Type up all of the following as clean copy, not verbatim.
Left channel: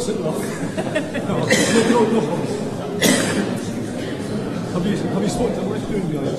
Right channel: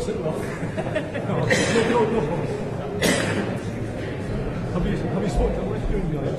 What's it like? No problem. Have you spoken to Livestream guys?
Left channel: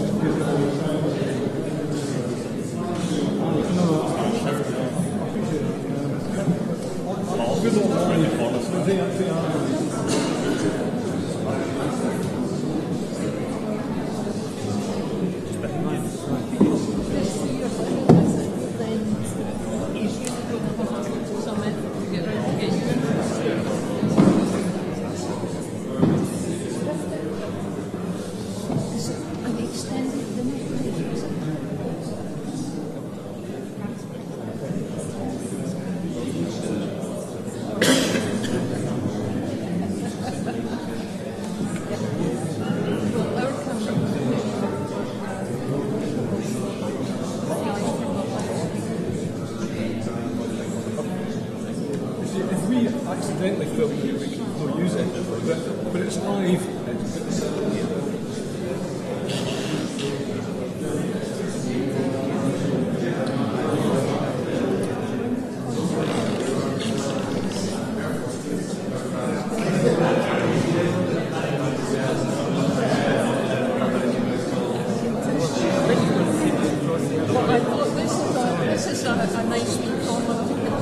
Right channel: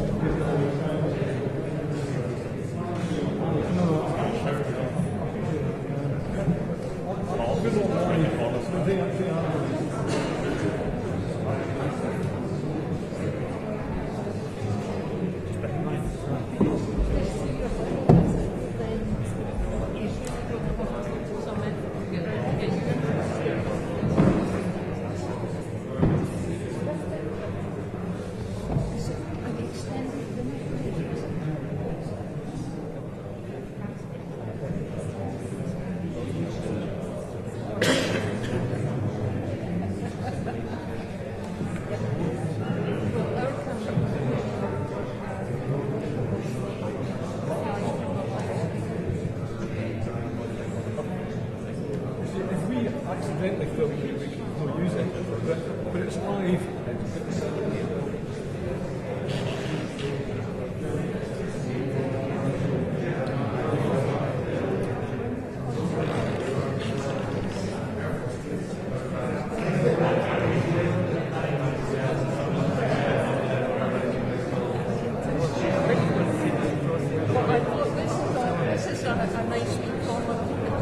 Accidentally film it, we can still use it, but it's live. Well, I thought this is a nice wee corner to put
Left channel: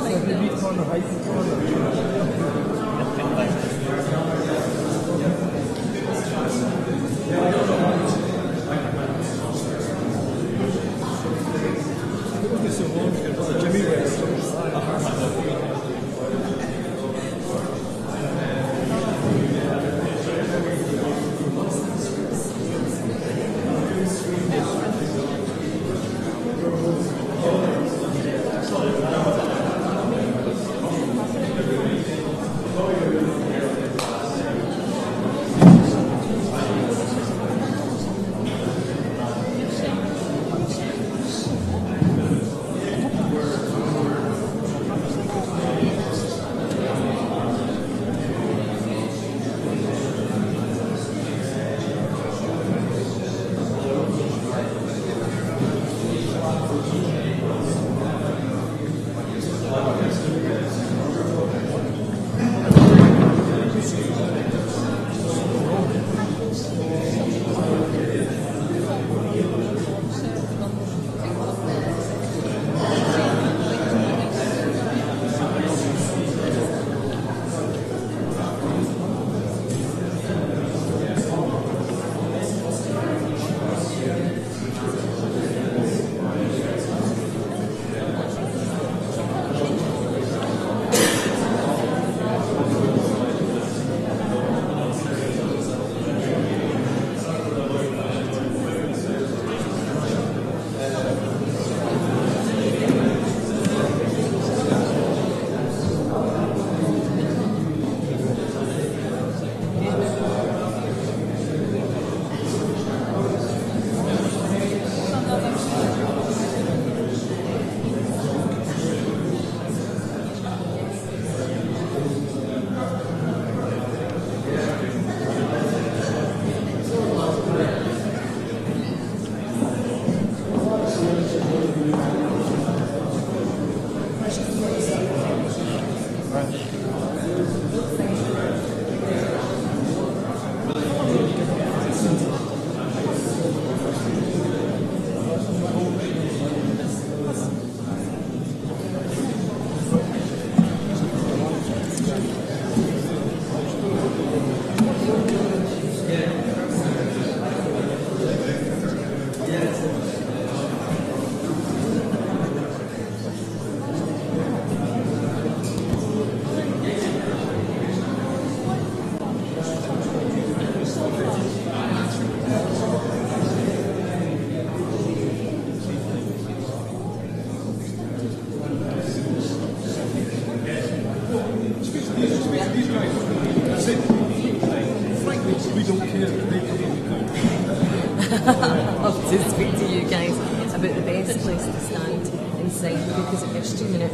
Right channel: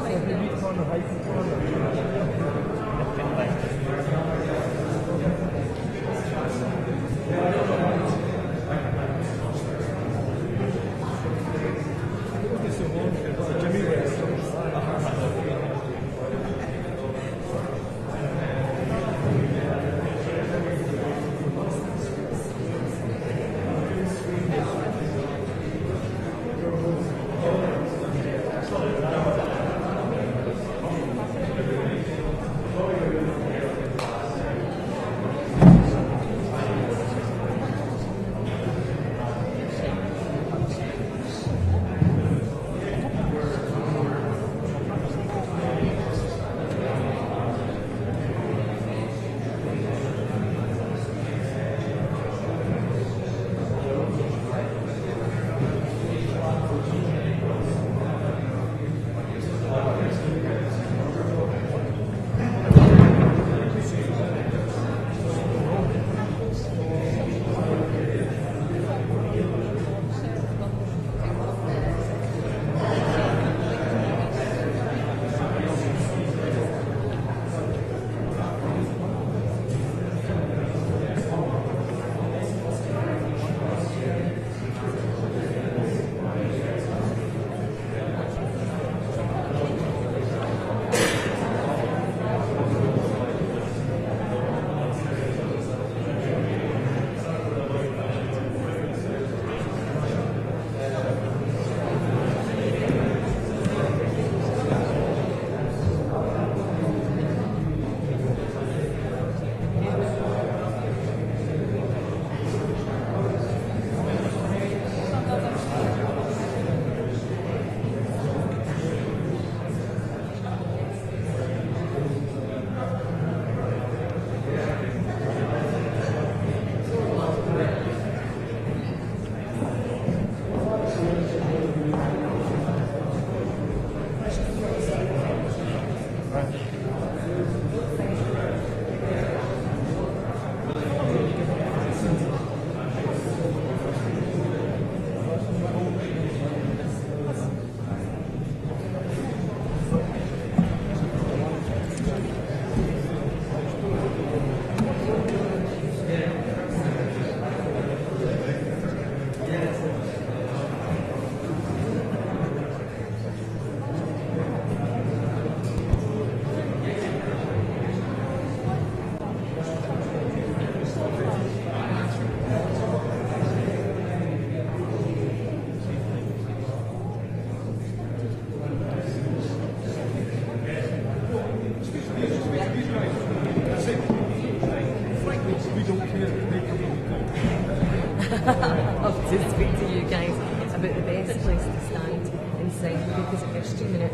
I'll have to speak to you guys about the best place to stand inside, because at Bearsden minute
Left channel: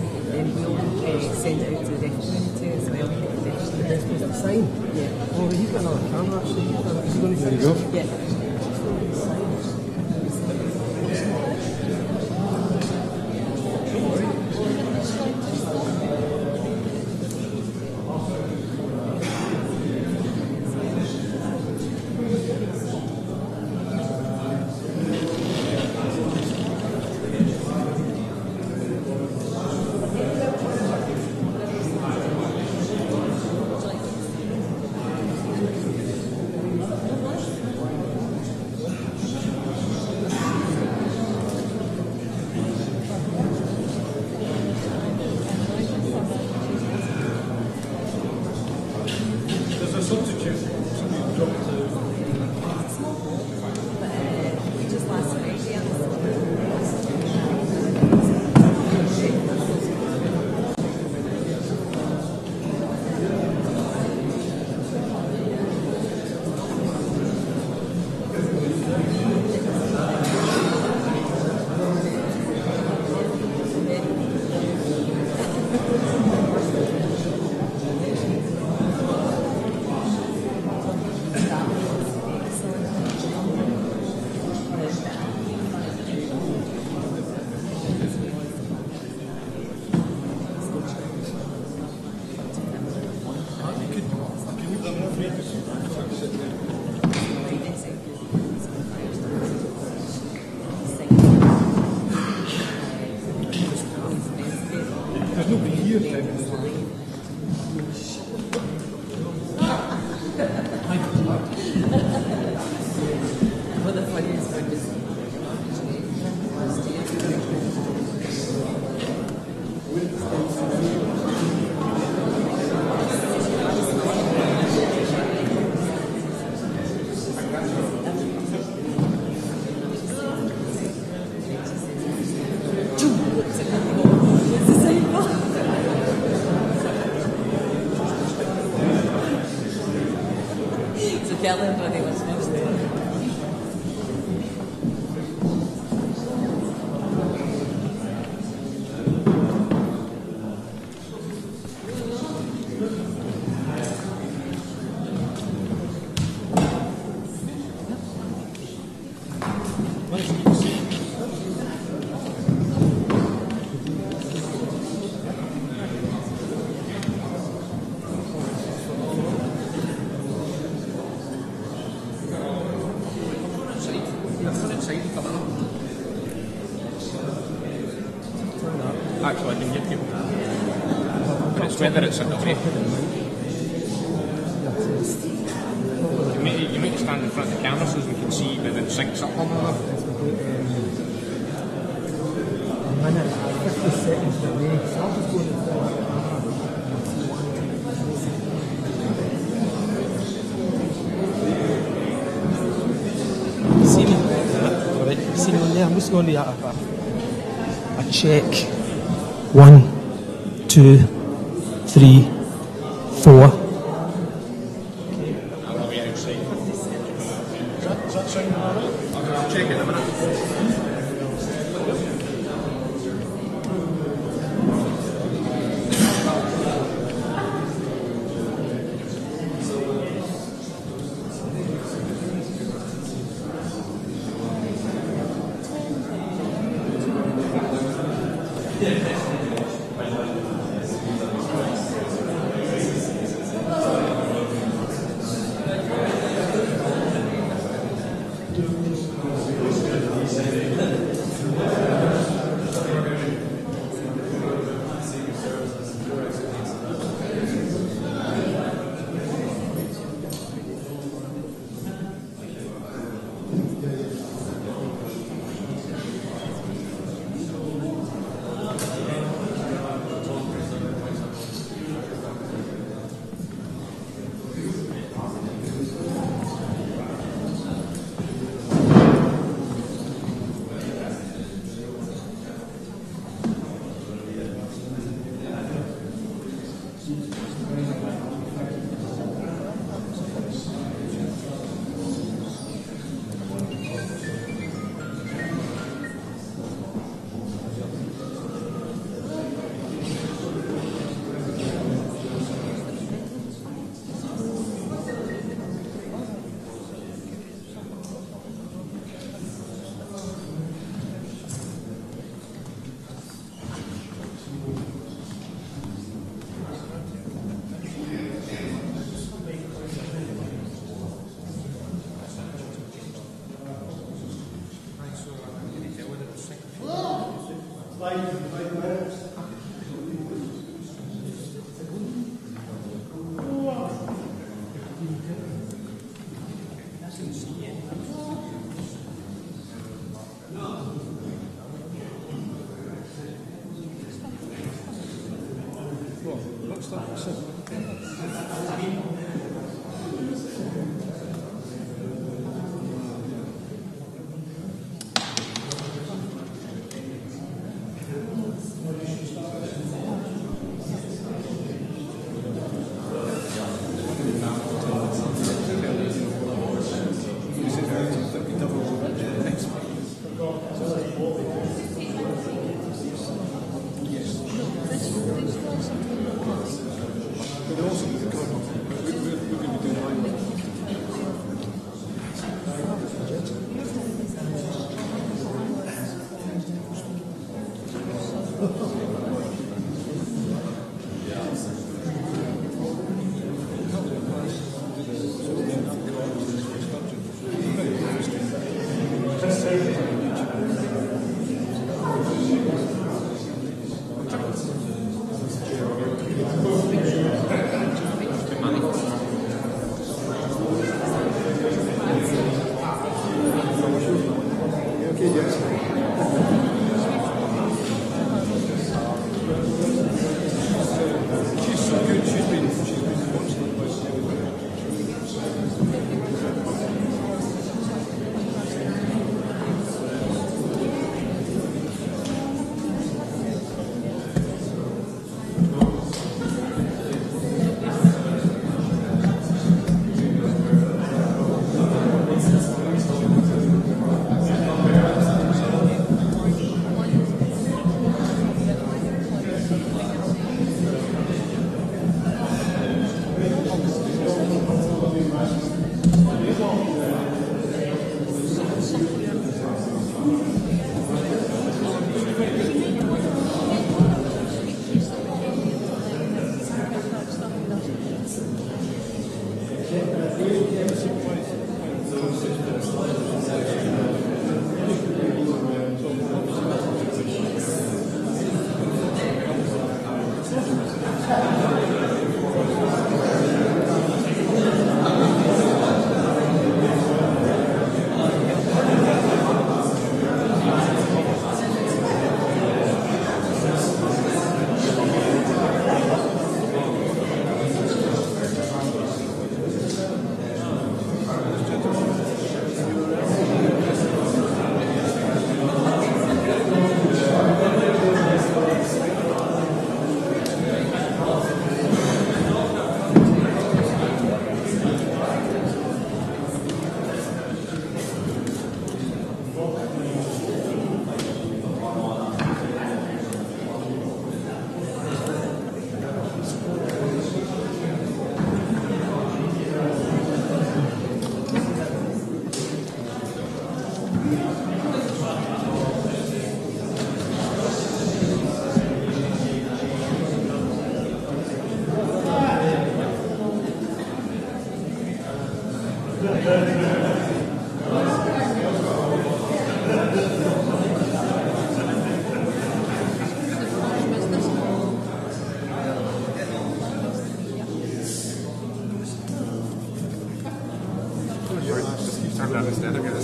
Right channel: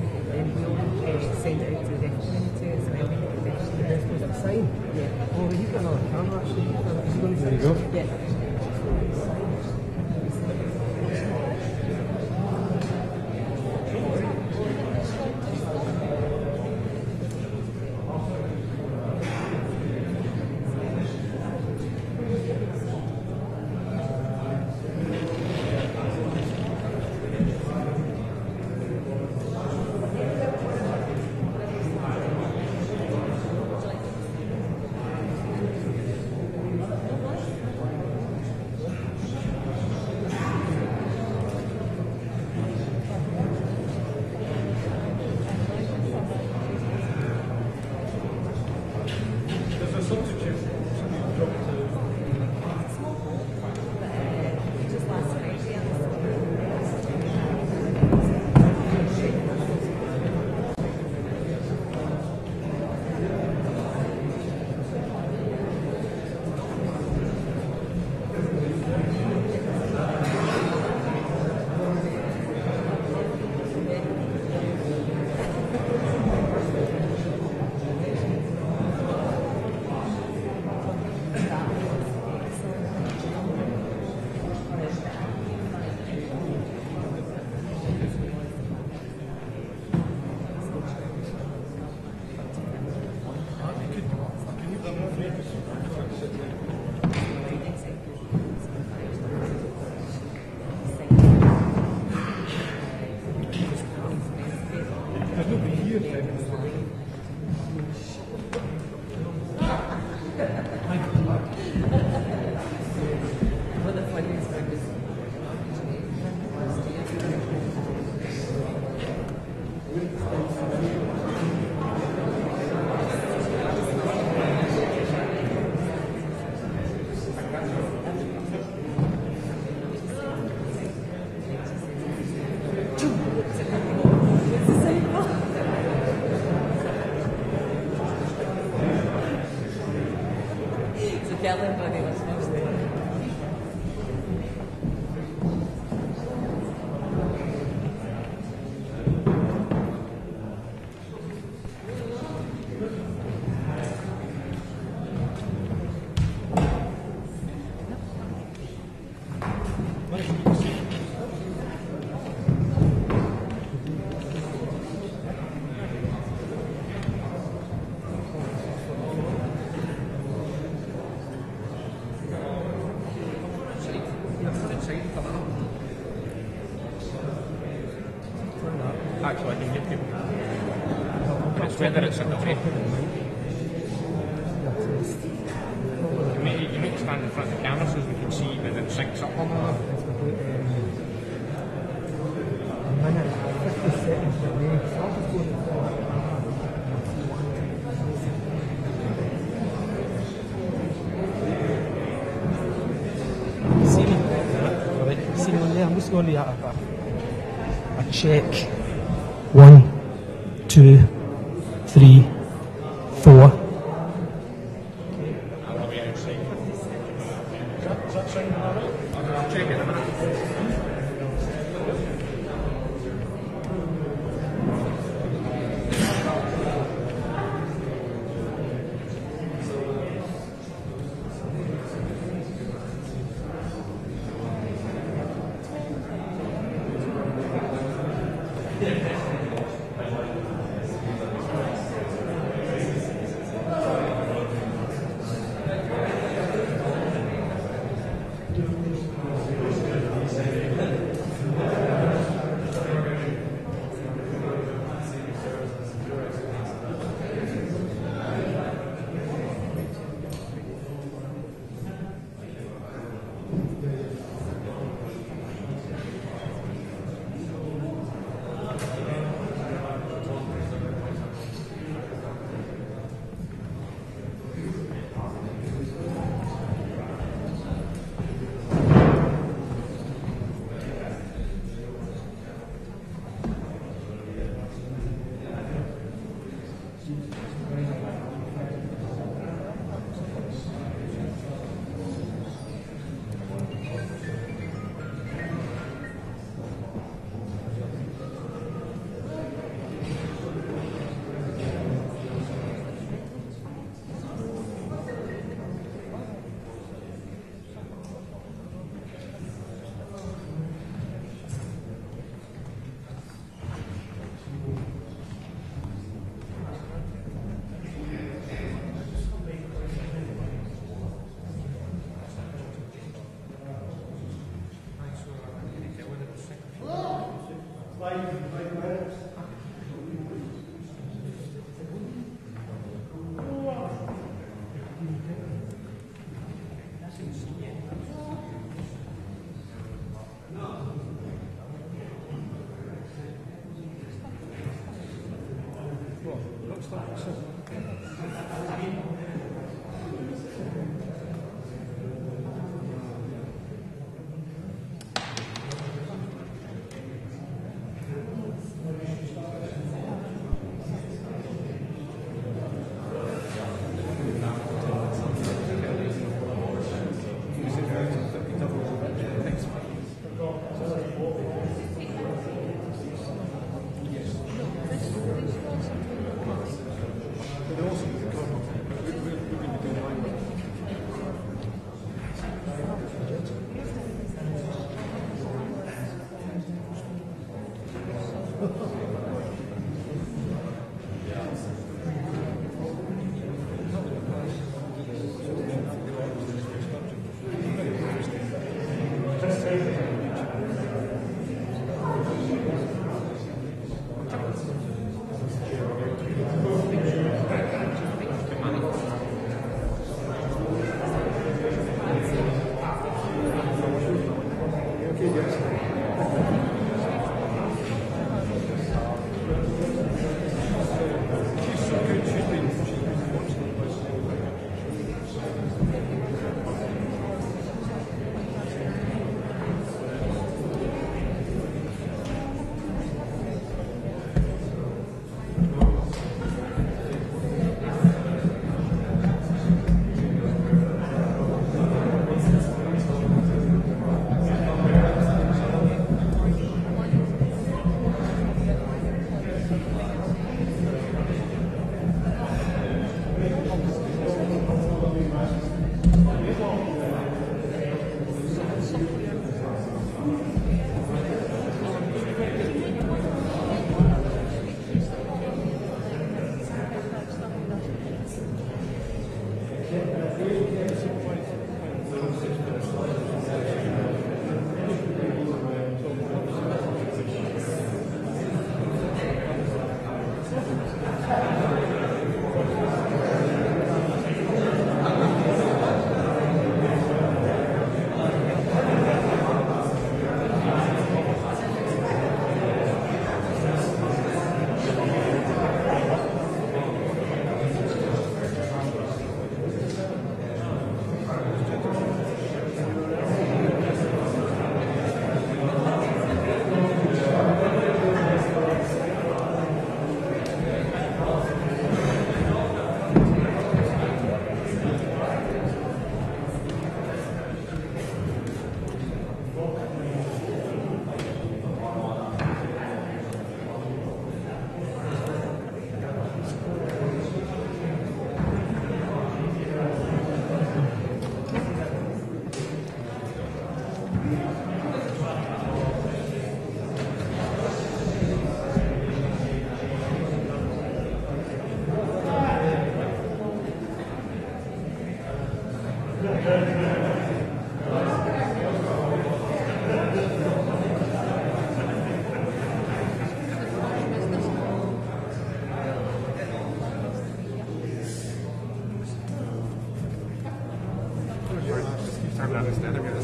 we'll send it out to the community as well. The best place to sign? Yeah. Oh, you've got another camera actually. There you go. Yeah. there's nobody here. What the funniest thing is so tell everybody what's supposed to. Actually, I can give you. It's whether it's at the break. You need to stand in front of the camera so we can see that it syncs up on that. A minute, 50 seconds away. So I'll just go to see me? Alright, see me on there? I'm just going to a check. 1, 2, 3, 4. I'll be outside. Does that sound alright? I'll check it in a minute.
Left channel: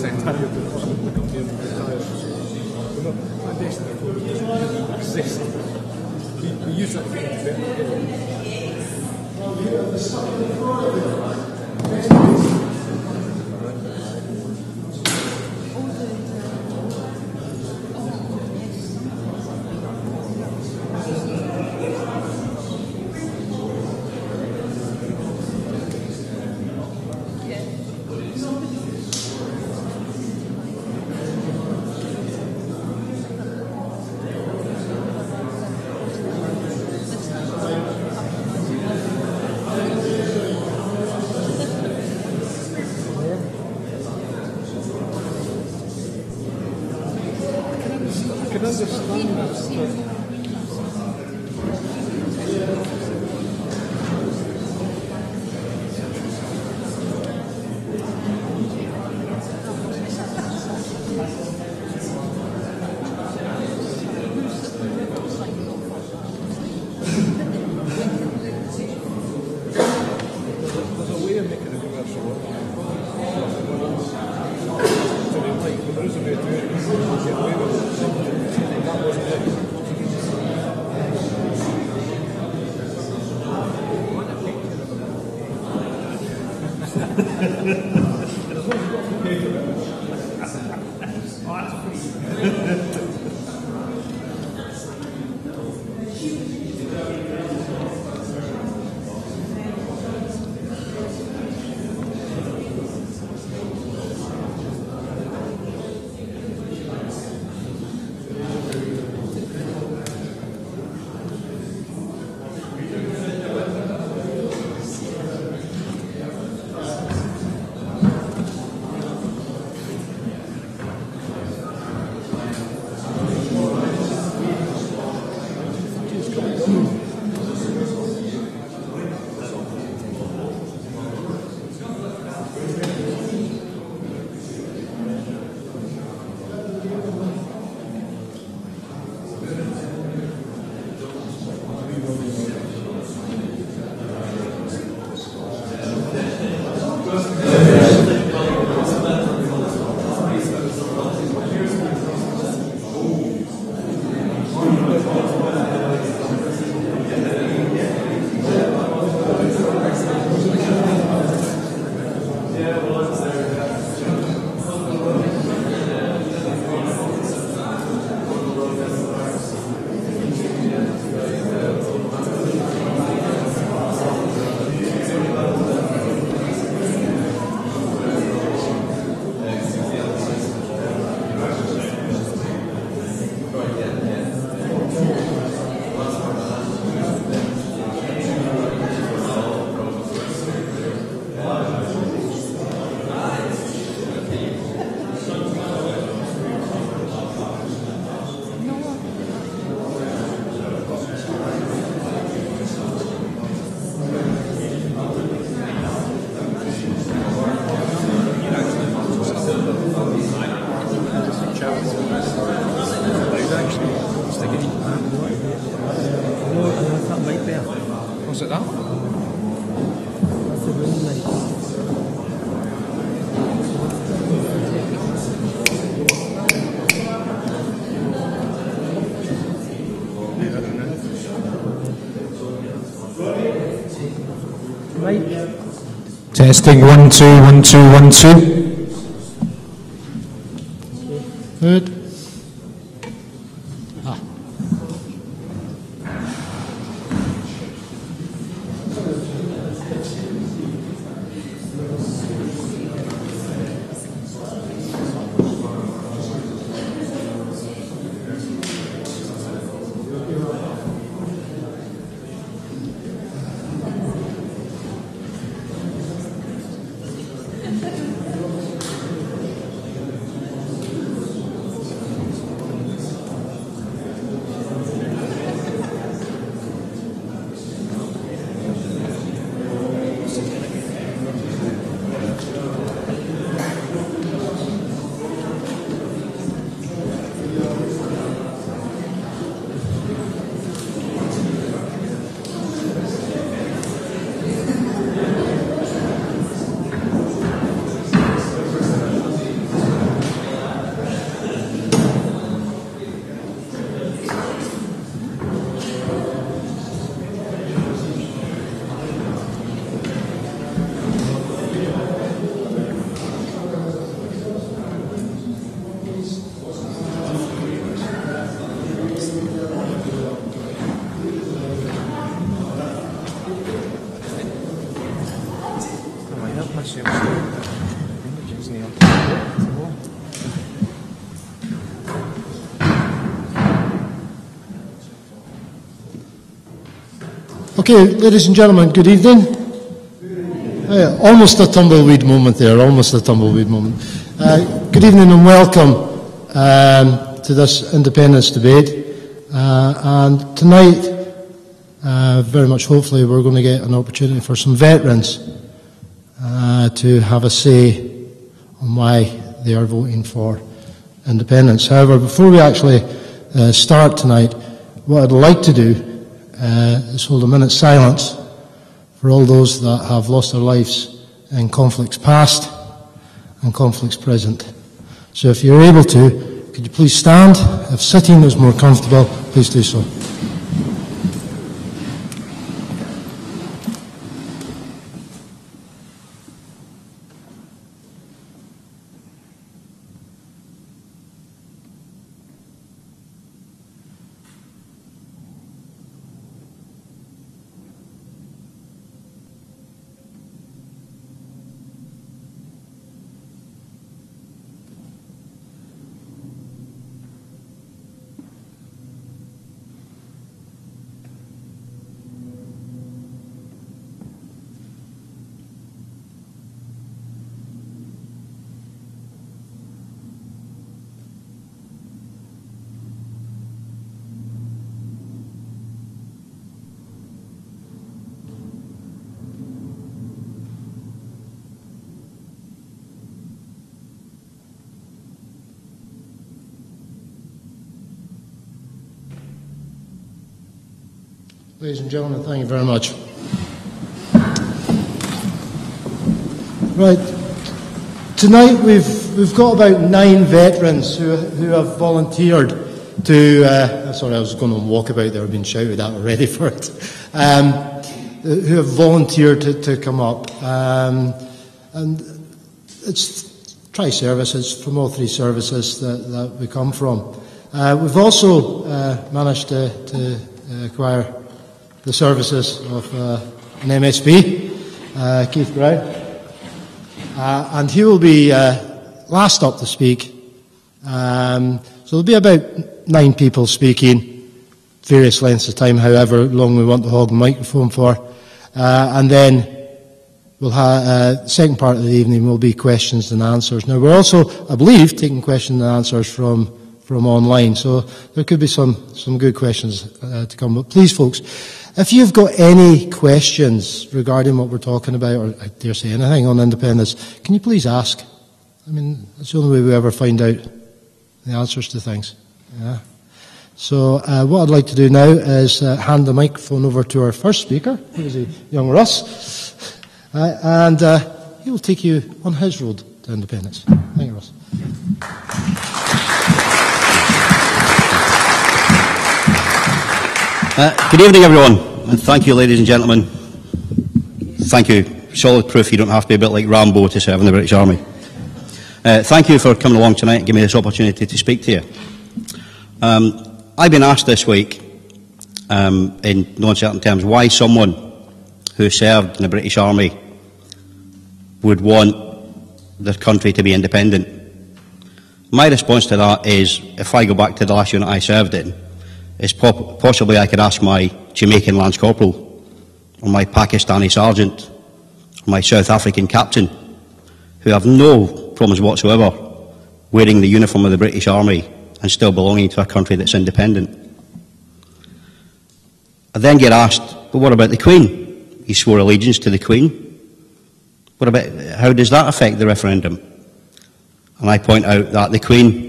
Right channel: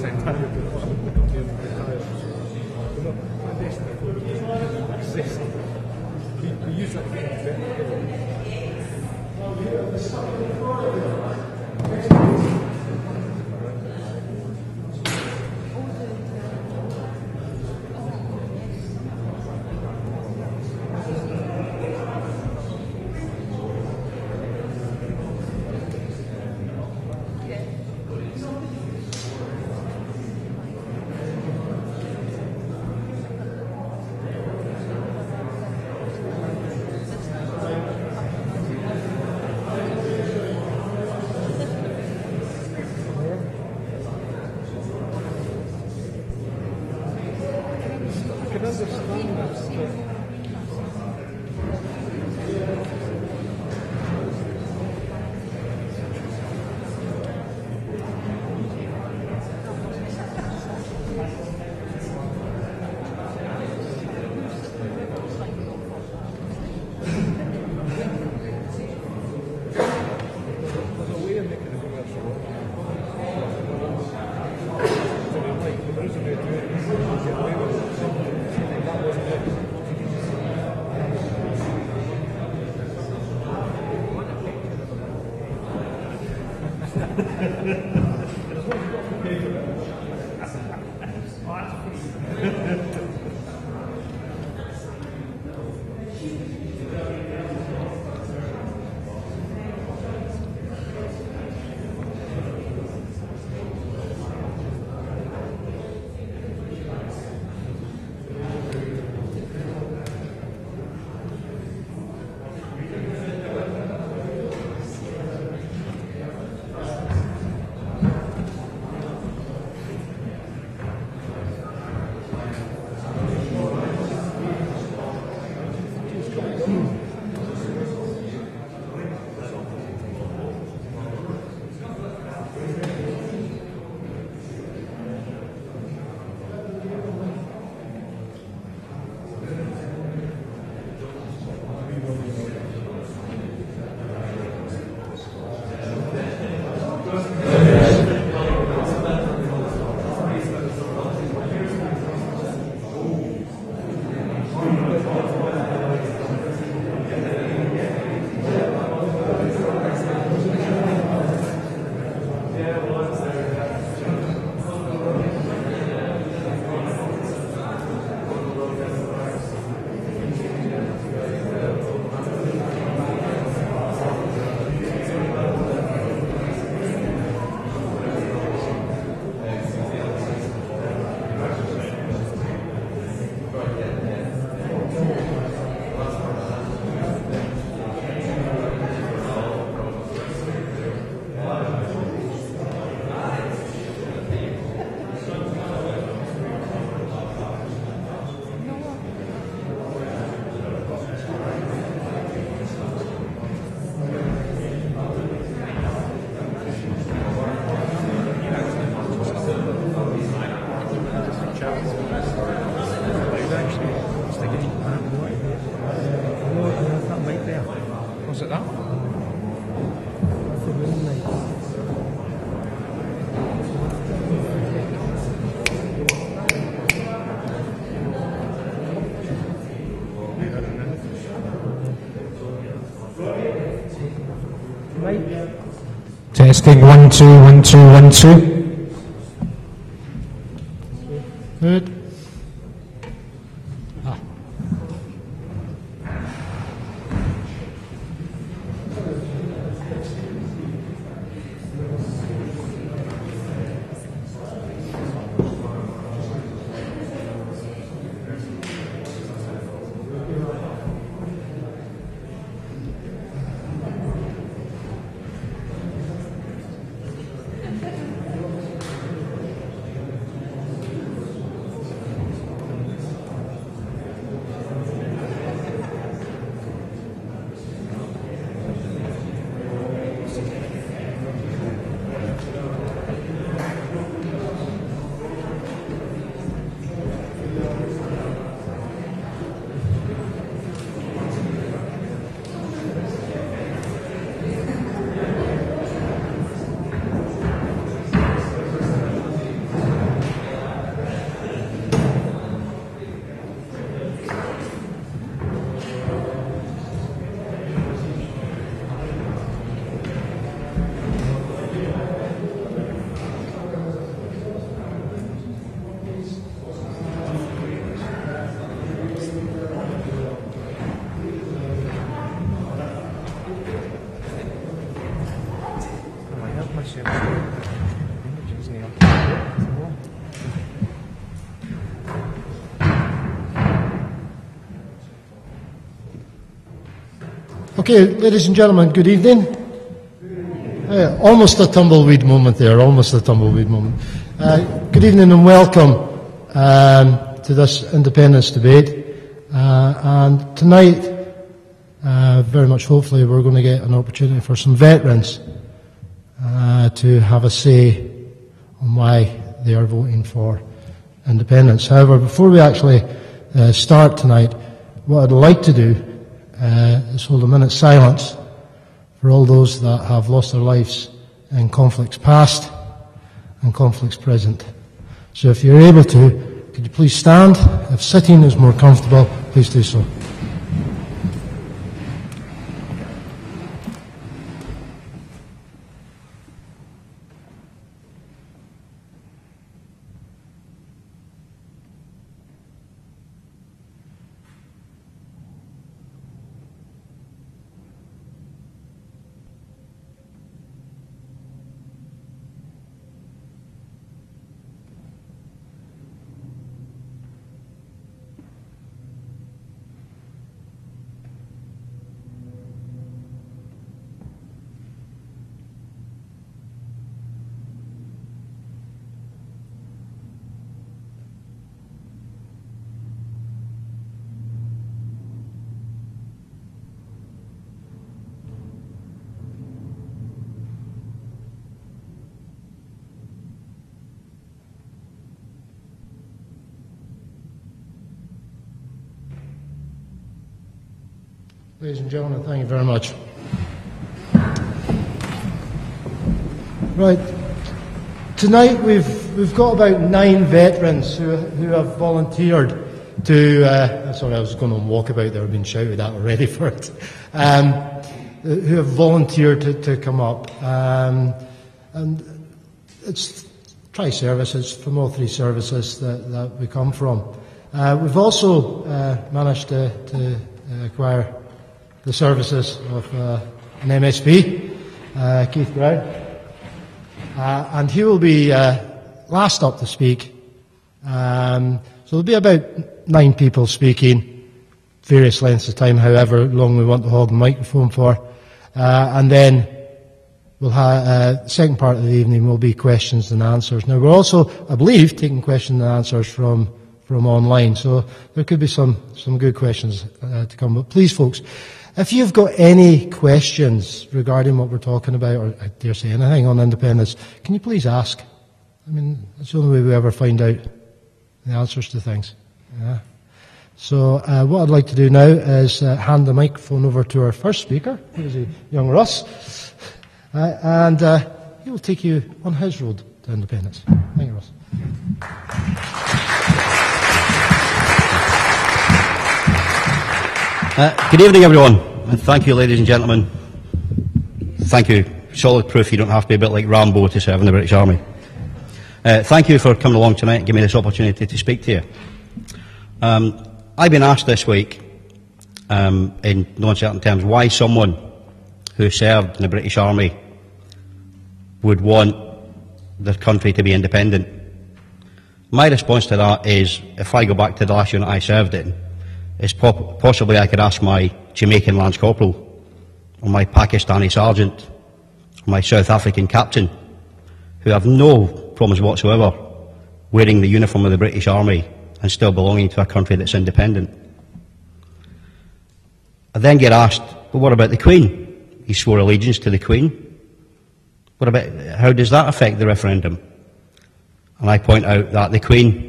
same time you're doing the company and retire. We're not destined for it, it doesn't exist. We use that to get into bed. Testing 1 2 1 2 1 2. Good. Okay, ladies and gentlemen, good evening. Almost a tumbleweed moment there, almost a tumbleweed moment. Good evening and welcome to this independence debate. And tonight, very much hopefully, we're going to get an opportunity for some veterans to have a say on why they are voting for independence. However, before we actually start tonight, what I'd like to do is hold a minute's silence for all those that have lost their lives in conflicts past and conflicts present. So if you're able to, could you please stand? If sitting is more comfortable, please do so. Ladies and gentlemen, thank you very much. Right, tonight we've got about 9 veterans who have volunteered to. Sorry, I was going on walkabout there. I've been shouted at already for it. Who have volunteered to come up, and it's tri-services from all 3 services that we come from. We've also managed to acquire the services of an MSP, Keith Brown, and he will be last up to speak. So there'll be about 9 people speaking, various lengths of time, however long we want to hog the microphone for, and then we'll have second part of the evening will be questions and answers. Now we're also, I believe, taking questions and answers from online, so there could be some good questions to come. But please, folks, if you've got any questions regarding what we're talking about, or I dare say anything on independence, can you please ask? I mean, that's the only way we ever find out the answers to things. Yeah. So what I'd like to do now is hand the microphone over to our first speaker, who's young Russ, and he will take you on his road to independence. Thank you, Russ. Good evening, everyone, and thank you, ladies and gentlemen. Thank you. Solid proof you don't have to be a bit like Rambo to serve in the British Army. Thank you for coming along tonight and giving me this opportunity to speak to you. I've been asked this week, in no uncertain terms, why someone who served in the British Army would want their country to be independent. My response to that is, if I go back to the last unit I served in, is possibly I could ask my Jamaican Lance Corporal, or my Pakistani Sergeant, or my South African Captain, who have no problems whatsoever wearing the uniform of the British Army and still belonging to a country that's independent. I then get asked, but what about the Queen? He swore allegiance to the Queen. What about, how does that affect the referendum? And I point out that the Queen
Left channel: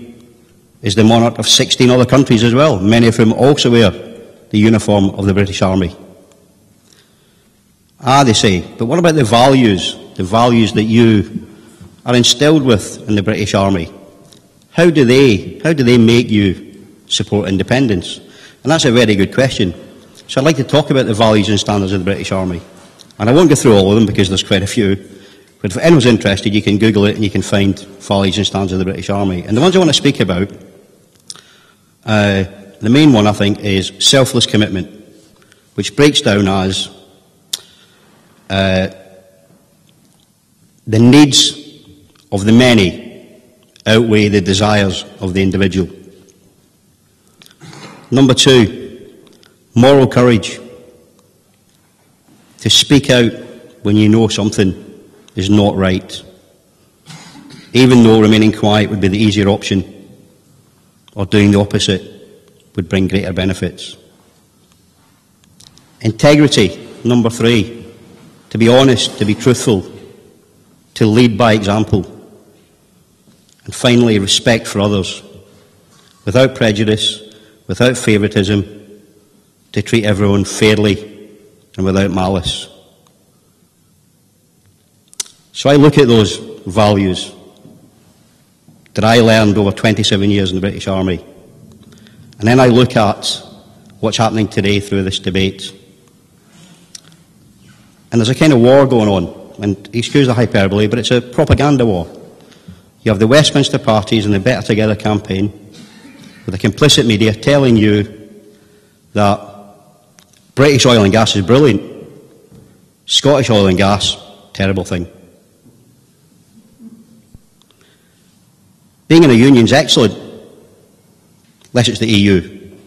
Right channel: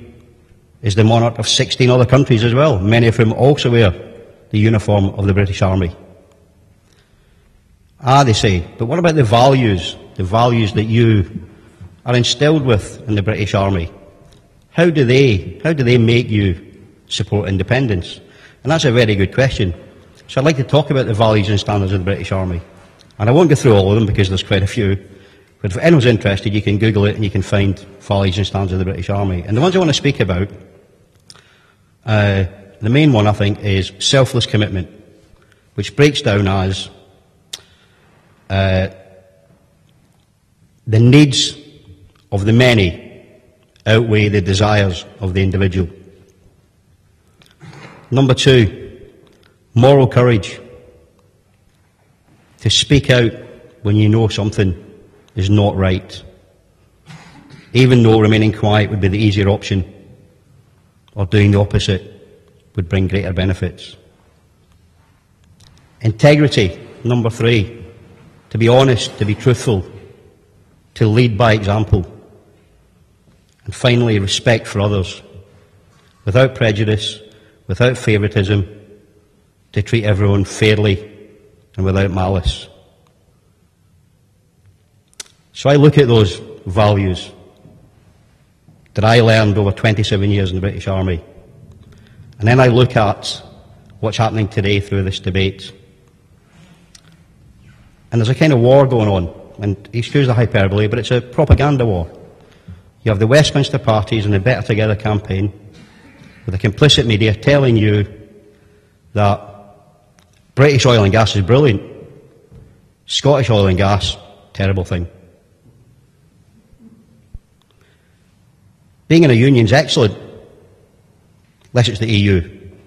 is the monarch of 16 other countries as well, many of whom also wear the uniform of the British Army. They say, but what about the values that you are instilled with in the British Army? How do they make you support independence? And that's a very good question. So I'd like to talk about the values and standards of the British Army. And I won't go through all of them because there's quite a few. But if anyone's interested, you can Google it and you can find values and standards of the British Army. And the ones I want to speak about, the main one, I think, is selfless commitment, which breaks down as the needs of the many outweigh the desires of the individual. Number 2, moral courage. to speak out when you know something is not right, even though remaining quiet would be the easier option, or doing the opposite would bring greater benefits. Integrity, number 3, to be honest, to be truthful, to lead by example. And finally, respect for others, without prejudice, without favouritism, to treat everyone fairly and without malice. So I look at those values that I learned over 27 years in the British Army, and then I look at what's happening today through this debate. And there's a kind of war going on, and excuse the hyperbole, but it's a propaganda war. You have the Westminster parties and the Better Together campaign, with the complicit media telling you that British oil and gas is brilliant, Scottish oil and gas, terrible thing. Being in a union is excellent, unless it's the EU,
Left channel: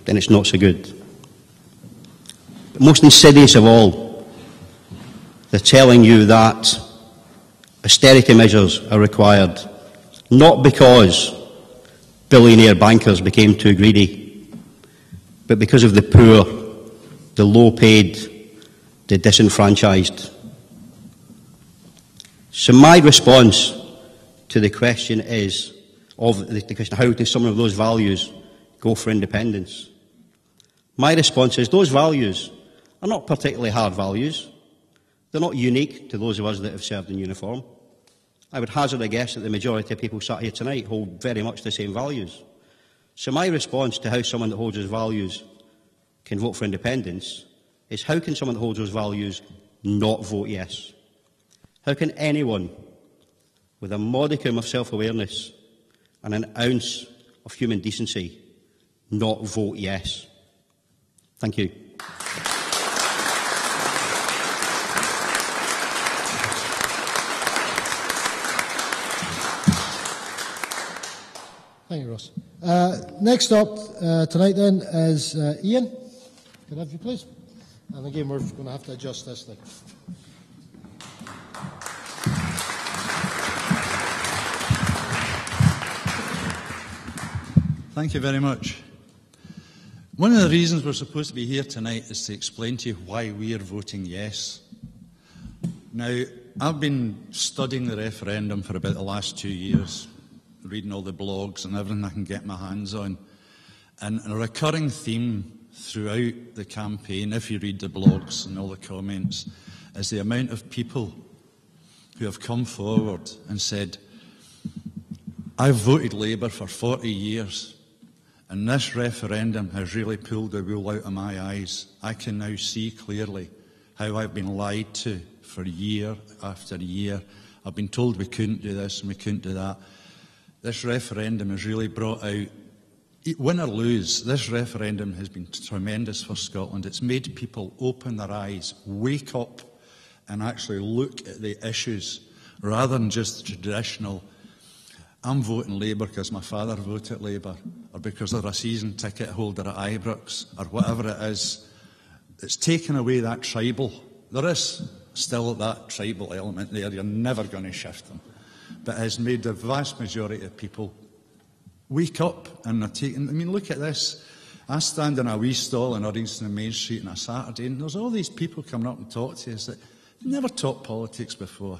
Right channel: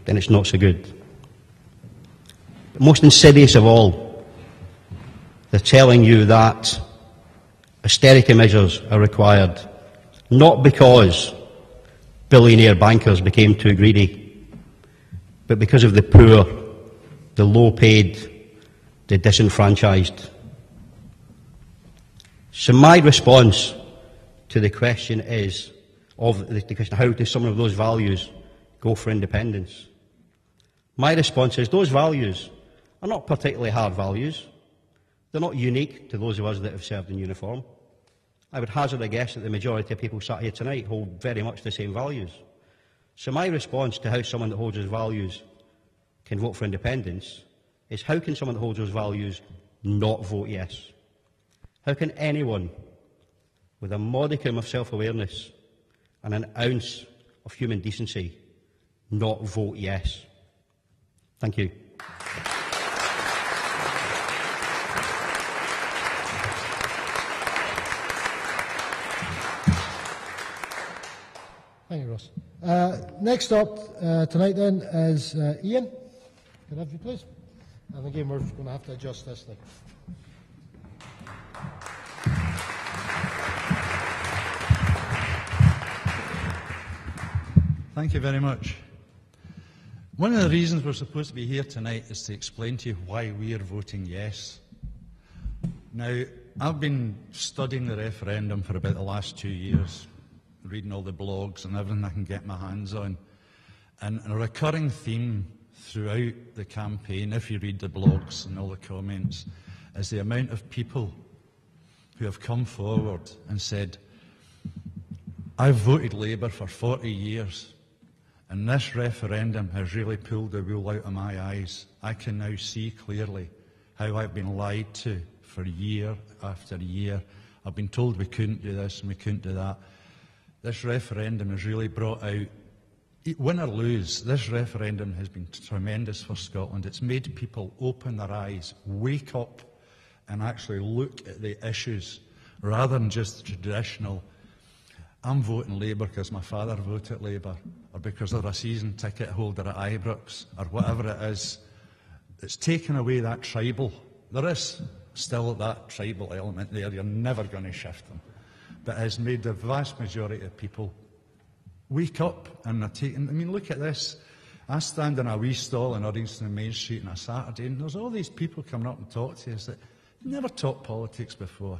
then it's not so good. But most insidious of all, they're telling you that austerity measures are required, not because billionaire bankers became too greedy, but because of the poor, the low-paid, the disenfranchised. So my response to the question is, how do some of those values go for independence? My response is, those values are not particularly hard values. They're not unique to those of us that have served in uniform. I would hazard a guess that the majority of people sat here tonight hold very much the same values. So my response to how someone that holds those values can vote for independence is, how can someone that holds those values not vote yes? How can anyone with a modicum of self-awareness and an ounce of human decency not vote yes? Thank you. Thank you, Ross. Next up tonight then is Ian. Could I have you please? And again, we're going to have to adjust this thing. Thank you very much. One of the reasons we're supposed to be here tonight is to explain to you why we are voting yes. Now, I've been studying the referendum for about the last 2 years, reading all the blogs and everything I can get my hands on. And a recurring theme throughout the campaign, if you read the blogs and all the comments, is the amount of people who have come forward and said, I've voted Labour for 40 years, and this referendum has really pulled the wool out of my eyes. I can now see clearly how I've been lied to for year after year. I've been told we couldn't do this and we couldn't do that. This referendum has really brought out, win or lose, this referendum has been tremendous for Scotland. It's made people open their eyes, wake up and actually look at the issues rather than just the traditional, I'm voting Labour because my father voted Labour, or because they're a season ticket holder at Ibrox, or whatever it is. It's taken away that tribal. There is still that tribal element there. You're never going to shift them. But it has made the vast majority of people wake up and are taking. I mean, look at this. I stand in a wee stall in Uddingston Main Street on a Saturday, and there's all these people coming up and talk to us that never talked politics before.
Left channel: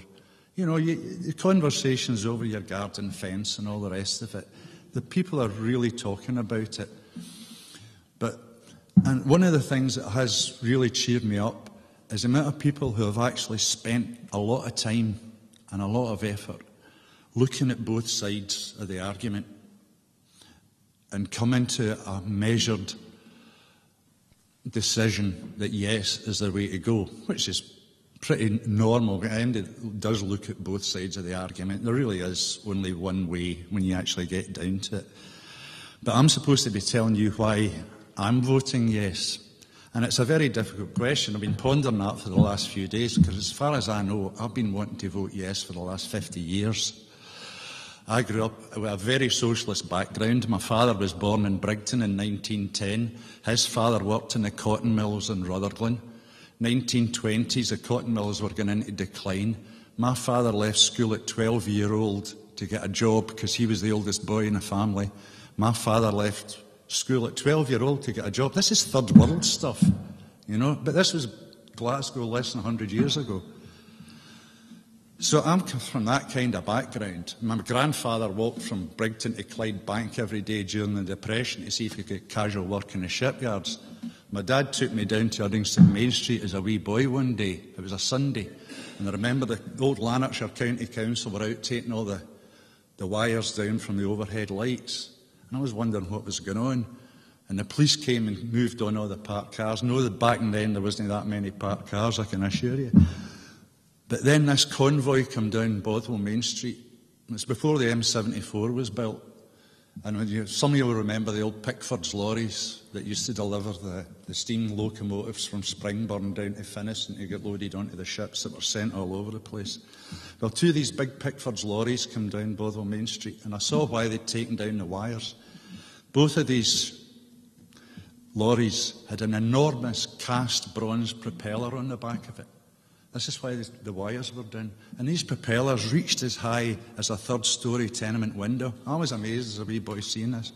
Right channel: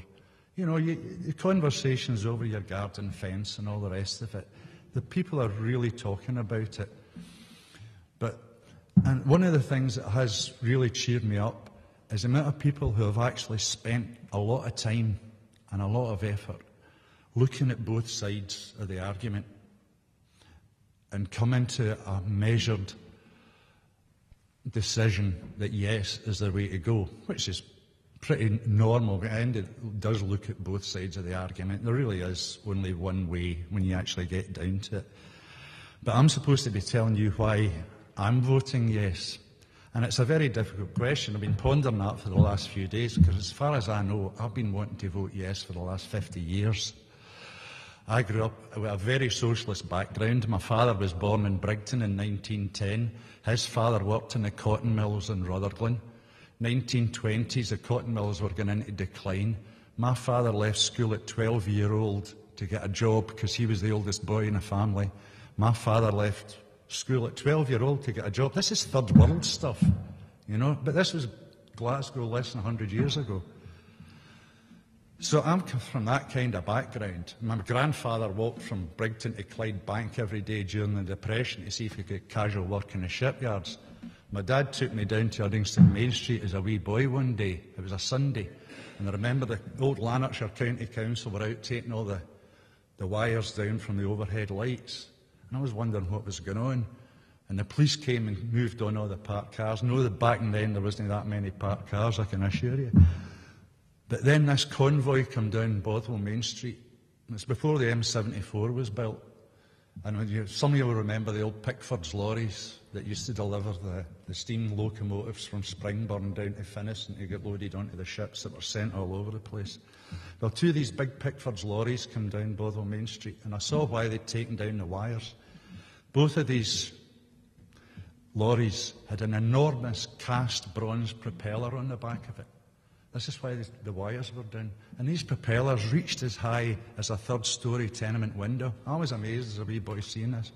You know, the conversations over your garden fence and all the rest of it, the people are really talking about it. And one of the things that has really cheered me up is the amount of people who have actually spent a lot of time and a lot of effort looking at both sides of the argument and coming to a measured decision that yes is the way to go, which is pretty normal. And it does look at both sides of the argument. There really is only one way when you actually get down to it. But I'm supposed to be telling you why I'm voting yes. And it's a very difficult question. I've been pondering that for the last few days because as far as I know, I've been wanting to vote yes for the last 50 years. I grew up with a very socialist background. My father was born in Brigton in 1910. His father worked in the cotton mills in Rutherglen. 1920s, the cotton mills were going into decline. My father left school at 12-year-old to get a job because he was the oldest boy in the family. My father left school at 12-year-old to get a job. This is third world stuff, you know, but this was Glasgow less than 100 years ago. So I'm from that kind of background. My grandfather walked from Brigton to Clyde Bank every day during the Depression to see if he could get casual work in the shipyards. My dad took me down to Uddingston Main Street as a wee boy one day. It was a Sunday. And I remember the old Lanarkshire County Council were out taking all the wires down from the overhead lights. And I was wondering what was going on. And the police came and moved on all the parked cars. No, that back then there wasn't that many parked cars, I can assure you. But then this convoy come down Bothwell Main Street. It's before the M74 was built. And some of you will remember the old Pickford's lorries that used to deliver the steam locomotives from Springburn down to Finnieston to get loaded onto the ships that were sent all over the place. Well, two of these big Pickford's lorries come down Bothwell Main Street, and I saw why they'd taken down the wires. Both of these lorries had an enormous cast bronze propeller on the back of it. This is why the wires were down. And these propellers reached as high as a third-storey tenement window. I was amazed as a wee boy seeing this.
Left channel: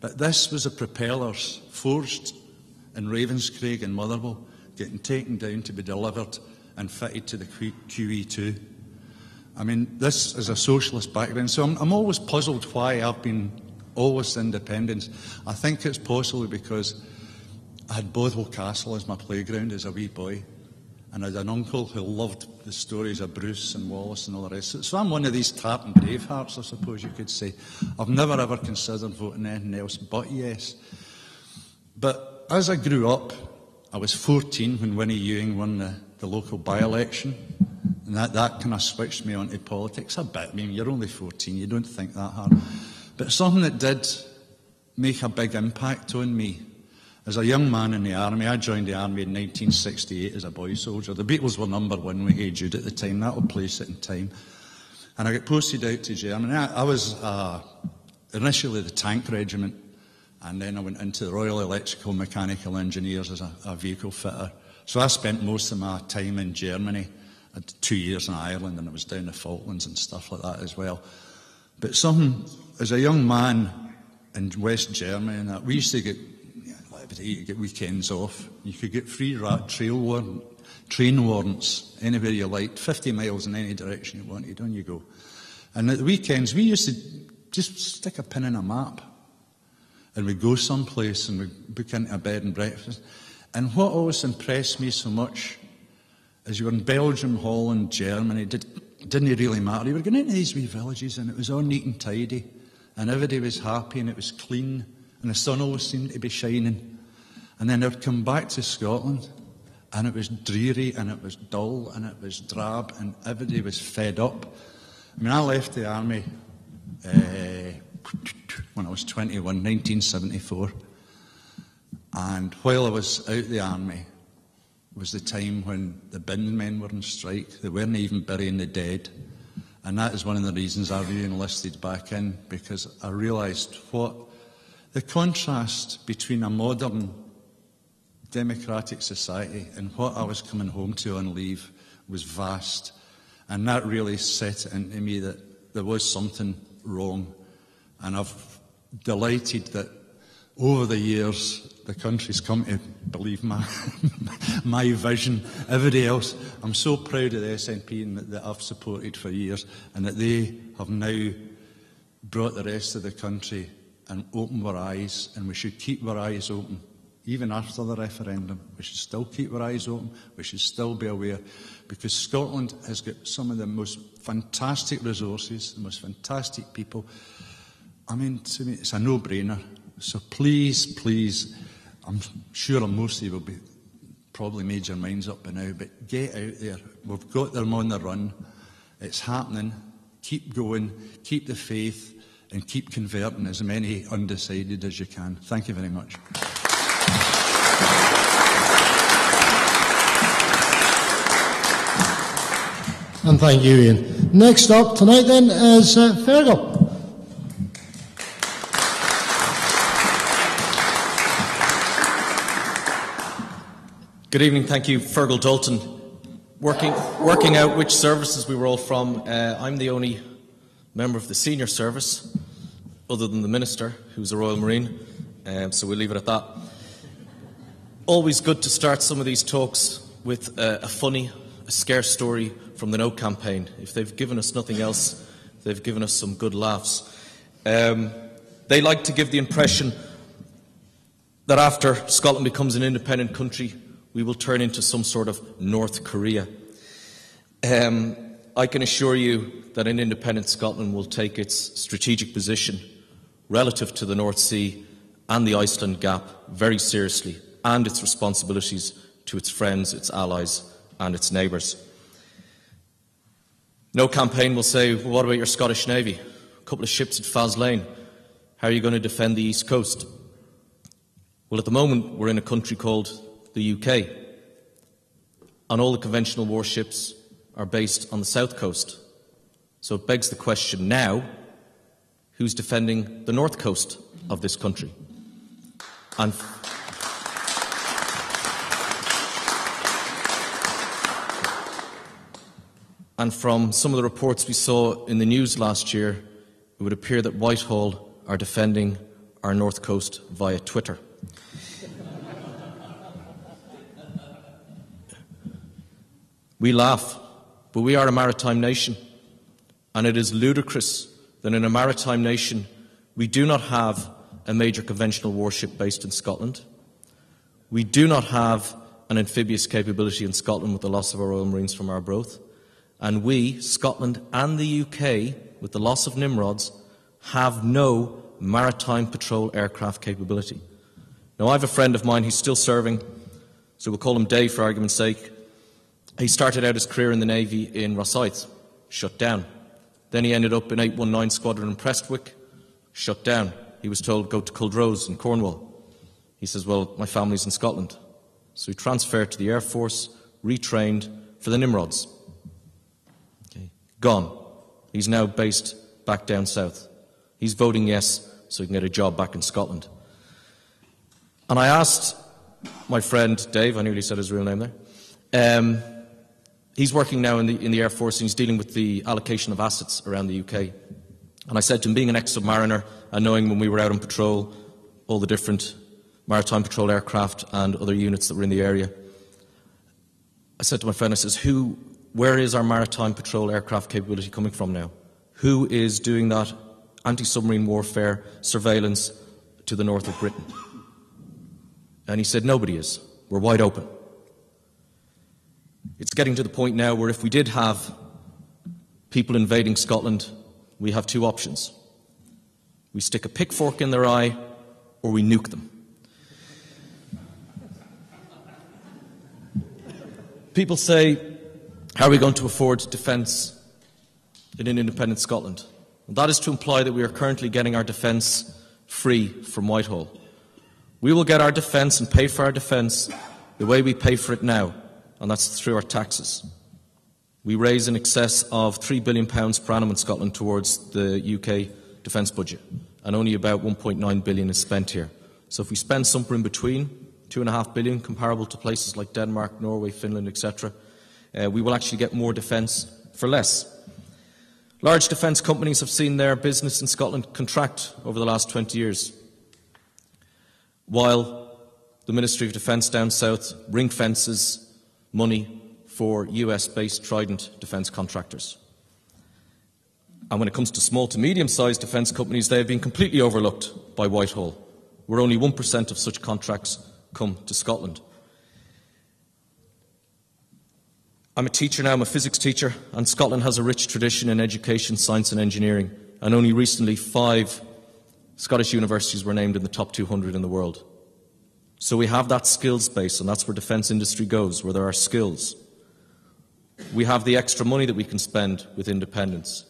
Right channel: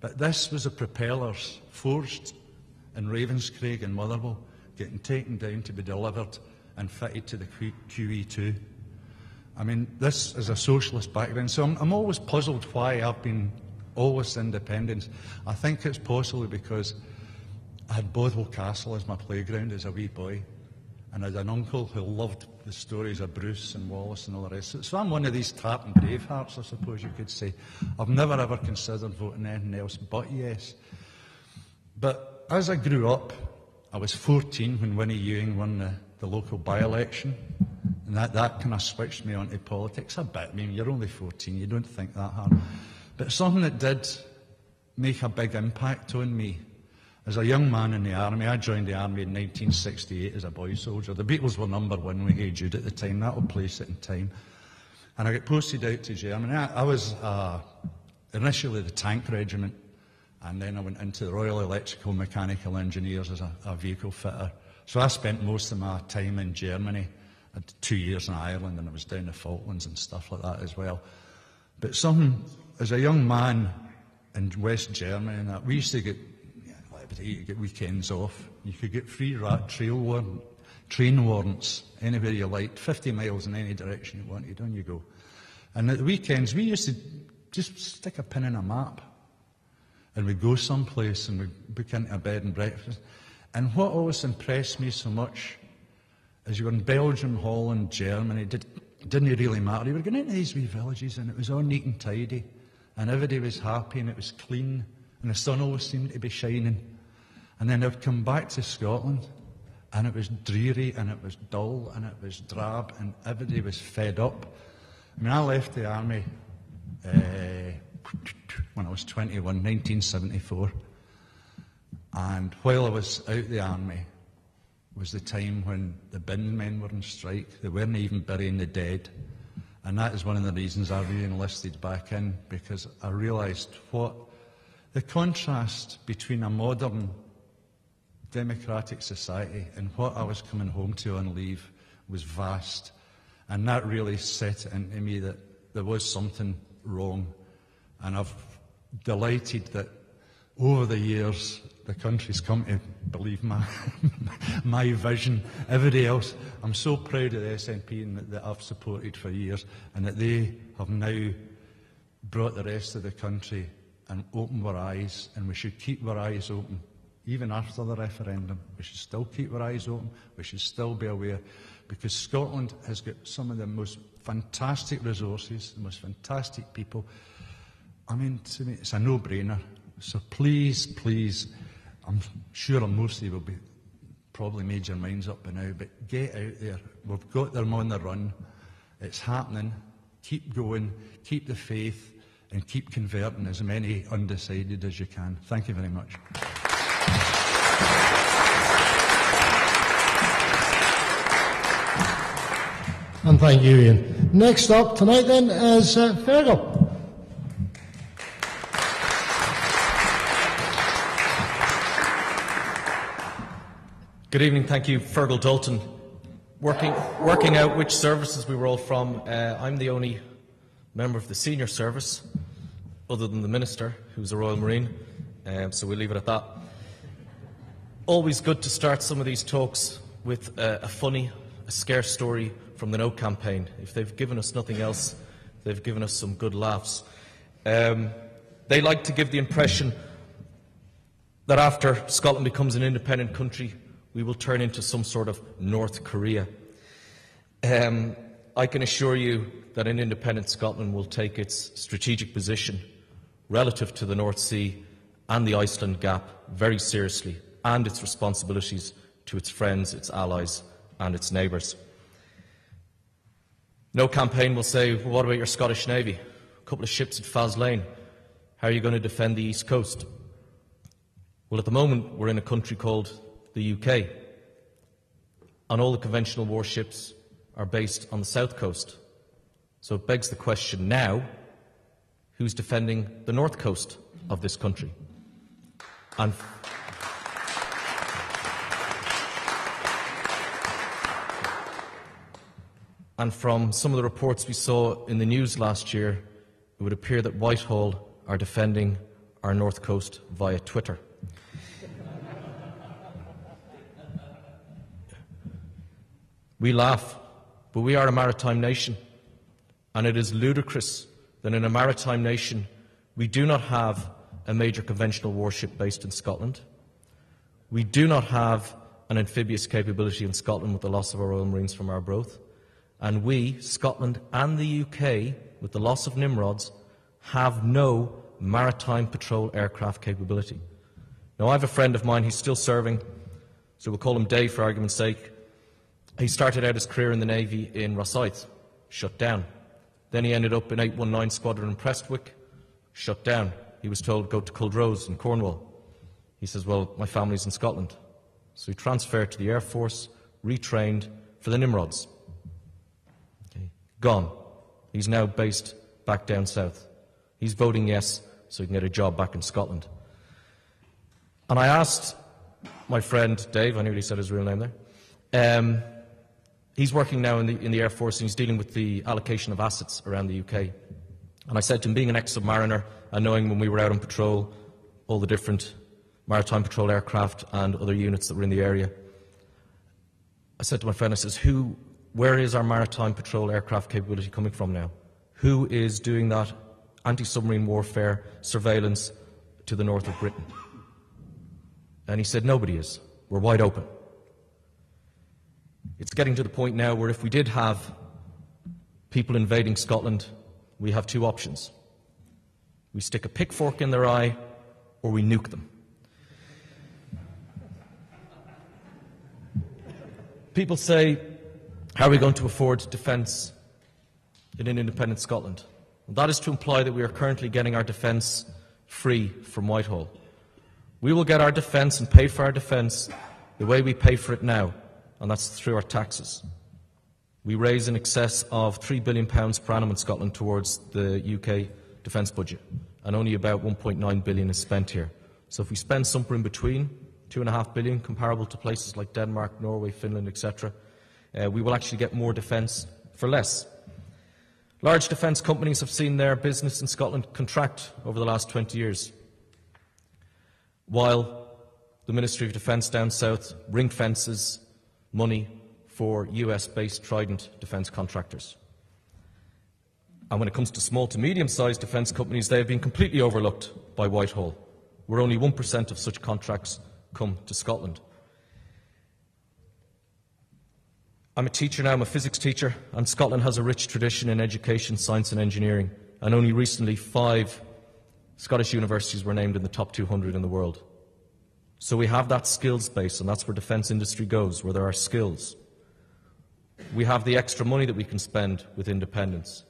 But this was the propellers forged in Ravenscraig and Motherwell, getting taken down to be delivered and fitted to the QE2. I mean, this is a socialist background. So I'm always puzzled why I've been always independent. I think it's possibly because I had Bothwell Castle as my playground as a wee boy. And I had an uncle who loved the stories of Bruce and Wallace and all the rest. So I'm one of these Tartan Bravehearts, I suppose you could say. I've never ever considered voting anything else but yes. But as I grew up, I was 14 when Winnie Ewing won the local by-election. And that kind of switched me onto politics a bit. I mean, you're only 14, you don't think that hard. But something that did make a big impact on me. As a young man in the army, I joined the army in 1968 as a boy soldier. The Beatles were #1 with Hey Jude at the time. That'll place it in time. And I got posted out to Germany. I was initially the tank regiment, and then I went into the Royal Electrical Mechanical Engineers as a vehicle fitter. So I spent most of my time in Germany. I had 2 years in Ireland, and I was down the Falklands and stuff like that as well. But as a young man in West Germany, and that, we used to get weekends off. You could get free train warrants anywhere you liked, 50 miles in any direction you wanted, on you go. And at the weekends, we used to just stick a pin in a map, and we'd go someplace and we'd book into a bed and breakfast. And what always impressed me so much is you were in Belgium, Holland, Germany, it didn't really matter. You were going into these wee villages and it was all neat and tidy, and everybody was happy and it was clean, and the sun always seemed to be shining. And then I would come back to Scotland, and it was dreary, and it was dull, and it was drab, and everybody was fed up. I mean, I left the army when I was 21, 1974. And while I was out the army was the time when the bin men were on strike. They weren't even burying the dead. And that is one of the reasons I re-enlisted back in, because I realised what the contrast between a modern democratic society and what I was coming home to on leave was vast. And that really set it into me that there was something wrong. And I've delighted that over the years the country's come to believe my vision. Everybody else, I'm so proud of the SNP and that I've supported for years, and that they have now brought the rest of the country and opened our eyes, and we should keep our eyes open. Even after the referendum, we should still keep our eyes open. We should still be aware, because Scotland has got some of the most fantastic resources, the most fantastic people. I mean, to me, it's a no-brainer. So please, please, I'm sure most of you will be probably made your minds up by now, but get out there. We've got them on the run. It's happening. Keep going. Keep the faith, and keep converting as many undecided as you can. Thank you very much. And thank you, Ian. Next up tonight then is Fergal. Good evening, thank you. Fergal Dalton. Working out which services we were all from, I'm the only member of the senior service, other than the Minister, who's a Royal Marine, so we'll leave it at that. Always good to start some of these talks with a funny, a scarce story from the No campaign. If they've given us nothing else, they've given us some good laughs. They like to give the impression that after Scotland becomes an independent country, we will turn into some sort of North Korea. I can assure you that an independent Scotland will take its strategic position relative to the North Sea and the Iceland Gap very seriously, and its responsibilities to its friends, its allies and its neighbours. No campaign will say, well, what about your Scottish Navy? A couple of ships at Faslane. How are you going to defend the East Coast? Well, at the moment, we're in a country called the UK, and all the conventional warships are based on the south coast. So it begs the question now, who's defending the north coast of this country? And from some of the reports we saw in the news last year, it would appear that Whitehall are defending our north coast via Twitter. We laugh, but we are a maritime nation, and it is ludicrous that in a maritime nation we do not have a major conventional warship based in Scotland. We do not have an amphibious capability in Scotland with the loss of our Royal Marines from Arbroath. And we, Scotland and the UK, with the loss of Nimrods, have no maritime patrol aircraft capability. Now, I have a friend of mine who's still serving, so we'll call him Dave for argument's sake. He started out his career in the Navy in Rosyth, shut down. Then he ended up in 819 Squadron in Prestwick, shut down. He was told, go to Culdrose in Cornwall. He says, well, my family's in Scotland. So he transferred to the Air Force, retrained for the Nimrods. Okay. Gone. He's now based back down south. He's voting yes so he can get a job back in Scotland. And I asked my friend Dave, I nearly said his real name there, he's working now in the Air Force, and he's dealing with the allocation of assets around the UK. And I said to him, being an ex-submariner and knowing when we were out on patrol, all the different maritime patrol aircraft and other units that were in the area, I said to my friend, I says, where is our maritime patrol aircraft capability coming from now? Who is doing that anti-submarine warfare surveillance to the north of Britain? And he said, nobody is. We're wide open. It's getting to the point now where if we did have people invading Scotland, we have two options. We stick a pitchfork in their eye, or we nuke them. People say, how are we going to afford defence in an independent Scotland? And that is to imply that we are currently getting our defence free from Whitehall. We will get our defence and pay for our defence the way we pay for it now, and that's through our taxes. We raise in excess of £3 billion per annum in Scotland towards the UK defence budget, and only about £1.9 billion is spent here. So if we spend somewhere in between, £2.5 billion, comparable to places like Denmark, Norway, Finland, etc., we will actually get more defence for less. Large defence companies have seen their business in Scotland contract over the last 20 years, while the Ministry of Defence down south ring-fences money for US-based Trident defence contractors. And when it comes to small to medium-sized defence companies, they have been completely overlooked by Whitehall, where only 1% of such contracts come to Scotland. I'm a teacher now, I'm a physics teacher, and Scotland has a rich tradition in education, science and engineering, and only recently 5 Scottish universities were named in the top 200 in the world. So we have that skills base, and that's where defence industry goes, where there are skills. We have the extra money that we can spend with independence.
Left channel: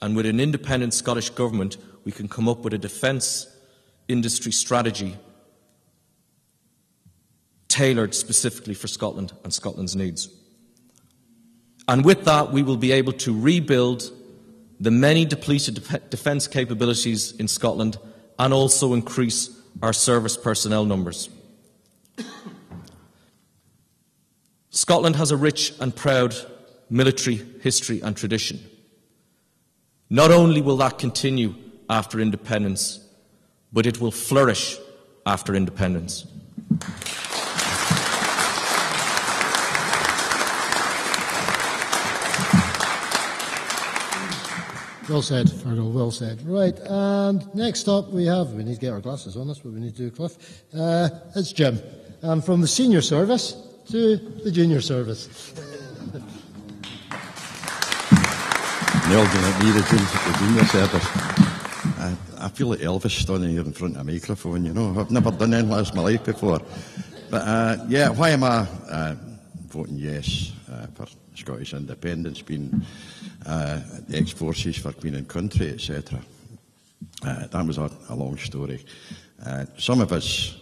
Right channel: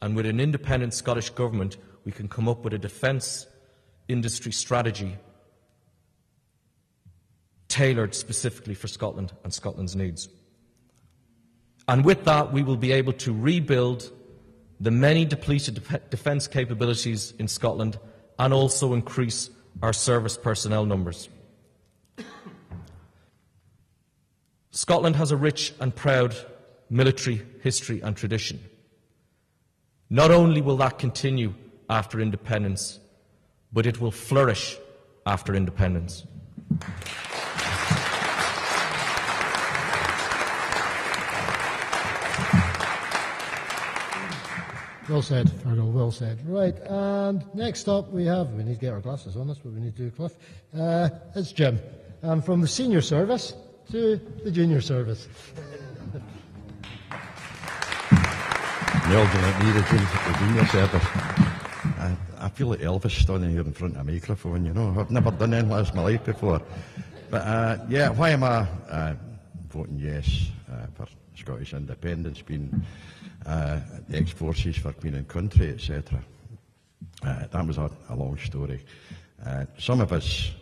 And with an independent Scottish government, we can come up with a defence industry strategy tailored specifically for Scotland and Scotland's needs. And with that, we will be able to rebuild the many depleted defence capabilities in Scotland and also increase our service personnel numbers. Scotland has a rich and proud military history and tradition. Not only will that continue after independence, but it will flourish after independence. Well said, Fergal, well said. Right, and next up we need to get our glasses on, that's what we need to do, Cliff. It's Jim, from the senior service to the junior service. Well, the junior service. I feel like Elvis standing here in front of a microphone, you know. I've never done anything like this in my life before. But, yeah, why am I voting yes for Scottish independence, being ex-forces for Queen and Country, etc.? That was a long story. Some of us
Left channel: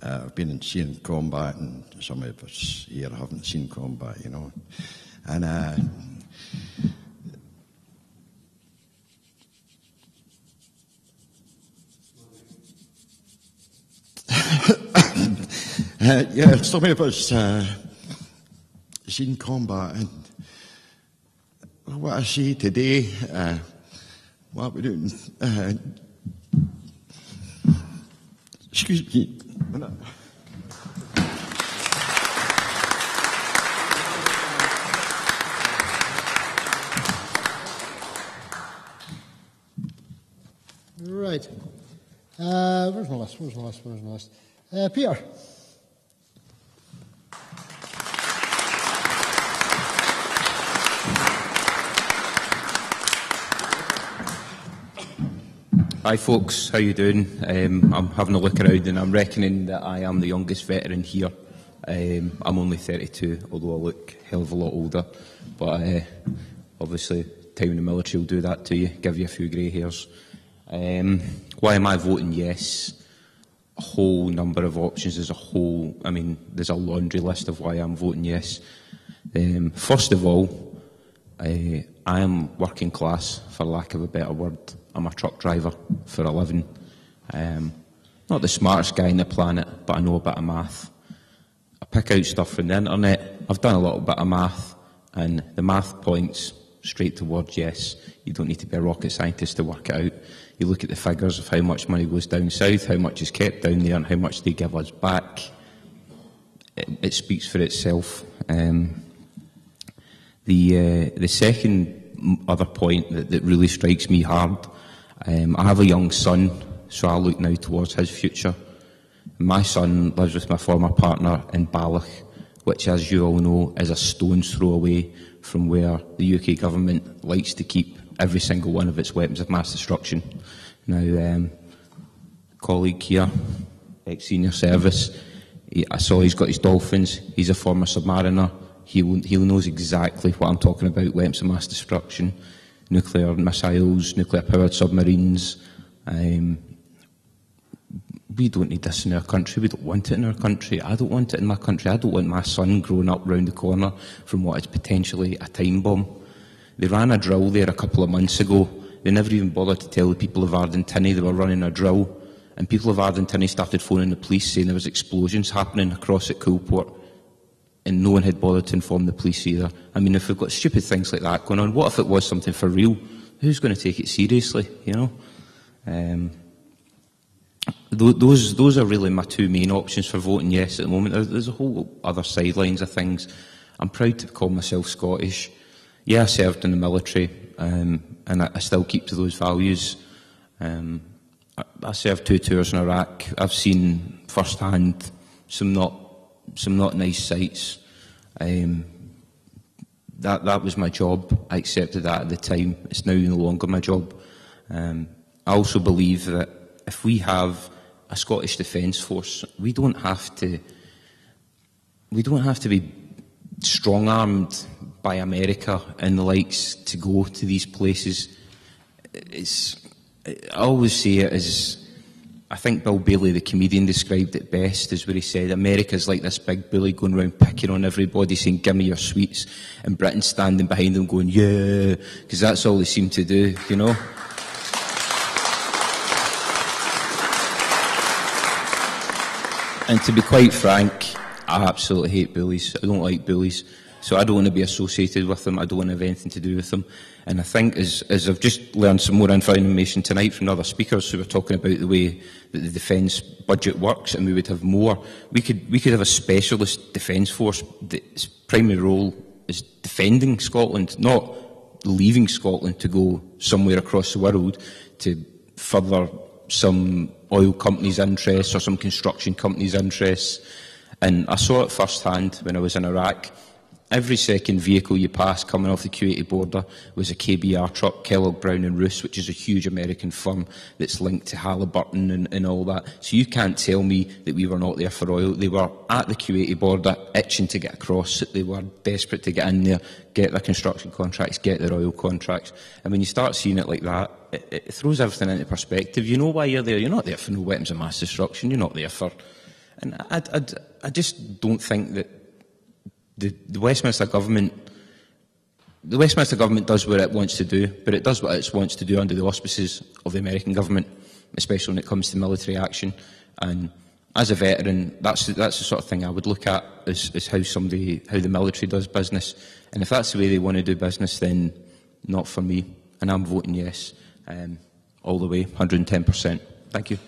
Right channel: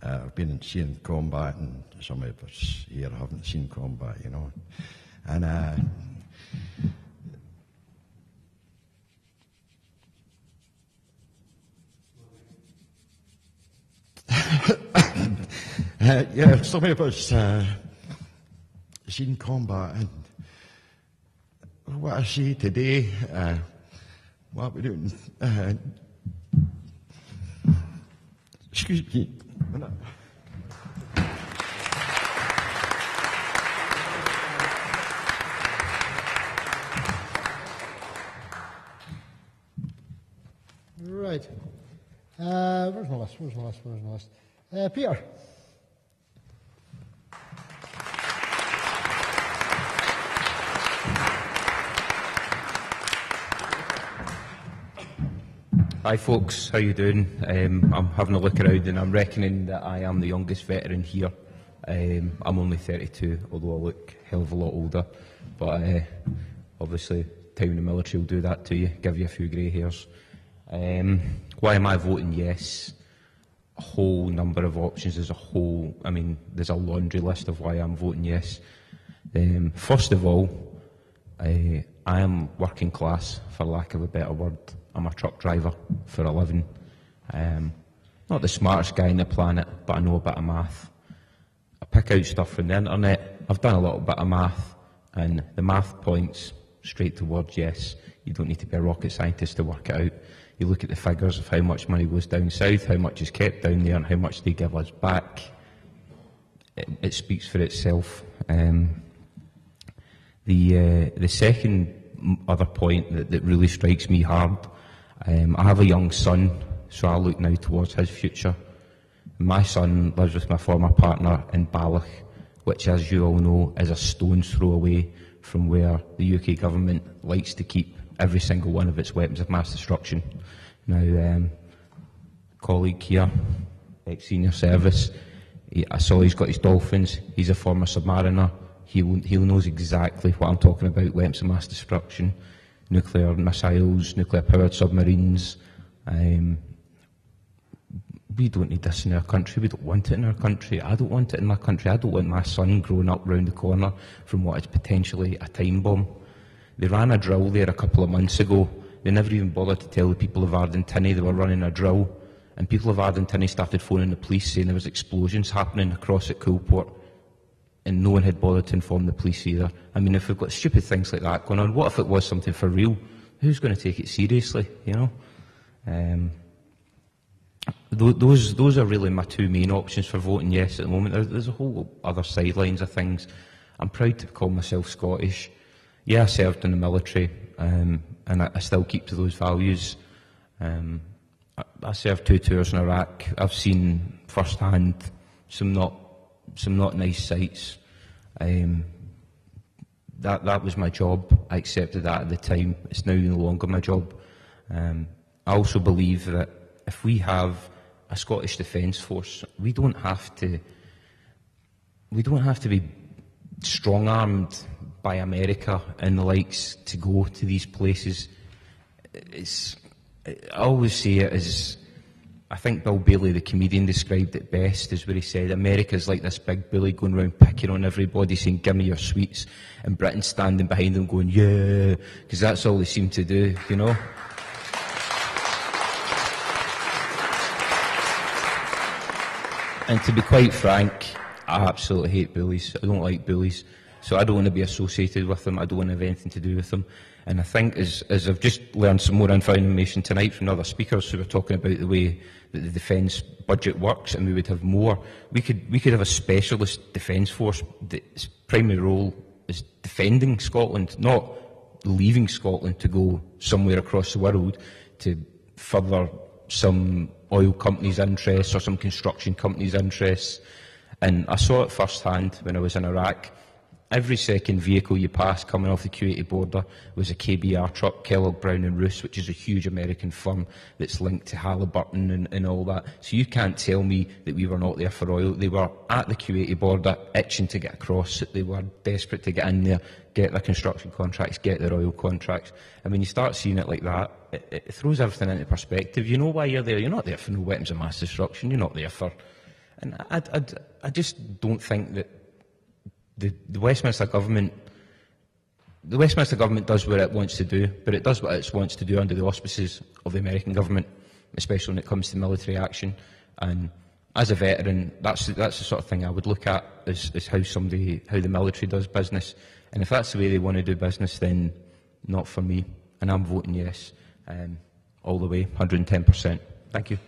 have been seeing combat, and some of us here haven't seen combat, you know. And yeah, some of us seen combat, and what I see today, what we're doing, excuse me. Right. Where's my list? Peter. Hi folks, how you doing? I'm having a look around and I'm reckoning that I am the youngest veteran here. I'm only 32, although I look a hell of a lot older. But obviously, time in the military will do that to you, give you a few grey hairs. Why am I voting yes? A whole number of options. There's a laundry list of why I'm voting yes. First of all, I am working class, for lack of a better word. I'm a truck driver for a living. Not the smartest guy on the planet, but I know a bit of math. I pick out stuff from the internet. I've done a little bit of math, and the math points straight towards yes. You don't need to be a rocket scientist to work it out. You look at the figures of how much money goes down south, how much is kept down there, and how much they give us back. It speaks for itself. The second other point that really strikes me hard, I have a young son, so I look now towards his future. My son lives with my former partner in Balloch, which, as you all know, is a stone's throw away from where the UK government likes to keep every single one of its weapons of mass destruction. Now, colleague here, ex-senior service, I saw he's got his dolphins. He's a former submariner. He knows exactly what I'm talking about, weapons of mass destruction, nuclear missiles, nuclear-powered submarines. We don't need this in our country. We don't want it in our country. I don't want it in my country. I don't want my son growing up round the corner from what is potentially a time bomb. They ran a drill there a couple of months ago. They never even bothered to tell the people of Ardentiny they were running a drill. And people of Ardentiny started phoning the police saying there was explosions happening across at Coolport. And no one had bothered to inform the police either. I mean, if we've got stupid things like that going on, what if it was something for real? Who's going to take it seriously, you know? Those are really my two main options for voting yes at the moment. There's a whole other sidelines of things. I'm proud to call myself Scottish. Yeah, I served in the military, and I still keep to those values. I served 2 tours in Iraq. I've seen firsthand some not nice sights. That was my job. I accepted that at the time. It's now no longer my job. I also believe that if we have a Scottish Defence Force, we don't have to be strong-armed by America and the likes to go to these places. I always say it as, I think Bill Bailey, the comedian, described it best, is where he said, America's like this big bully going around picking on everybody, saying, give me your sweets, and Britain's standing behind them going, yeah, because that's all they seem to do, you know? And to be quite frank, I absolutely hate bullies. I don't like bullies. So I don't want to be associated with them. I don't want to have anything to do with them. And I think as I've just learned some more information tonight from other speakers who were talking about the way that the defence budget works, and we would have more, we could have a specialist defence force. Its primary role is defending Scotland, not leaving Scotland to go somewhere across the world to further some oil companies' interests or some construction companies' interests. And I saw it firsthand when I was in Iraq. Every second vehicle you pass coming off the Kuwaiti border was a KBR truck, Kellogg Brown and Roos, which is a huge American firm that's linked to Halliburton and all that. So you can't tell me that we were not there for oil. They were at the Kuwaiti border, itching to get across. They were desperate to get in there, get their construction contracts, get their oil contracts. And when you start seeing it like that, it throws everything into perspective. You know why you're there. You're not there for no weapons of mass destruction. You're not there for... And I just don't think that the Westminster government does what it wants to do, but it does what it wants to do under the auspices of the American government, especially when it comes to military action. And as a veteran, that's the sort of thing I would look at, is how the military does business. And if that's the way they want to do business, then not for me. And I'm voting yes, all the way, 110%. Thank you.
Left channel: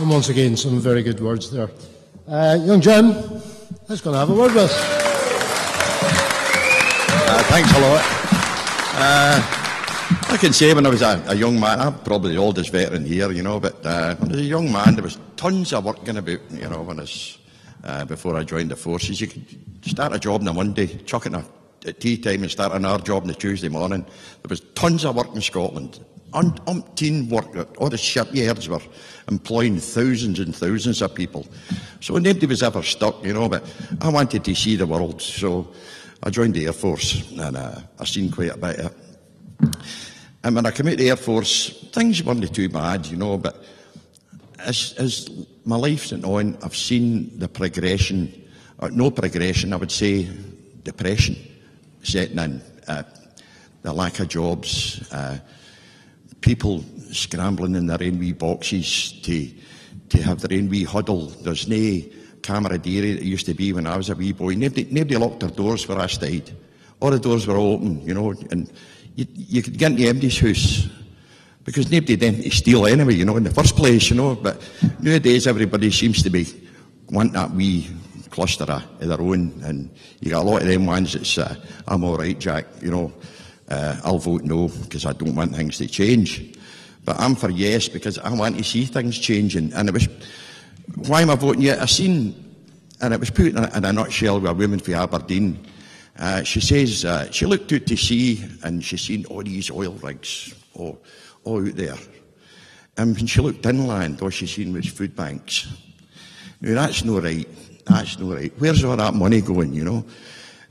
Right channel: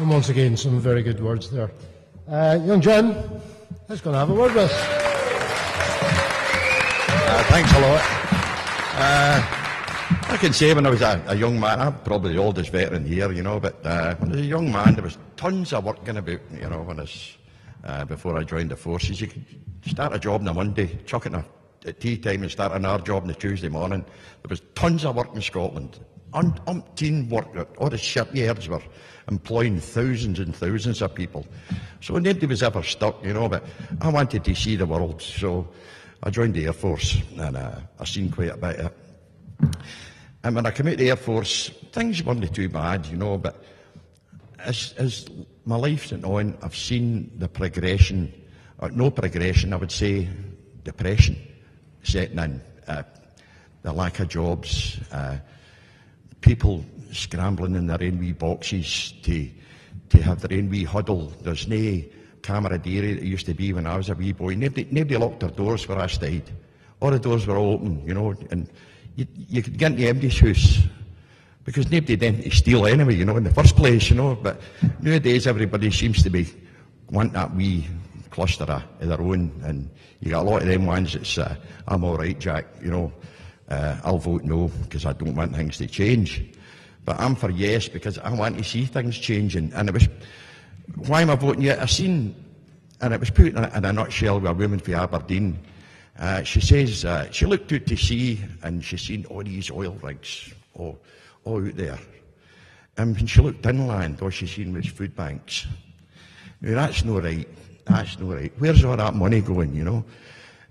And once again, some very good words there. Young Jim, let's go and have a word with. Thanks a lot. I can say when I was a young man, I'm probably the oldest veteran here, you know, but when I was a young man, there was tons of work going about, you know, when I was, before I joined the forces. You could start a job on a Monday, chuck it at tea time and start another job on the Tuesday morning. There was tons of work in Scotland. Umpteen work, all the shipyards were employing thousands and thousands of people. So nobody was ever stuck, you know, but I wanted to see the world, so I joined the Air Force, and I've seen quite a bit of it. And when I came out of the Air Force, things weren't too bad, you know, but as my life went on, I've seen the progression, or no progression, I would say depression setting in, the lack of jobs, people scrambling in their own wee boxes to have their own wee huddle. There's no camaraderie that used to be when I was a wee boy. Nobody locked their doors where I stayed. All the doors were open, you know, and you could get into anybody's house because nobody then to steal anyway, you know, in the first place, you know. But nowadays everybody seems to be wanting that wee cluster of their own, and you got a lot of them ones that's I'm all right, Jack, you know. I'll vote no because I don't want things to change. But I'm for yes because I want to see things changing. And it was, why am I voting yes? I seen, and it was put in a nutshell with a woman from Aberdeen. She says she looked out to sea and she seen all these oil rigs all out there. And when she looked inland, all she seen was food banks. Now that's no right. That's no right. Where's all that money going, you know?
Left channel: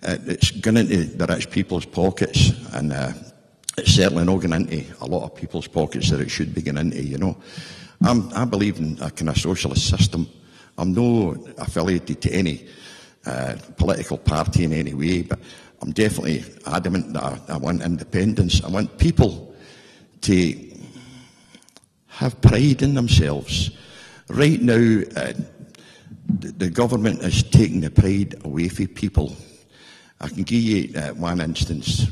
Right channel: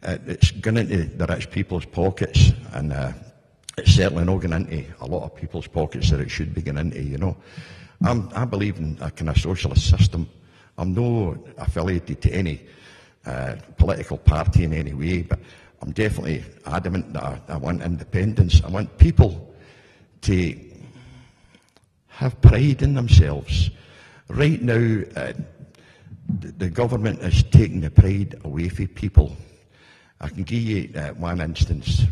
It's going into the rich people's pockets, and it's certainly not going into a lot of people's pockets that it should be going into, you know. I believe in a kind of socialist system. I'm not affiliated to any political party in any way, but I'm definitely adamant that I want independence. I want people to have pride in themselves. Right now, the government is taking the pride away from people. I can give you one instance.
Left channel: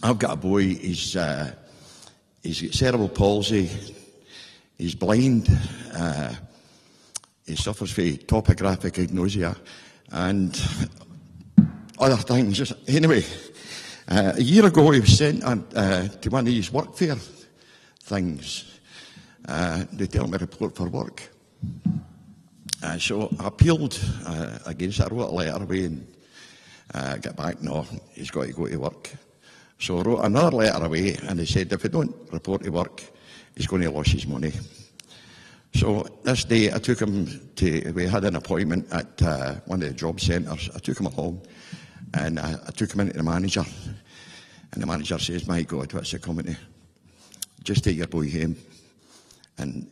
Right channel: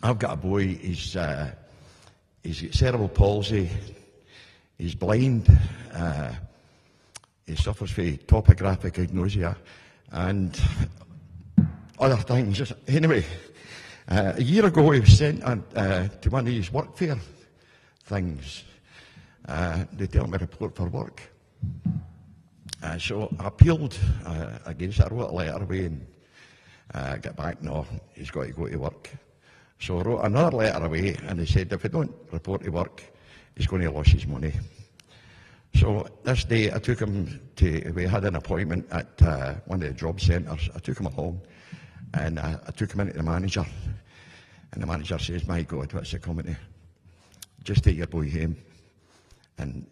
I've got a boy, he's got cerebral palsy, he's blind, he suffers from topographic agnosia, and other things. Anyway, a year ago he was sent to one of these workfare things. They tell him to report for work. So I appealed against it. I wrote a letter away and got back, no, he's got to go to work. So I wrote another letter away and they said if he don't report to work, he's going to lose his money. So this day I took him to, we had an appointment at one of the job centres. I took him along and I took him into the manager. And the manager says, my God, what's it coming to? Just take your boy home. And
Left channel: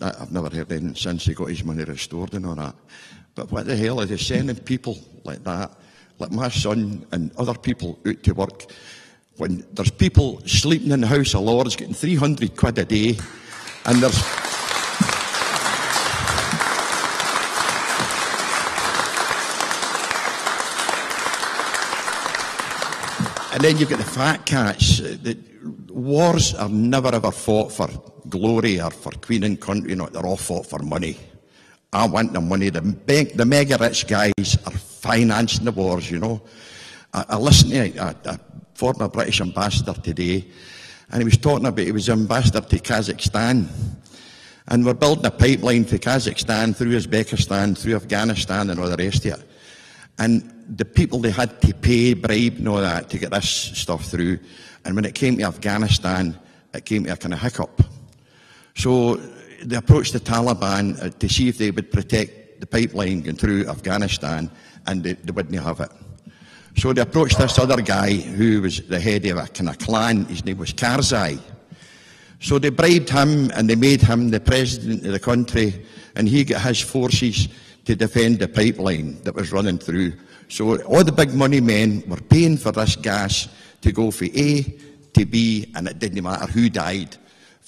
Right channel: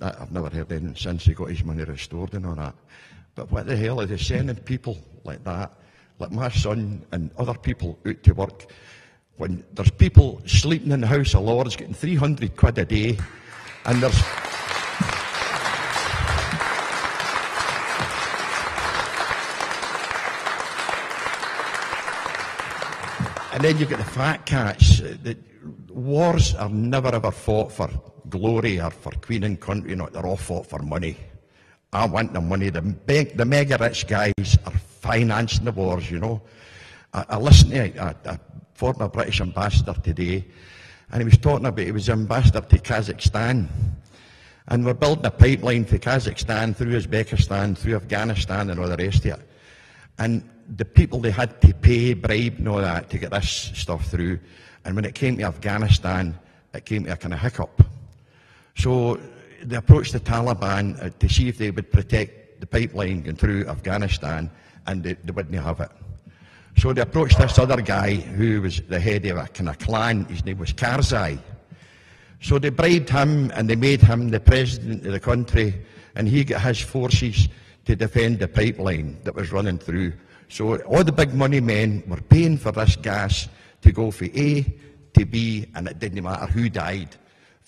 I've never heard anything since he got his money restored and all that. But what the hell are they sending people like that, like my son and other people out to work when there's people sleeping in the House of Lords getting 300 quid a day, and there's... And then you've got the fat cats. The wars are never ever fought for glory or for Queen and country. No, they're all fought for money. I want the money. The mega rich guys are financing the wars, you know. I listened to a former British ambassador today, and he was talking about, he was ambassador to Kazakhstan, and we're building a pipeline for Kazakhstan through Uzbekistan, through Afghanistan and all the rest of it. And the people, they had to pay, bribe and all that to get this stuff through. And when it came to Afghanistan, it came to a kind of hiccup. So they approached the Taliban to see if they would protect the pipeline going through Afghanistan, and they wouldn't have it. So they approached this other guy who was the head of a kind of clan. His name was Karzai. So they bribed him and they made him the president of the country, and he got his forces to defend the pipeline that was running through. So all the big money men were paying for this gas to go from A to B, and it didn't matter who died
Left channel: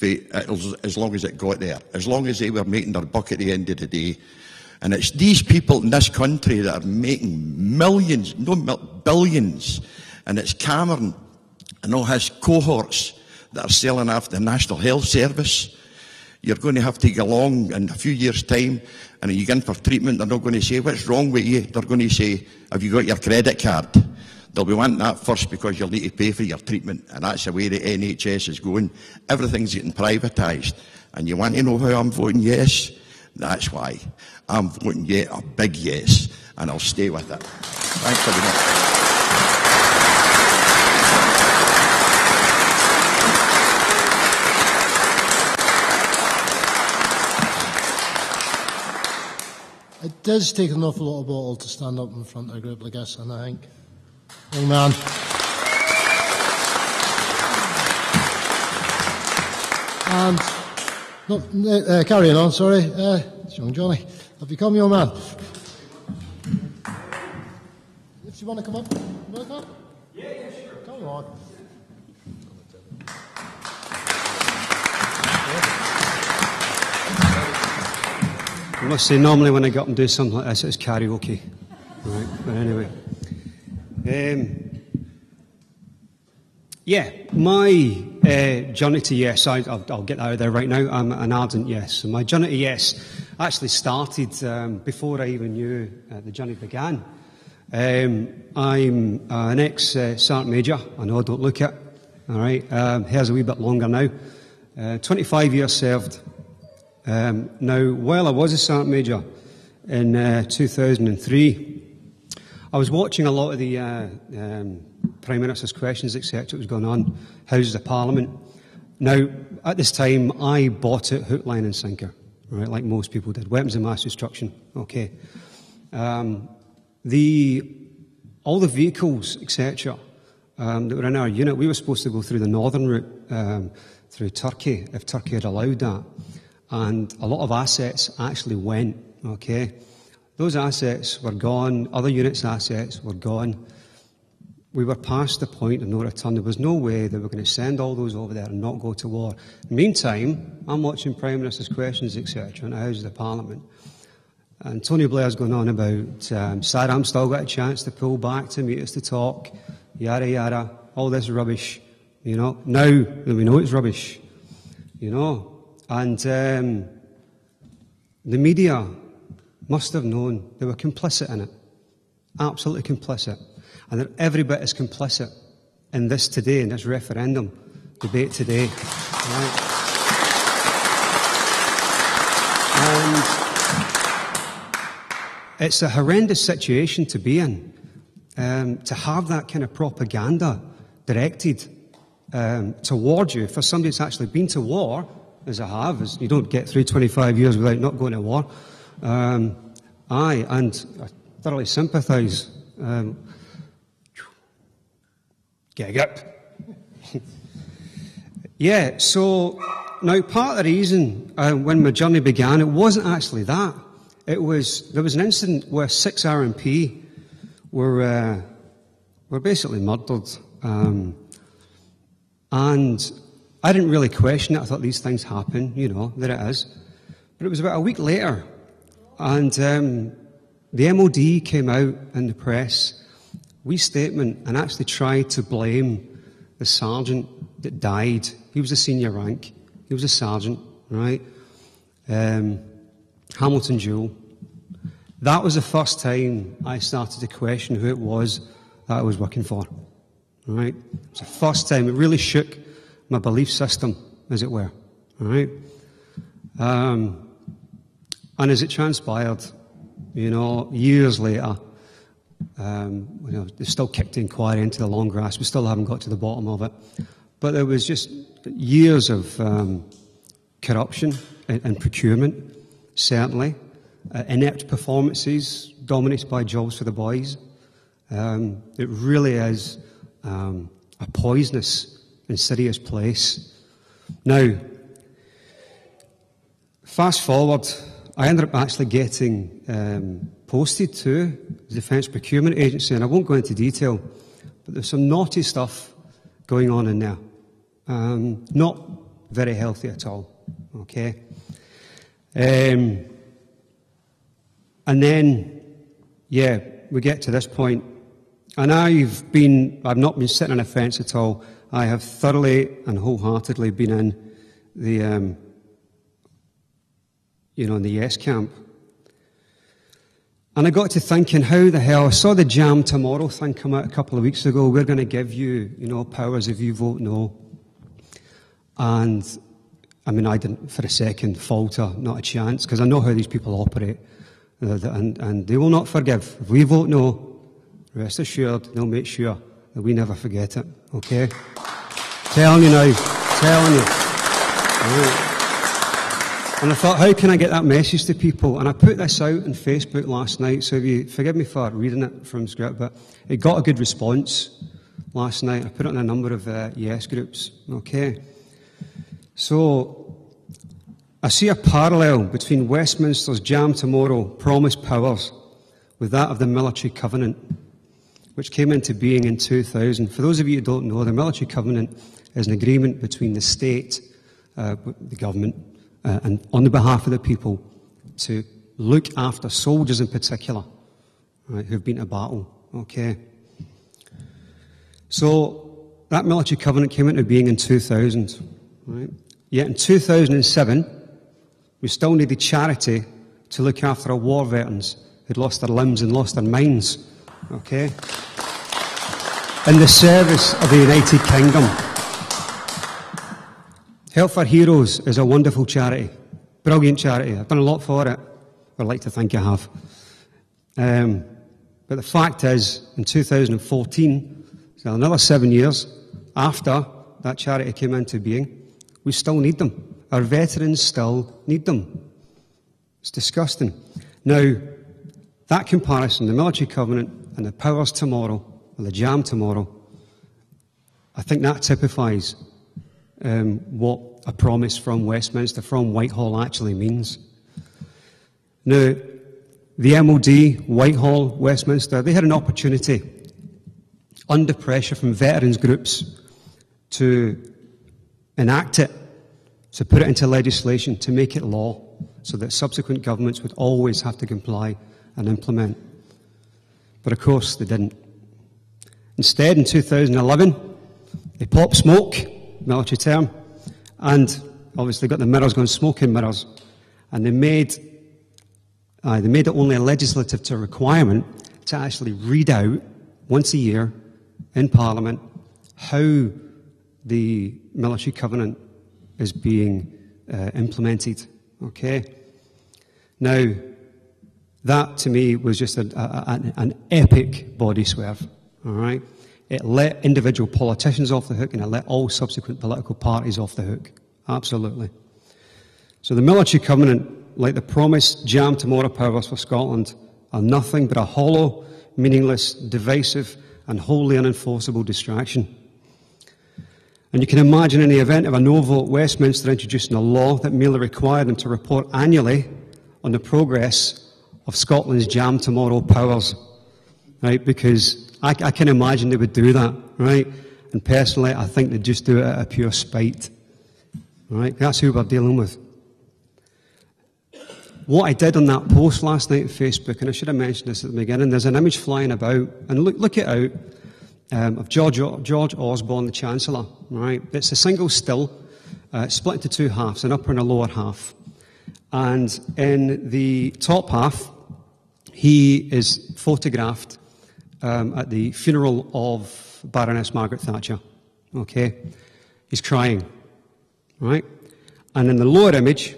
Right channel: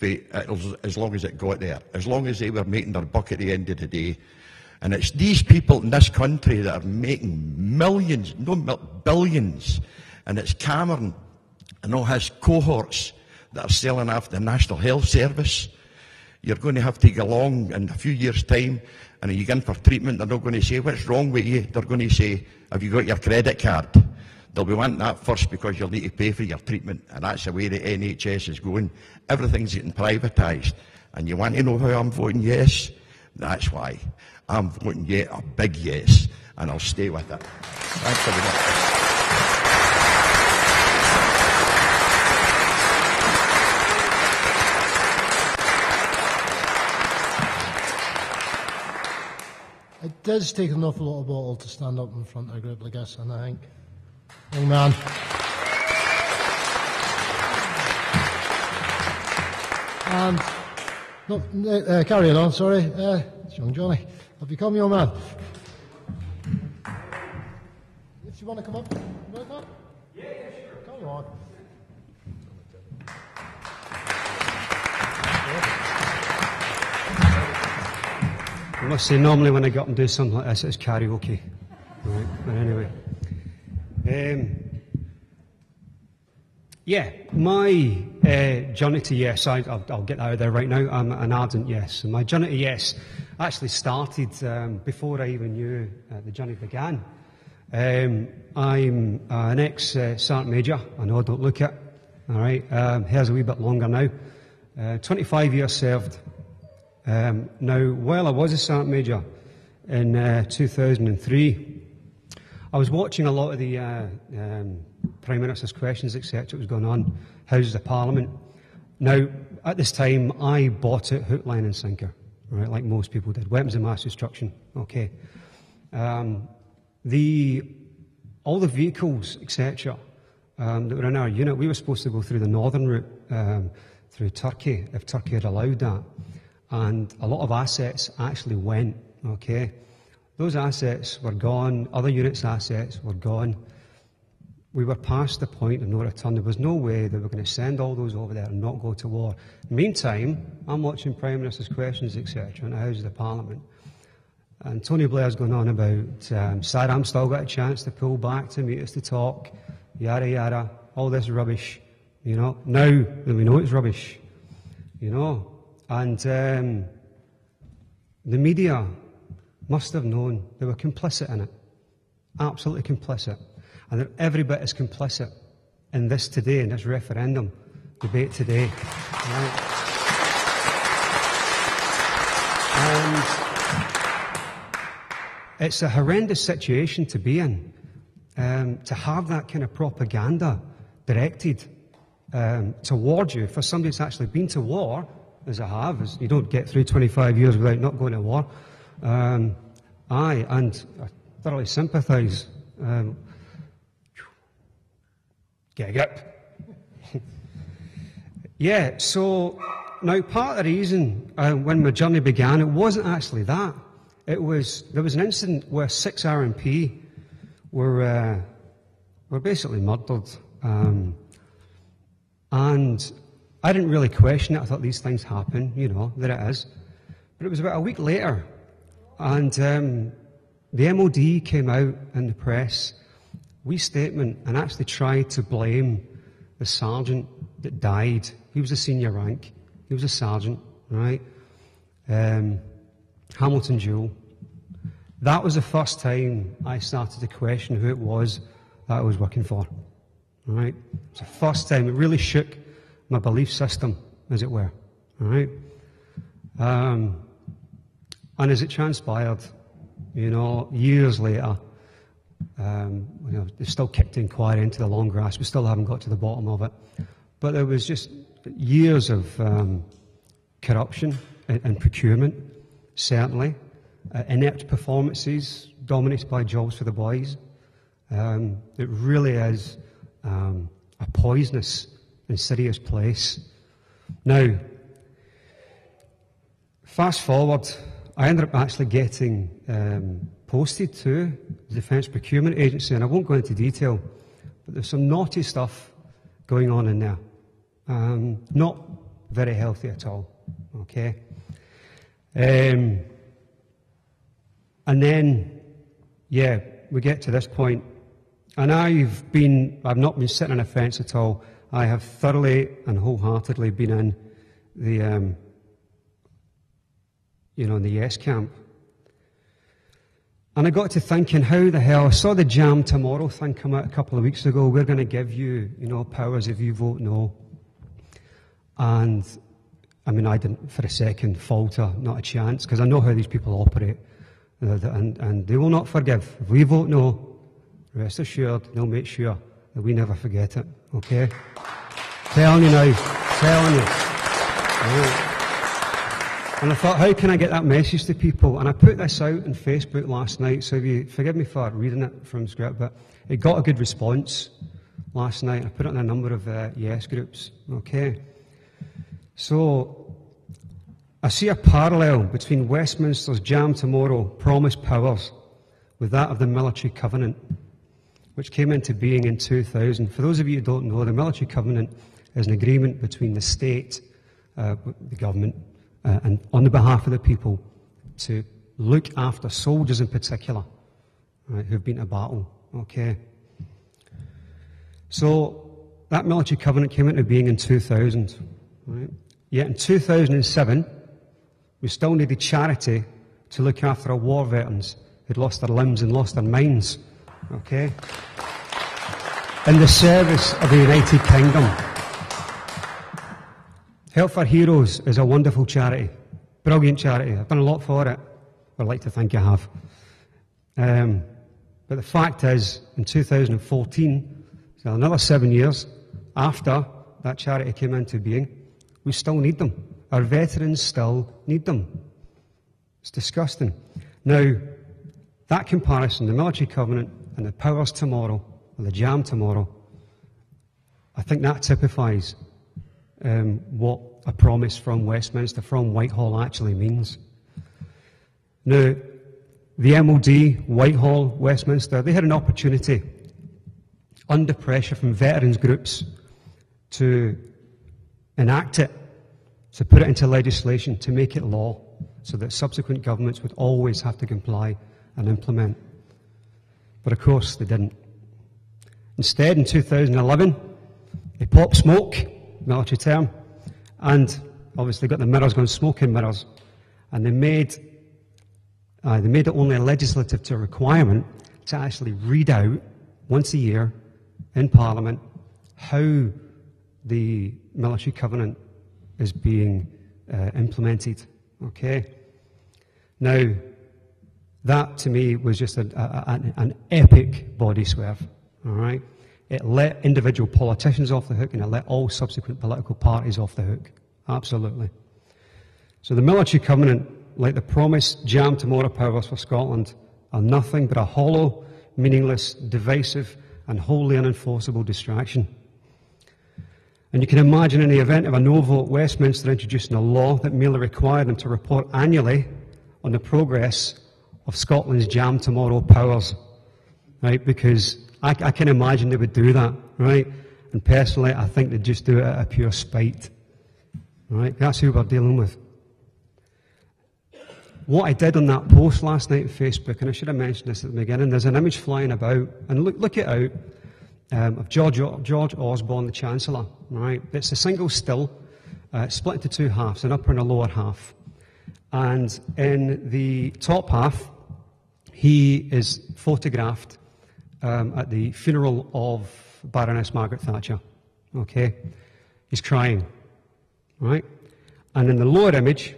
as long as it got there, as long as they were making their buck at the end of the day. And it's these people in this country that are making millions, no, billions. And it's Cameron and all his cohorts that are selling after the National Health Service. You're going to have to go along in a few years' time, and you go in for treatment, they're not going to say, what's wrong with you? They're going to say, have you got your credit card? They'll be wanting that first because you'll need to pay for your treatment, and that's the way the NHS is going. Everything's getting privatised. And you want to know how I'm voting yes? That's why. I'm voting a big yes, and I'll stay with it. Thanks very much. It does take an awful lot of bottle to stand up in front of a group like this, and I think, young man. And carrying on, sorry, it's young Johnny. Have you come, young man? If you want to come up, you want to come? Yeah, sure. Come on. I must say, normally when I get up and do something like this, it's karaoke. Right, but anyway. Yeah, my journey to yes, I'll get that out there right now. I'm an ardent yes. And my journey to yes actually started before I even knew the journey began. I'm an ex-Sergeant Major. I know I don't look it. All right, hair's a wee bit longer now. 25 years served. Now, while I was a Sergeant Major in 2003, I was watching a lot of the Prime Minister's questions, etc. that was going on, Houses of Parliament. Now, at this time, I bought it hook, line and sinker, right, like most people did. Weapons of mass destruction, okay. All the vehicles, etc., that were in our unit, we were supposed to go through the northern route, through Turkey, if Turkey had allowed that. And a lot of assets actually went, okay. Those assets were gone, other units' assets were gone. We were past the point of no return. There was no way that we were going to send all those over there and not go to war. Meantime, I'm watching Prime Minister's questions, etc., in the House of the Parliament. And Tony Blair's going on about Saddam still got a chance to pull back to meet us to talk, yada yada, all this rubbish, you know. Now that we know it's rubbish, you know. And the media must have known they were complicit in it, absolutely complicit. And they're every bit as complicit in this today, in this referendum debate today. Right. And it's a horrendous situation to be in, to have that kind of propaganda directed towards you. For somebody that's actually been to war, as I have, as you don't get through 25 years without not going to war. And I thoroughly sympathise. Get up. Yeah, so now part of the reason when my journey began, it wasn't actually that. There was an incident where 6 RMP were basically murdered. And I didn't really question it. I thought these things happen, you know, there it is. But it was about a week later, and the MOD came out in the press, wee statement, and actually tried to blame the sergeant that died. He was a senior rank. He was a sergeant, right? Hamilton Jewell. That was the first time I started to question who it was that I was working for, right? It was the first time. It really shook my belief system, as it were, right? And as it transpired, you know, years later, you know, they still kicked the inquiry into the long grass. We still haven't got to the bottom of it. But there was just years of corruption and procurement, certainly. Inept performances dominated by jobs for the boys. It really is a poisonous and serious place. Now, fast forward, I ended up actually getting posted to the Defence Procurement Agency, and I won't go into detail, but there's some naughty stuff going on in there. Not very healthy at all, okay? And then, yeah, we get to this point, and I've not been sitting on a fence at all. I have thoroughly and wholeheartedly been in the, you know, in the yes camp. And I got to thinking, how the hell, I saw the Jam Tomorrow thing come out a couple of weeks ago. We're going to give you, you know, powers if you vote no. And, I mean, I didn't for a second falter, not a chance, because I know how these people operate. And they will not forgive. If we vote no, rest assured, they'll make sure that we never forget it, okay? Telling you now, telling you. Right. And I thought, how can I get that message to people? And I put this out on Facebook last night, so if you forgive me for reading it from script, but it got a good response last night. I put it in a number of yes groups, okay? So, I see a parallel between Westminster's Jam Tomorrow promised powers with that of the Military Covenant, which came into being in 2000. For those of you who don't know, the Military Covenant is an agreement between the state, the government, and on the behalf of the people, to look after soldiers in particular, right, who've been to battle, okay? So, that Military Covenant came into being in 2000, right? Yet in 2007, we still needed charity to look after our war veterans who'd lost their limbs and lost their minds, okay? In the service of the United Kingdom. Help for Heroes is a wonderful charity, brilliant charity. I've done a lot for it. I'd like to think I have. But the fact is, in 2014, so another 7 years after that charity came into being, we still need them. Our veterans still need them. It's disgusting. Now, that comparison, the Military Covenant and the powers tomorrow, or the Jam Tomorrow, I think that typifies what a promise from Westminster, from Whitehall, actually means. Now, the MOD, Whitehall, Westminster, they had an opportunity, under pressure from veterans groups, to enact it, to put it into legislation, to make it law, so that subsequent governments would always have to comply and implement. But of course, they didn't. Instead, in 2011, they popped smoke, military term, and obviously got the mirrors going, smoking mirrors, and they made it only a legislative requirement to actually read out once a year in Parliament how the Military Covenant is being implemented, okay? Now, that to me was just an epic body swerve, all right? It let individual politicians off the hook, and it let all subsequent political parties off the hook, absolutely. So the Military Covenant, like the promised Jam Tomorrow powers for Scotland, are nothing but a hollow, meaningless, divisive, and wholly unenforceable distraction. And you can imagine, in the event of a no vote, Westminster introducing a law that merely required them to report annually on the progress of Scotland's Jam Tomorrow powers, right? Because I can imagine they would do that, right? And personally, I think they just do it out of pure spite. All right? That's who we're dealing with. What I did on that post last night on Facebook, and I should have mentioned this at the beginning, there's an image flying about, and look it out, of George Osborne, the Chancellor. Right? It's a single still, split into two halves, an upper and a lower half. And in the top half, he is photographed at the funeral of Baroness Margaret Thatcher. Okay? He's crying. Right? And in the lower image,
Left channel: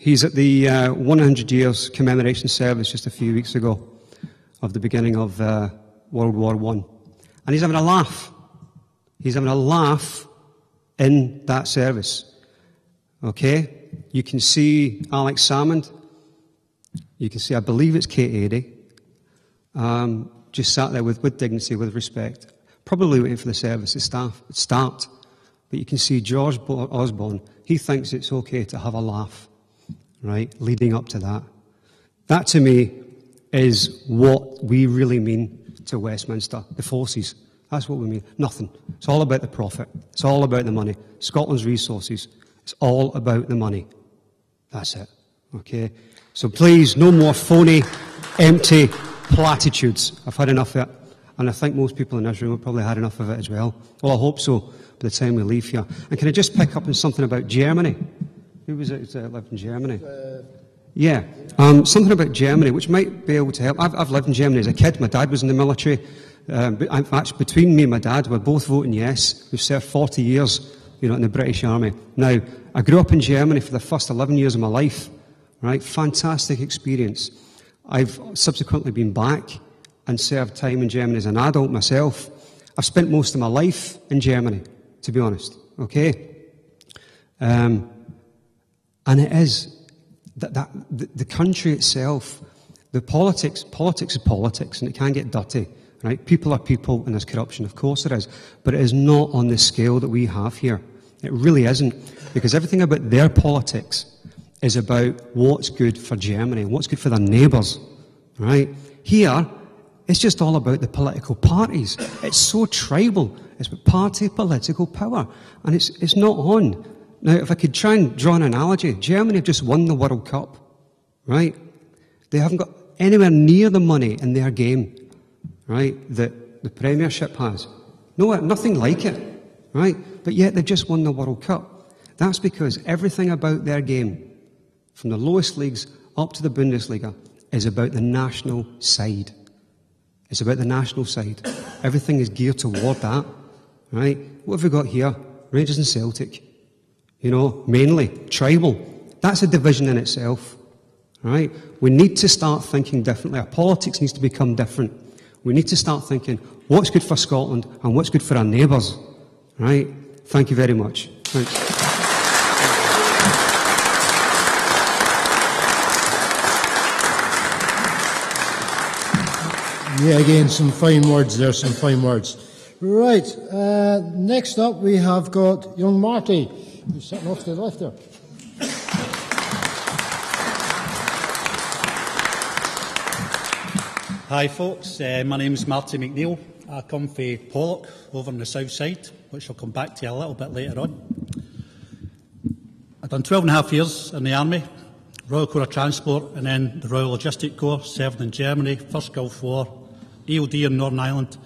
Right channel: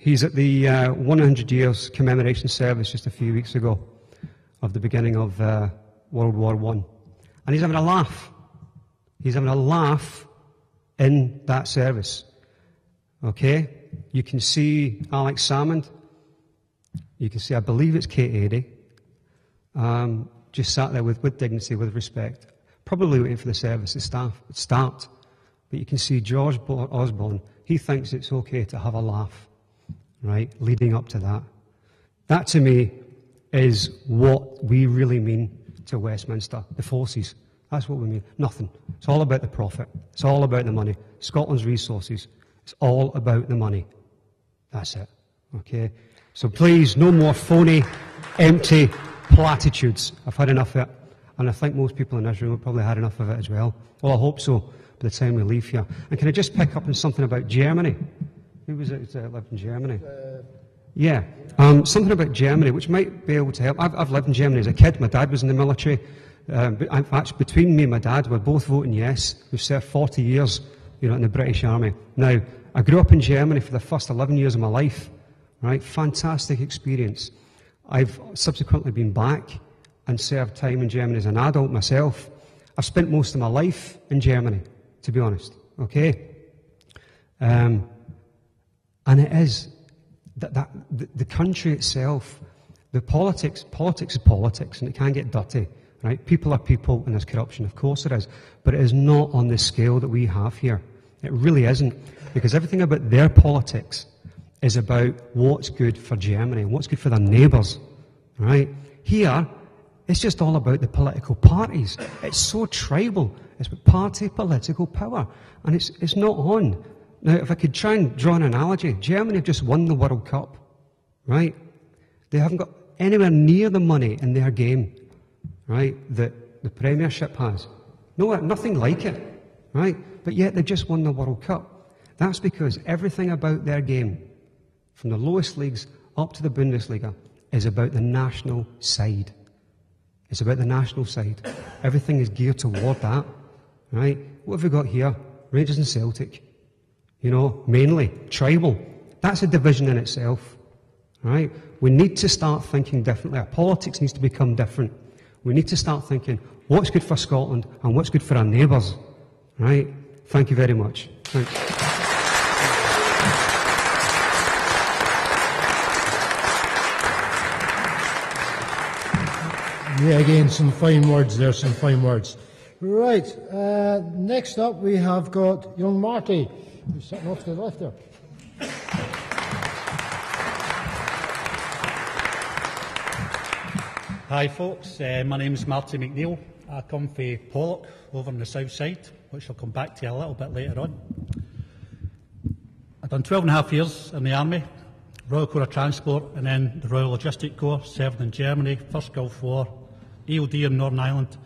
he's at the 100 years commemoration service just a few weeks ago of the beginning of World War I. And he's having a laugh. He's having a laugh in that service. Okay? You can see Alex Salmond. You can see, I believe it's Kate Adie. Just sat there with dignity, with respect. Probably waiting for the service to start. But you can see George Osborne. He thinks it's okay to have a laugh. Right, leading up to that. That, to me, is what we really mean to Westminster, the forces. That's what we mean. Nothing. It's all about the profit. It's all about the money. Scotland's resources. It's all about the money. That's it. Okay? So please, no more phony, empty platitudes. I've had enough of it. And I think most people in this room have probably had enough of it as well. Well, I hope so, by the time we leave here. And can I just pick up on something about Germany? Who was it that lived in Germany? Yeah, something about Germany, which might be able to help. I've lived in Germany as a kid. My dad was in the military. Actually, between me and my dad, we're both voting yes. We've served 40 years, in the British Army. Now, I grew up in Germany for the first 11 years of my life. Right, fantastic experience. I've subsequently been back and served time in Germany as an adult myself. I've spent most of my life in Germany, to be honest. Okay. And it is the country itself, the politics is politics, and it can get dirty, right? People are people, and there's corruption, of course there is, but it is not on the scale that we have here. It really isn't, because everything about their politics is about what's good for Germany, what's good for their neighbours, right? Here, it's just all about the political parties. It's so tribal. It's about party political power, and it's not on. Now, if I could try and draw an analogy, Germany have just won the World Cup, right? They haven't got anywhere near the money in their game, right, that the Premiership has. No, nothing like it, right? But yet they've just won the World Cup. That's because everything about their game, from the lowest leagues up to the Bundesliga, is about the national side. It's about the national side. Everything is geared toward that, right? What have we got here? Rangers and Celtic. Mainly tribal. That's a division in itself, right? We need to start thinking differently. Our politics needs to become different. We need to start thinking what's good for Scotland and what's good for our neighbours, right? Thank you very much. Thanks. Yeah, again, some fine words there, some fine words. Right, next up we have got young Marty, who's sitting off to the left there. Hi folks, my name's Marty McNeil. I come from Pollock over on the south side, which I'll come back to a little bit later on. I've done 12 and a half years in the Army, Royal Corps of Transport, and then the Royal Logistic Corps, served in Germany, First Gulf War, EOD in Northern Ireland,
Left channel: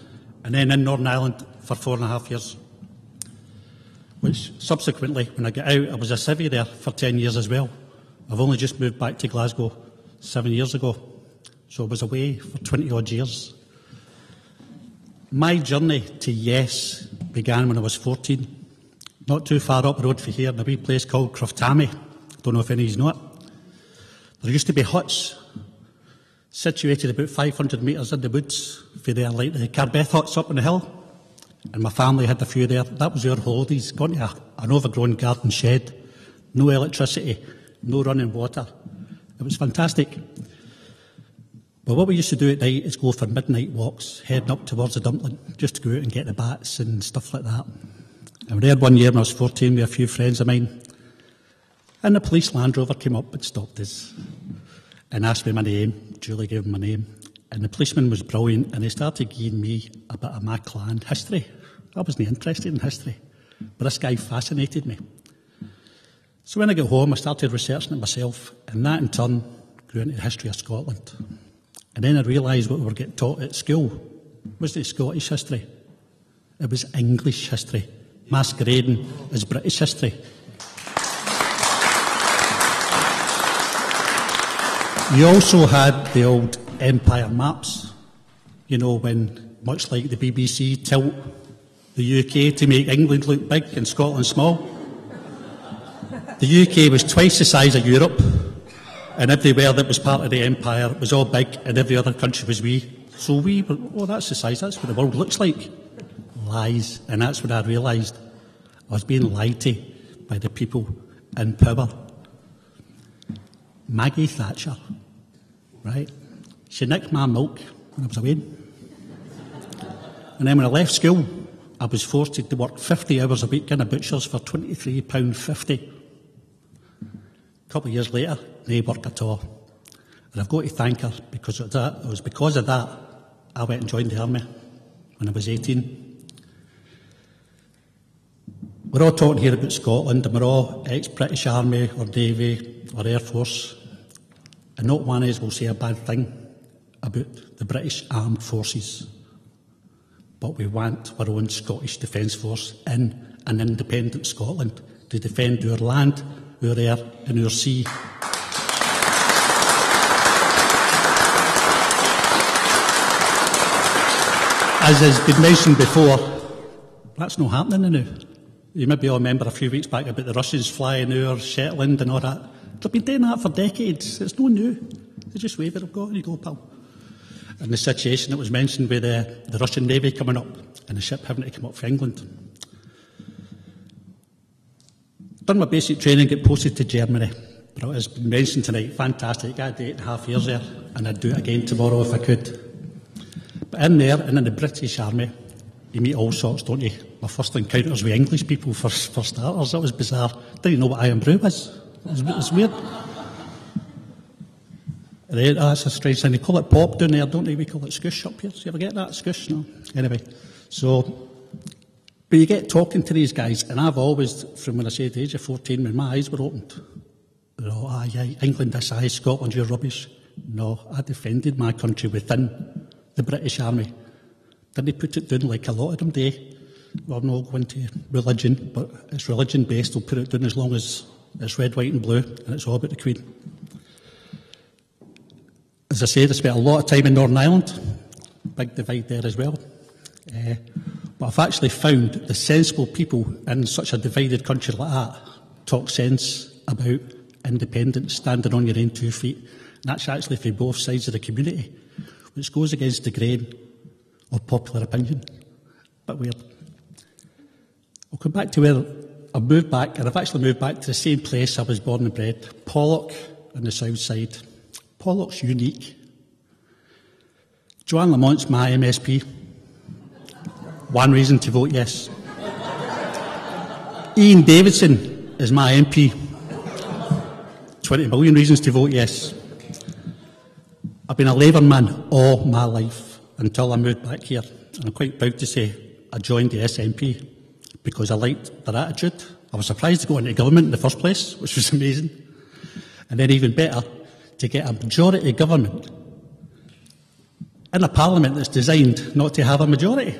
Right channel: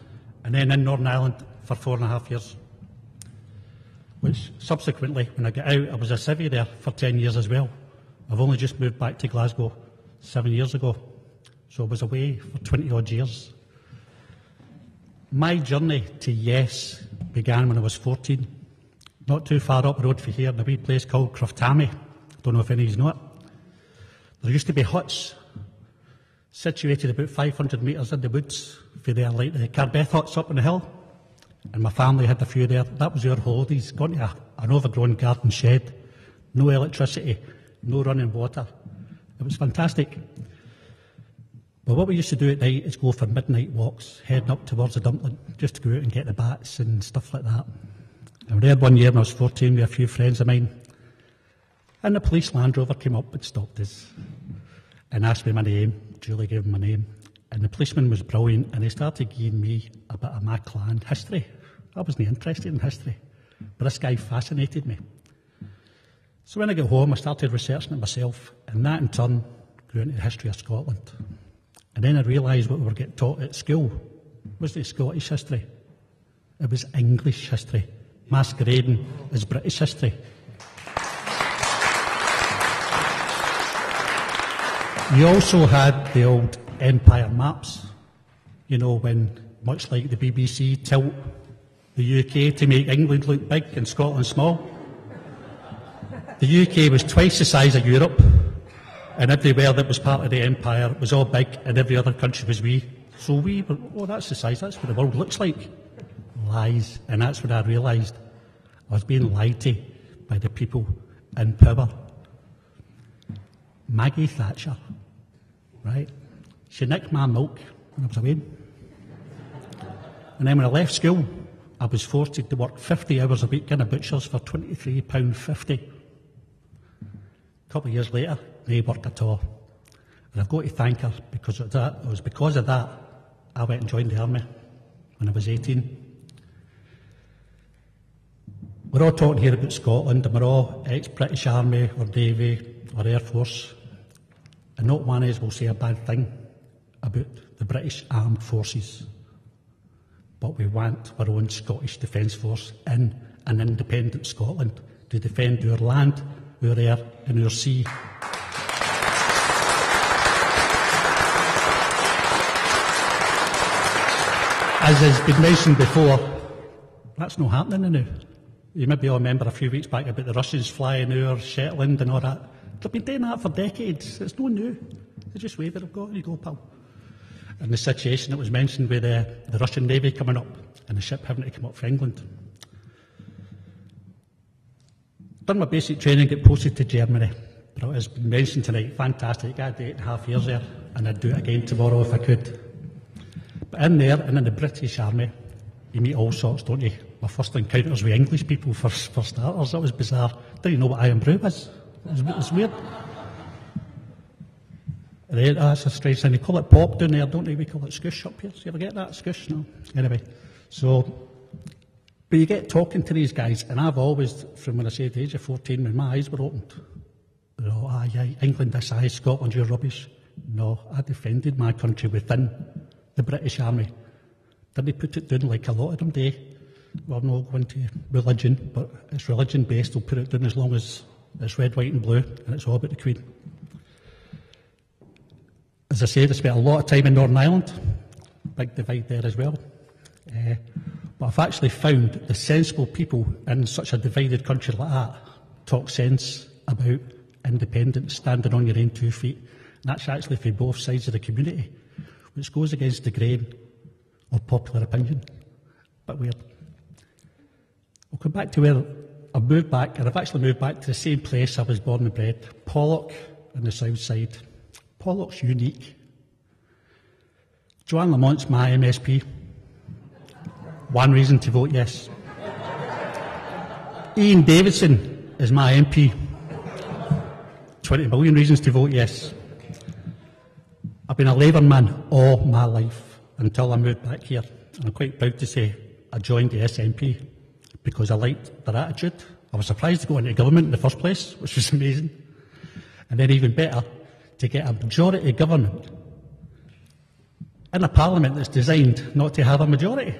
and then in Northern Ireland for 4.5 years. Which subsequently, when I got out, I was a civvy there for 10 years as well. I've only just moved back to Glasgow 7 years ago, so I was away for 20 odd years. My journey to yes began when I was 14, not too far up the road from here, in a wee place called Croftamy. Don't know if any of you know it. There used to be huts situated about 500 metres in the woods for there, like the Carbeth huts up on the hill. And my family had a few there. That was our holidays, going to an overgrown garden shed, no electricity, no running water. It was fantastic. But what we used to do at night is go for midnight walks, heading up towards the dumpling, just to go out and get the bats and stuff like that. I was there one year when I was 14 with a few friends of mine, and the police Land Rover came up and stopped us and asked me my name. Julie gave him my name, and the policeman was brilliant, and he started giving me a bit of my clan history. I wasn't interested in history, but this guy fascinated me. So when I got home, I started researching it myself, and that in turn grew into the history of Scotland. And then I realised what we were getting taught at school wasn't Scottish history. It was English history, masquerading as British history. You also had the old empire maps, you know, when, much like the BBC, tilt the UK to make England look big and Scotland small. The UK was twice the size of Europe, and everywhere that was part of the empire was all big and every other country was wee. So we were, oh, that's the size, that's what the world looks like. Lies. And that's when I realised I was being lied to by the people in power. Maggie Thatcher, right? She nicked my milk when I was away. And then when I left school, I was forced to work 50 hours a week in a butcher's for £23.50. A couple of years later, no work at all. And I've got to thank her because of that. It was because of that I went and joined the army when I was 18. We're all talking here about Scotland, and we're all ex-British Army or Navy or Air Force, and not one of us will say a bad thing about the British Armed Forces. But we want our own Scottish Defence Force in an independent Scotland to defend our land, our air and our sea. As has been mentioned before, that's not happening now. You maybe all remember a few weeks back about the Russians flying over Shetland and all that. They've been doing that for decades. It's no new. They just wave it, go, you go, pal. And the situation that was mentioned with the Russian Navy coming up and the ship having to come up for England. Done my basic training, get posted to Germany. But as been mentioned tonight, fantastic. I had 8.5 years there, and I'd do it again tomorrow if I could. But in there, and in the British Army, you meet all sorts, don't you? My first encounters with English people, for starters, that was bizarre. Didn't know what iron brew was. It was weird. And that's a strange thing. They call it pop down there, don't they? We call it scoosh up here. Do you ever get that? Scoosh? No. Anyway, so, but you get talking to these guys, and I've always, from when I say the age of 14, when my eyes were opened, you know, England this size, Scotland, you're rubbish. No, I defended my country within the British Army. Didn't they put it down like a lot of them do? We're not going to religion, but it's religion-based. They'll put it down as long as it's red, white and blue, and it's all about the Queen. As I said, I spent a lot of time in Northern Ireland. Big divide there as well. But I've actually found the sensible people in such a divided country like that talk sense about independence, standing on your own 2 feet. And that's actually for both sides of the community, which goes against the grain of popular opinion. But weird. I'll come back to where I've moved back, and I've actually moved back to the same place I was born and bred, Pollock on the south side. Pollock's unique. Joanne Lamont's my MSP. One reason to vote yes. Ian Davidson is my MP. 20 million reasons to vote yes. I've been a Labour man all my life until I moved back here, and I'm quite proud to say I joined the SNP because I liked their attitude. I was surprised to go into government in the first place, which was amazing. And then even better, to get a majority government in a parliament that's designed not to have a majority.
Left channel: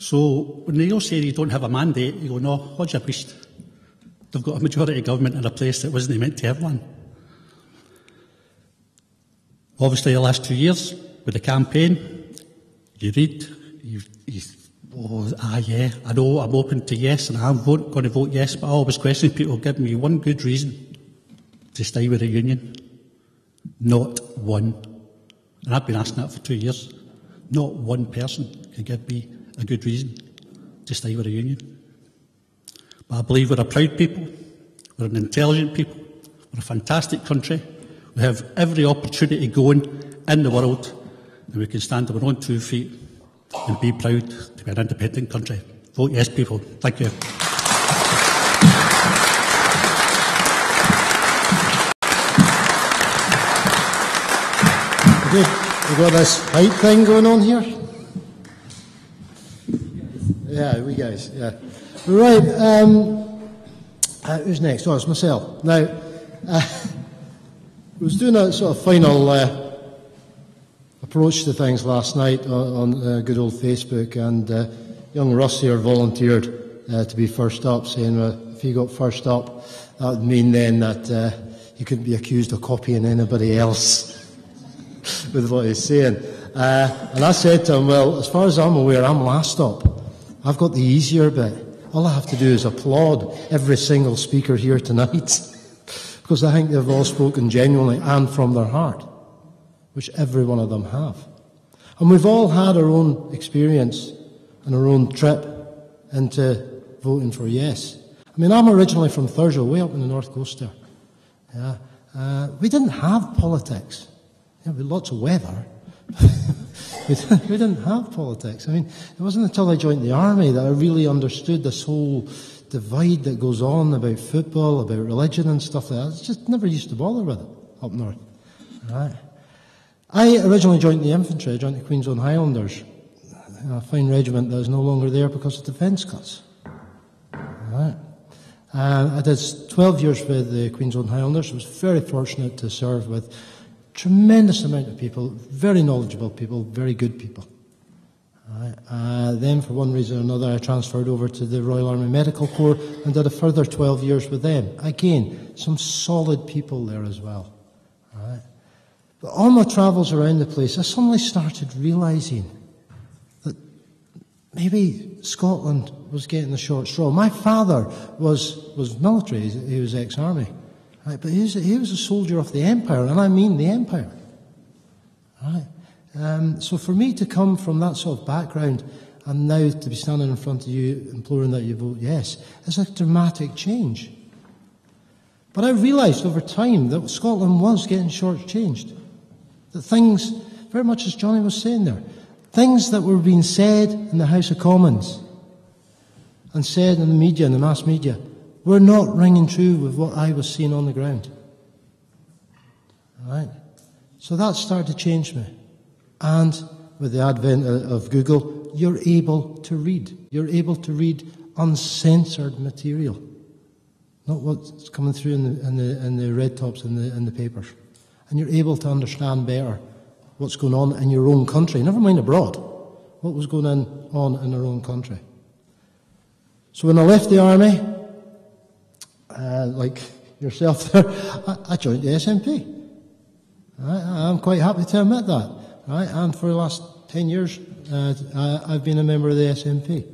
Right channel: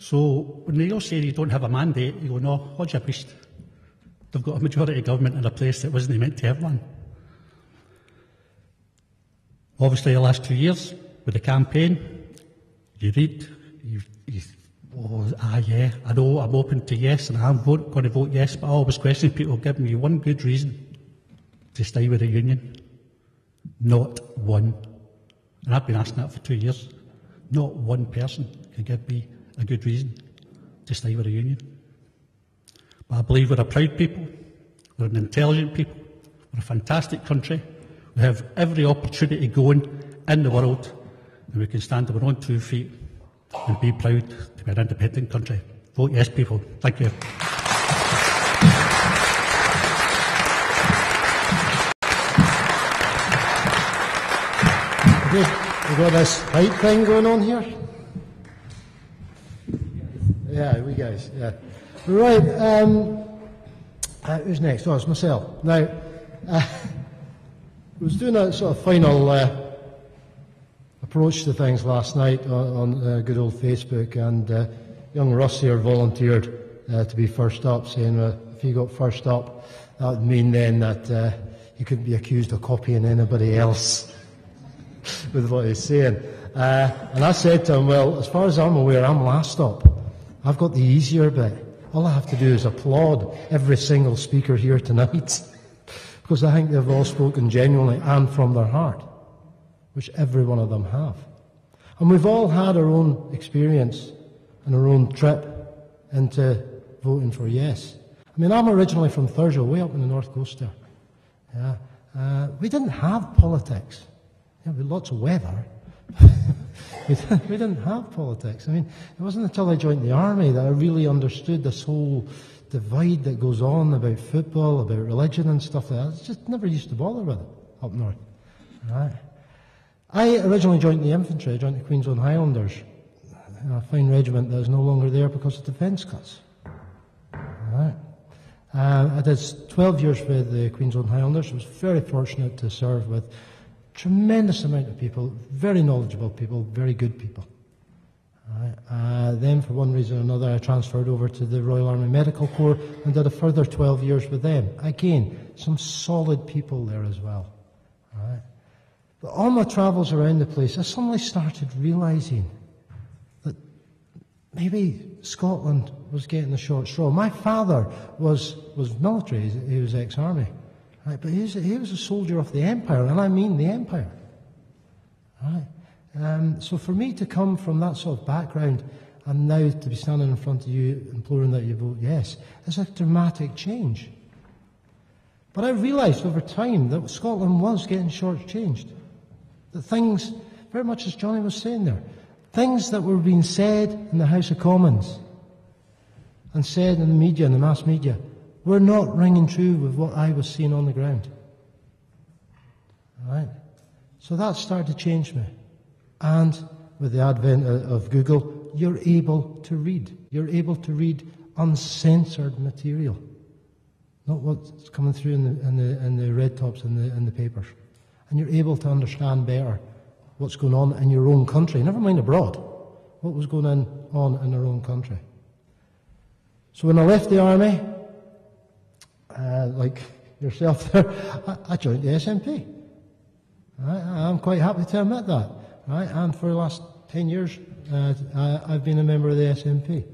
So when they all say you don't have a mandate, you go, no, hold your priest. They've got a majority government in a place that wasn't meant to have one. Obviously, the last 2 years with the campaign, you read, yeah, I know I'm open to yes, and I'm going to vote yes, but I always question people, give me one good reason to stay with the union. Not one. And I've been asking that for 2 years. Not one person can give me a good reason to stay with the union. But I believe we're a proud people, we're an intelligent people, we're a fantastic country, we have every opportunity going in the world, and we can stand on our own 2 feet and be proud to be an independent country. Vote yes, people. Thank you. We've got this hype thing going on here. Yeah, we guys, yeah. Right, who's next? Oh, it's myself. Now, I was doing a sort of final approach to things last night on good old Facebook, and young Russ here volunteered to be first up, saying if he got first up, that would mean then that he couldn't be accused of copying anybody else with what he's saying. And I said to him, well, as far as I'm aware, I'm last up. I've got the easier bit. All I have to do is applaud every single speaker here tonight, because I think they've all spoken genuinely and from their heart, which every one of them have. And we've all had our own experience and our own trip into voting for yes. I mean, I'm originally from Thurso, way up in the north coast there. Yeah. We didn't have politics. Yeah, we had lots of weather. We didn't have politics. I mean, it wasn't until I joined the army that I really understood this whole divide that goes on about football, about religion and stuff like that. I just never used to bother with it up north. Right. I originally joined the infantry. I joined the Queen's Own Highlanders, a fine regiment that is no longer there because of defence cuts. Right. I did 12 years with the Queen's Own Highlanders. I was very fortunate to serve with tremendous amount of people, very knowledgeable people, very good people. Then, for one reason or another, I transferred over to the Royal Army Medical Corps and did a further 12 years with them. Again, some solid people there as well. But on my travels around the place, I suddenly started realising that maybe Scotland was getting the short straw. My father was military, he was ex-army. Right, but he was a soldier of the Empire, and I mean the Empire. Right. So for me to come from that sort of background and now to be standing in front of you imploring that you vote yes is a dramatic change. But I realised over time that Scotland was getting shortchanged. That things, very much as Johnny was saying there, things that were being said in the House of Commons and said in the media, in the mass media, were not ringing true with what I was seeing on the ground. Right? So that started to change me. And with the advent of Google, you're able to read. You're able to read uncensored material, not what's coming through in the red tops in the papers. And you're able to understand better what's going on in your own country, never mind abroad, what was going on in our own country. So when I left the army, like yourself there, I joined the SNP. Right? I'm quite happy to admit that. Right? And for the last 10 years, I've been a member of the SNP.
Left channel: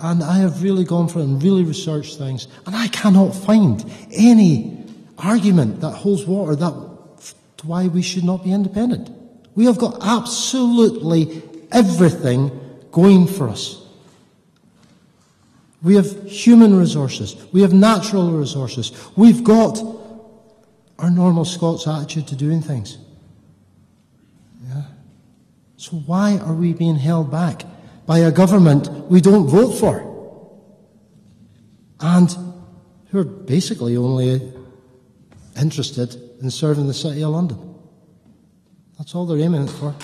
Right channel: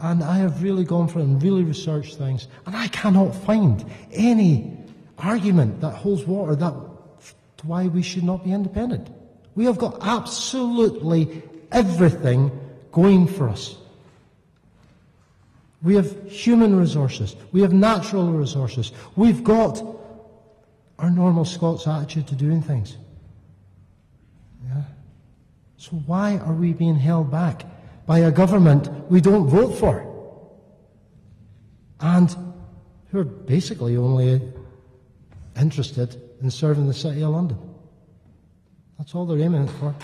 And I have really gone for it and really researched things. And I cannot find any argument that holds water to why we should not be independent. We have got absolutely everything going for us. We have human resources. We have natural resources. We've got our normal Scots attitude to doing things. Yeah. So why are we being held back by a government we don't vote for? And who are basically only interested in serving the City of London. That's all they're aiming it for.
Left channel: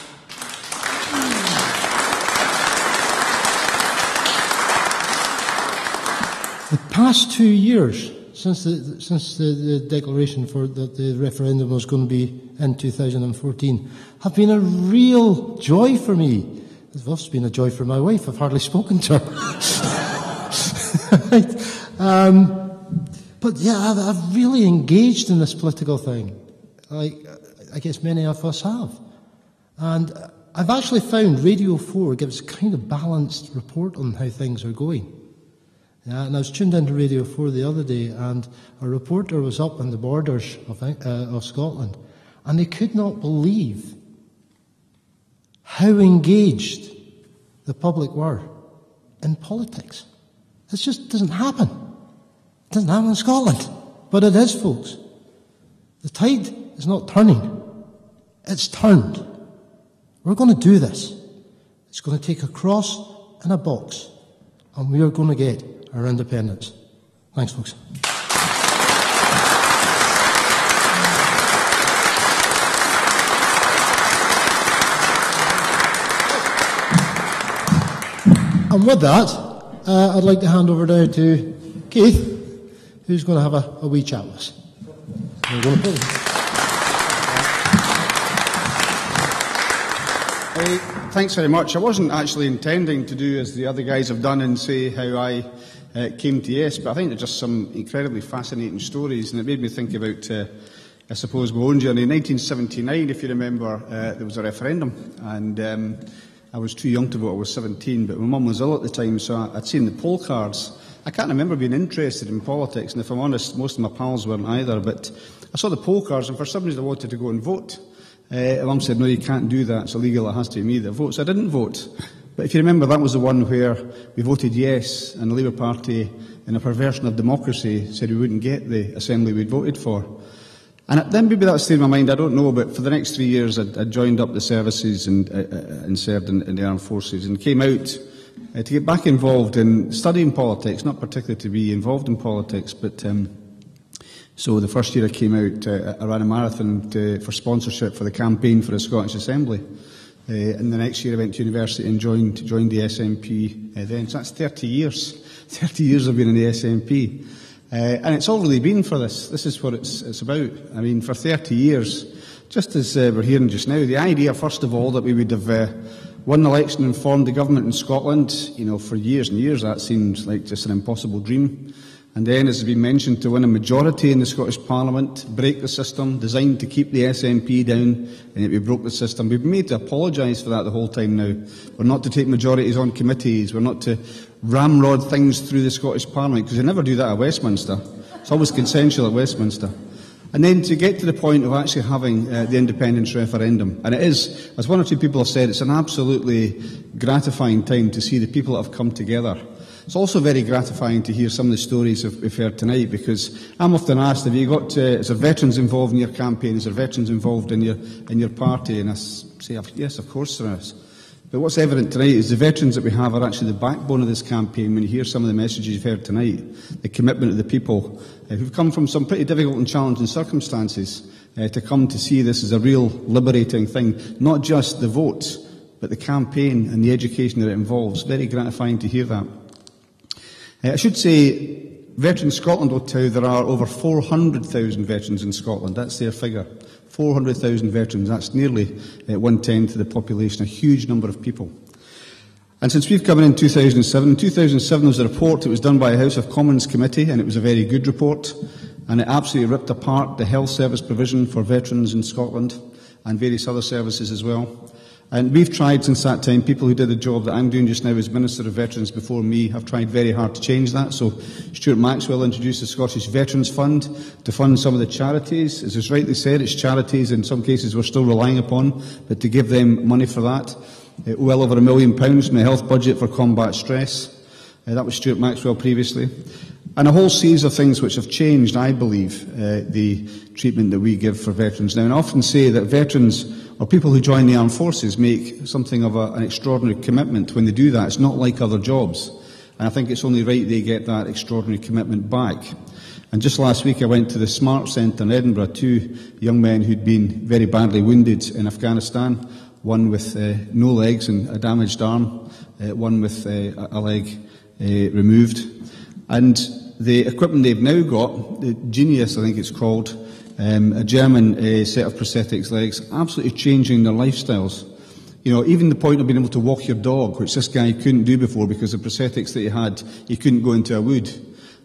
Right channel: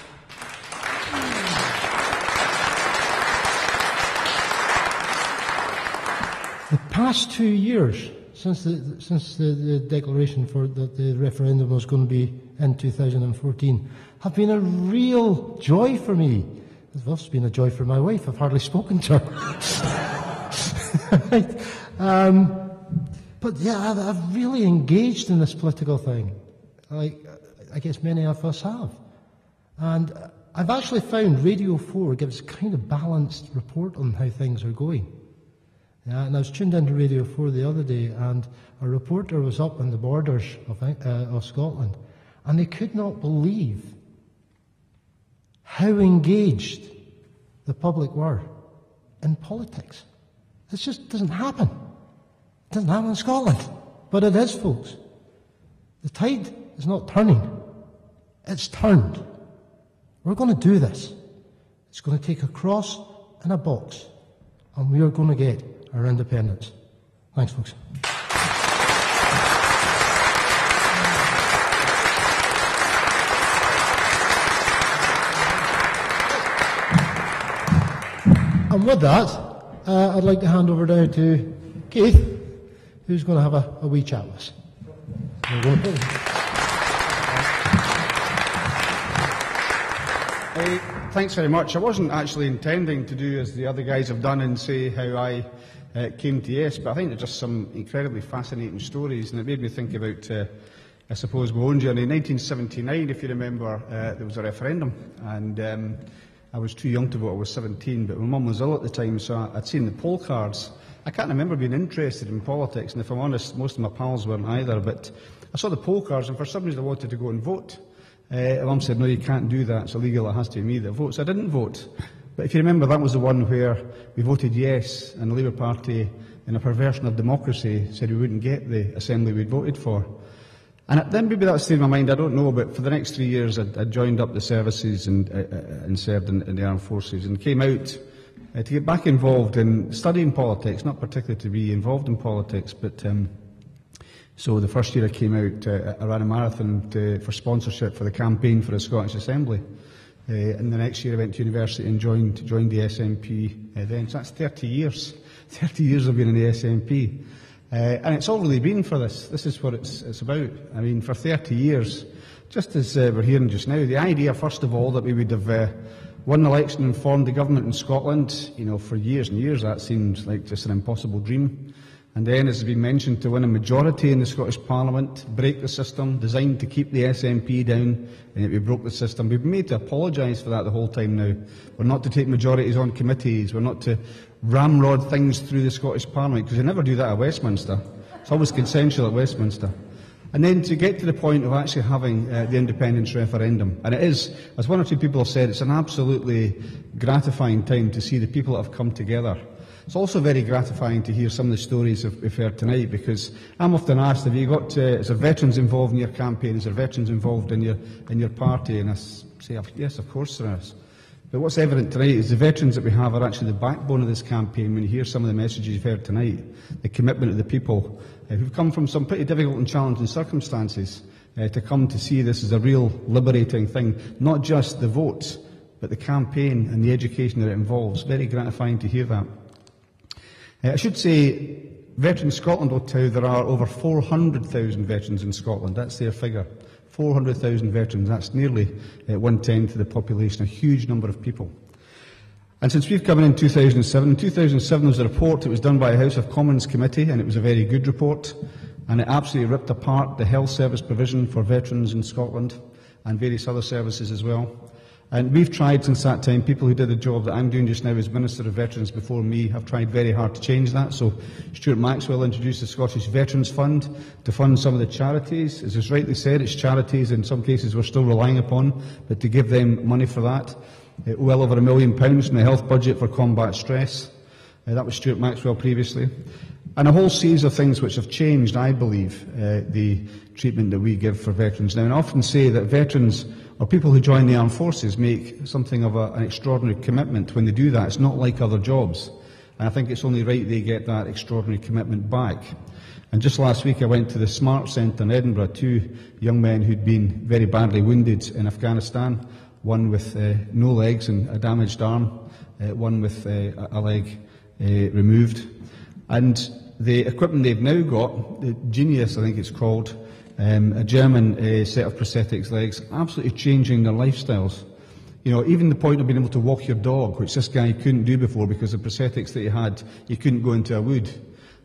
The past 2 years, since the declaration that the referendum was going to be in 2014, have been a real joy for me. It's also been a joy for my wife. I've hardly spoken to her. Right. But yeah, I've really engaged in this political thing, like I guess many of us have. And I've actually found Radio 4 gives a kind of balanced report on how things are going. Yeah, and I was tuned into Radio 4 the other day, and a reporter was up on the borders of Scotland, and they could not believe how engaged the public were in politics. It just doesn't happen. It doesn't happen in Scotland. But it is, folks. The tide is not turning. It's turned. We're going to do this. It's going to take a cross and a box, and we are going to get our independence. Thanks, folks. And with that, I'd like to hand over now to Keith, who's going to have a wee chat with us. Thanks very much. I wasn't actually intending to do as the other guys have done and say how I came to Yes, but I think they're just some incredibly fascinating stories, and it made me think about, I suppose, my own journey. In 1979, if you remember, there was a referendum, and I was too young to vote. I was 17, but my mum was ill at the time, so I'd seen the poll cards. I can't remember being interested in politics, and if I'm honest, most of my pals weren't either, but I saw the poll cards, and for some reason I wanted to go and vote. Mum said, no, you can't do that, it's illegal, it has to be me that votes. I didn't vote. But if you remember, that was the one where we voted yes, and the Labour Party, in a perversion of democracy, said we wouldn't get the assembly we'd voted for. And then maybe that stayed in my mind, I don't know, but for the next 3 years I joined up the services and served in the armed forces, and came out to get back involved in studying politics, not particularly to be involved in politics, but so the first year I came out, I ran a marathon for sponsorship for the campaign for the Scottish Assembly. And the next year I went to university and joined the SNP then. So that's 30 years. 30 years I've been in the SNP. And it's all really been for this. This is what it's about. I mean, for 30 years, just as we're hearing just now, the idea, first of all, that we would have won an election and formed the government in Scotland, you know, for years and years, that seems like just an impossible dream. And then, as has been mentioned, to win a majority in the Scottish Parliament, break the system, designed to keep the SNP down, and yet we broke the system. We've been made to apologise for that the whole time now. We're not to take majorities on committees. We're not to ramrod things through the Scottish Parliament, because they never do that at Westminster. It's always consensual at Westminster. And then to get to the point of actually having the independence referendum. And it is, as one or two people have said, it's an absolutely gratifying time to see the people that have come together. It's also very gratifying to hear some of the stories we've heard tonight, because I'm often asked, have you got, is there veterans involved in your campaign? Is there veterans involved in your party? And I say, yes, of course there is. But what's evident tonight is the veterans that we have are actually the backbone of this campaign. When you hear some of the messages you've heard tonight, the commitment of the people who've come from some pretty difficult and challenging circumstances to come to see this as a real liberating thing, not just the vote, but the campaign and the education that it involves. Very gratifying to hear that. I should say, Veterans Scotland will tell you there are over 400,000 veterans in Scotland. That's their figure. 400,000 veterans. That's nearly 1/10 of the population, a huge number of people. And since we've come in 2007 there was a report. It was done by a House of Commons committee, and it was a very good report. And it absolutely ripped apart the health service provision for veterans in Scotland and various other services as well. And we've tried since that time, people who did the job that I'm doing just now as Minister of Veterans before me have tried very hard to change that. So Stuart Maxwell introduced the Scottish Veterans Fund to fund some of the charities. As was rightly said, it's charities in some cases we're still relying upon, but to give them money for that. Well over £1 million from the health budget for combat stress. That was Stuart Maxwell previously. And a whole series of things which have changed, I believe, the treatment that we give for veterans now. And I often say that veterans, or people who join the armed forces, make something of an extraordinary commitment when they do that. It's not like other jobs. And I think it's only right they get that extraordinary commitment back. And just last week I went to the Smart Centre in Edinburgh, 2 young men who'd been very badly wounded in Afghanistan, one with no legs and a damaged arm, one with a leg removed. And the equipment they've now got, the Genius I think it's called, a German set of prosthetics legs, absolutely changing their lifestyles. You know, even the point of being able to walk your dog, which this guy couldn't do before because the prosthetics that he had, he couldn't go into a wood.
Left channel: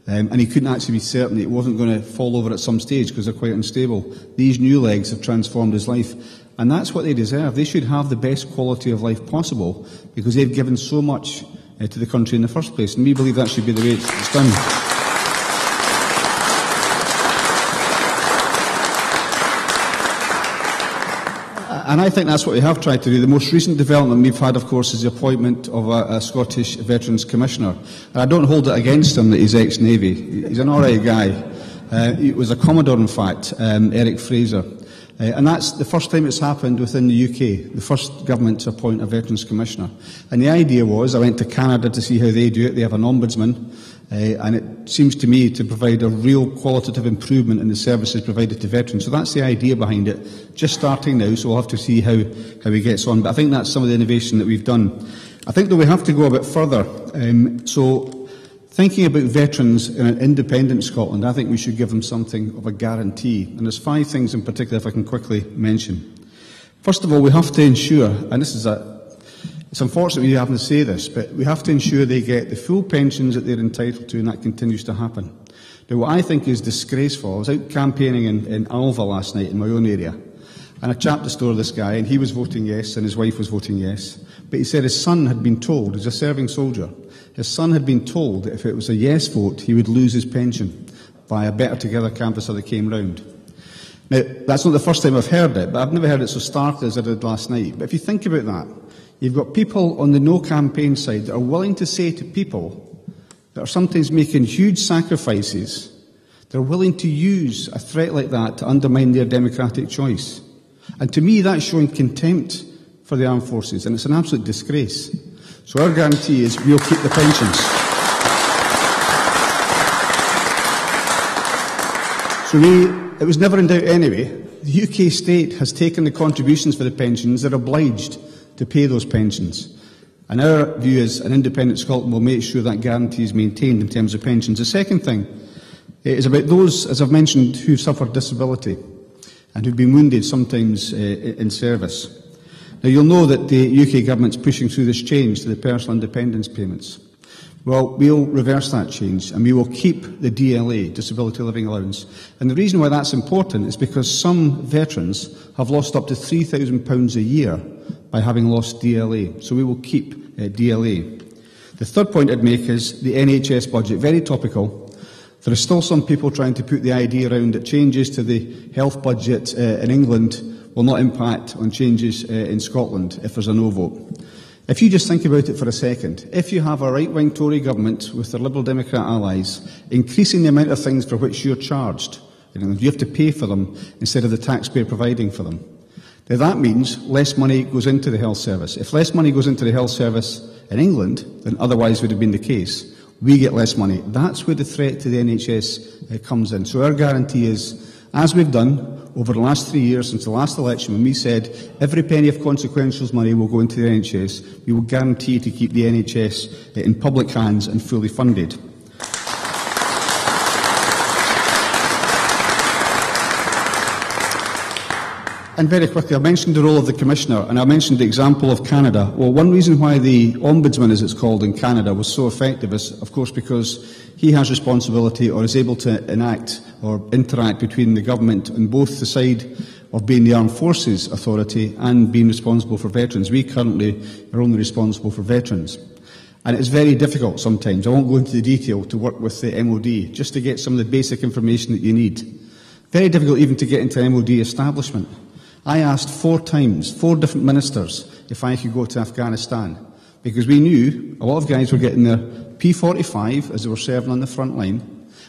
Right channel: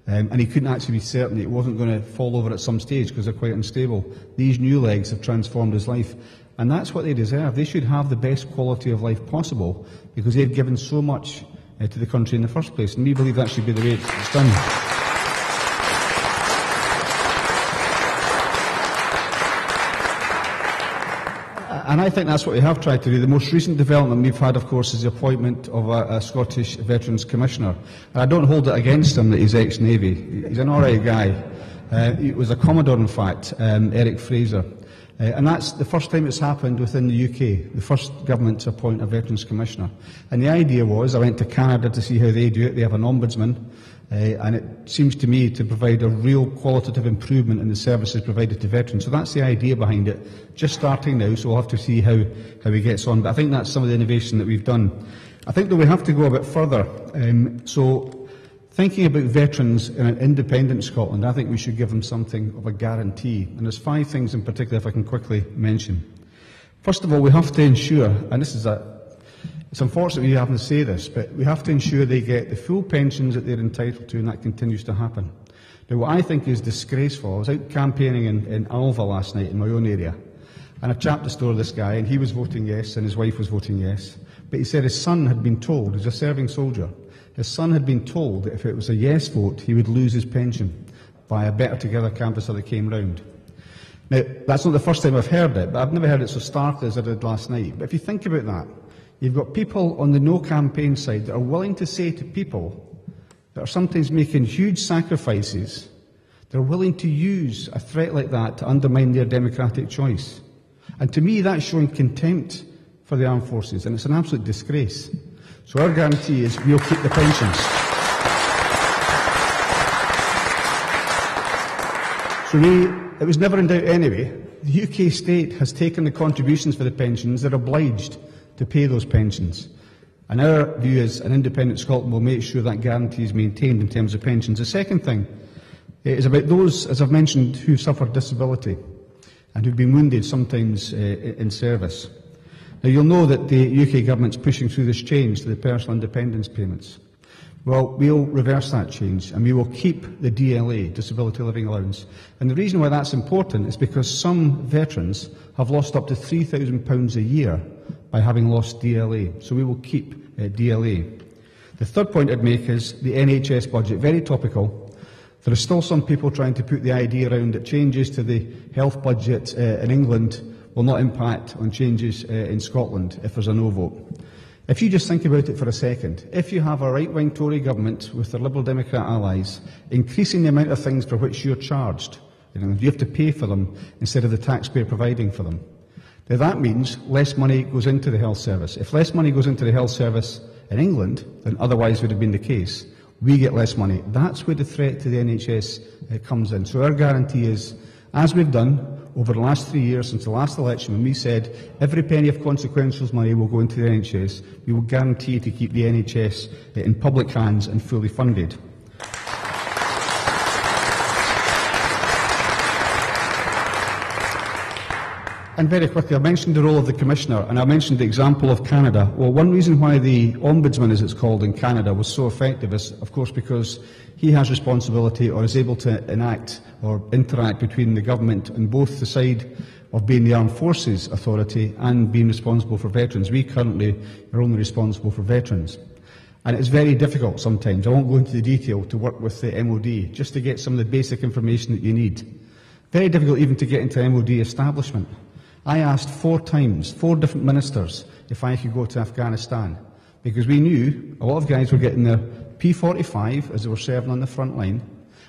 And he couldn't actually be certain it wasn't going to fall over at some stage because they're quite unstable. These new legs have transformed his life. And that's what they deserve. They should have the best quality of life possible because they've given so much to the country in the first place. And we believe that should be the way it's done. And I think that's what we have tried to do. The most recent development we've had, of course, is the appointment of a Scottish Veterans Commissioner. And I don't hold it against him that he's ex-Navy. He's an alright guy. He was a Commodore, in fact, Eric Fraser. And that's the first time it's happened within the UK, the first government to appoint a Veterans Commissioner. And the idea was, I went to Canada to see how they do it. They have an ombudsman. And it seems to me to provide a real qualitative improvement in the services provided to veterans. So that's the idea behind it. Just starting now, so we'll have to see how he gets on. But I think that's some of the innovation that we've done. I think that we have to go a bit further. So, thinking about veterans in an independent Scotland, I think we should give them something of a guarantee. And there's 5 things in particular, if I can quickly mention. First of all, we have to ensure, and it's unfortunate we having to say this, but we have to ensure they get the full pensions that they're entitled to, and that continues to happen. Now, what I think is disgraceful, I was out campaigning in Alva last night in my own area, and I chapped the store of this guy, and he was voting yes, and his wife was voting yes. But he said his son had been told, he's a serving soldier, his son had been told that if it was a yes vote, he would lose his pension by a Better Together canvasser that came round. Now, that's not the first time I've heard it, but I've never heard it so starkly as I did last night. But if you think about that, you've got people on the no campaign side that are willing to say to people that are sometimes making huge sacrifices, they're willing to use a threat like that to undermine their democratic choice. And to me, that's showing contempt for the armed forces, and it's an absolute disgrace. So our guarantee is we'll keep the pensions. So it was never in doubt anyway. The UK state has taken the contributions for the pensions. They're obliged to pay those pensions. And our view is an independent Scotland will make sure that guarantee is maintained in terms of pensions. The second thing is about those, as I've mentioned, who suffered disability and who've been wounded sometimes in service. Now, you'll know that the UK government's pushing through this change to the personal independence payments. Well, we'll reverse that change and we will keep the DLA, Disability Living Allowance. And the reason why that's important is because some veterans have lost up to £3,000 a year by having lost DLA. So we will keep DLA. The third point I'd make is the NHS budget. Very topical. There are still some people trying to put the idea around that changes to the health budget in England will not impact on changes in Scotland if there's a no vote. If you just think about it for a second, if you have a right-wing Tory government with their Liberal Democrat allies increasing the amount of things for which you're charged, you have to pay for them instead of the taxpayer providing for them, now that means less money goes into the health service. If less money goes into the health service in England than otherwise would have been the case, we get less money. That's where the threat to the NHS comes in. So our guarantee is, as we've done over the last 3 years since the last election, when we said every penny of consequentials money will go into the NHS, we will guarantee to keep the NHS in public hands and fully funded. And very quickly, I mentioned the role of the Commissioner, and I mentioned the example of Canada. Well, one reason why the Ombudsman, as it's called in Canada, was so effective is, of course, because he has responsibility or is able to enact or interact between the government on both the side of being the Armed Forces Authority and being responsible for veterans. We currently are only responsible for veterans. And it's very difficult sometimes, I won't go into the detail, to work with the MOD, just to get some of the basic information that you need. Very difficult even to get into an MOD establishment. I asked 4 times, 4 different ministers, if I could go to Afghanistan, because we knew a lot of guys were getting their P45 as they were serving on the front line,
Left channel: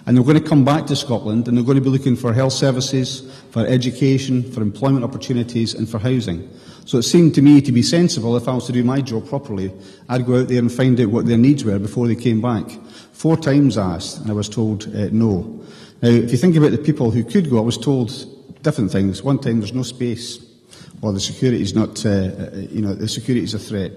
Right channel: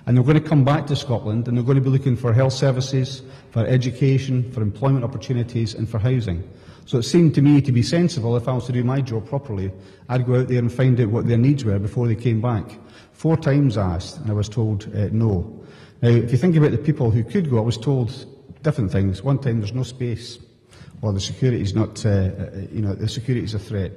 and they were going to come back to Scotland and they're going to be looking for health services, for education, for employment opportunities and for housing. So it seemed to me to be sensible, if I was to do my job properly, I'd go out there and find out what their needs were before they came back. 4 times asked, and I was told no. Now, if you think about the people who could go, I was told different things. One time there's no space, or the security is not, the security is a threat.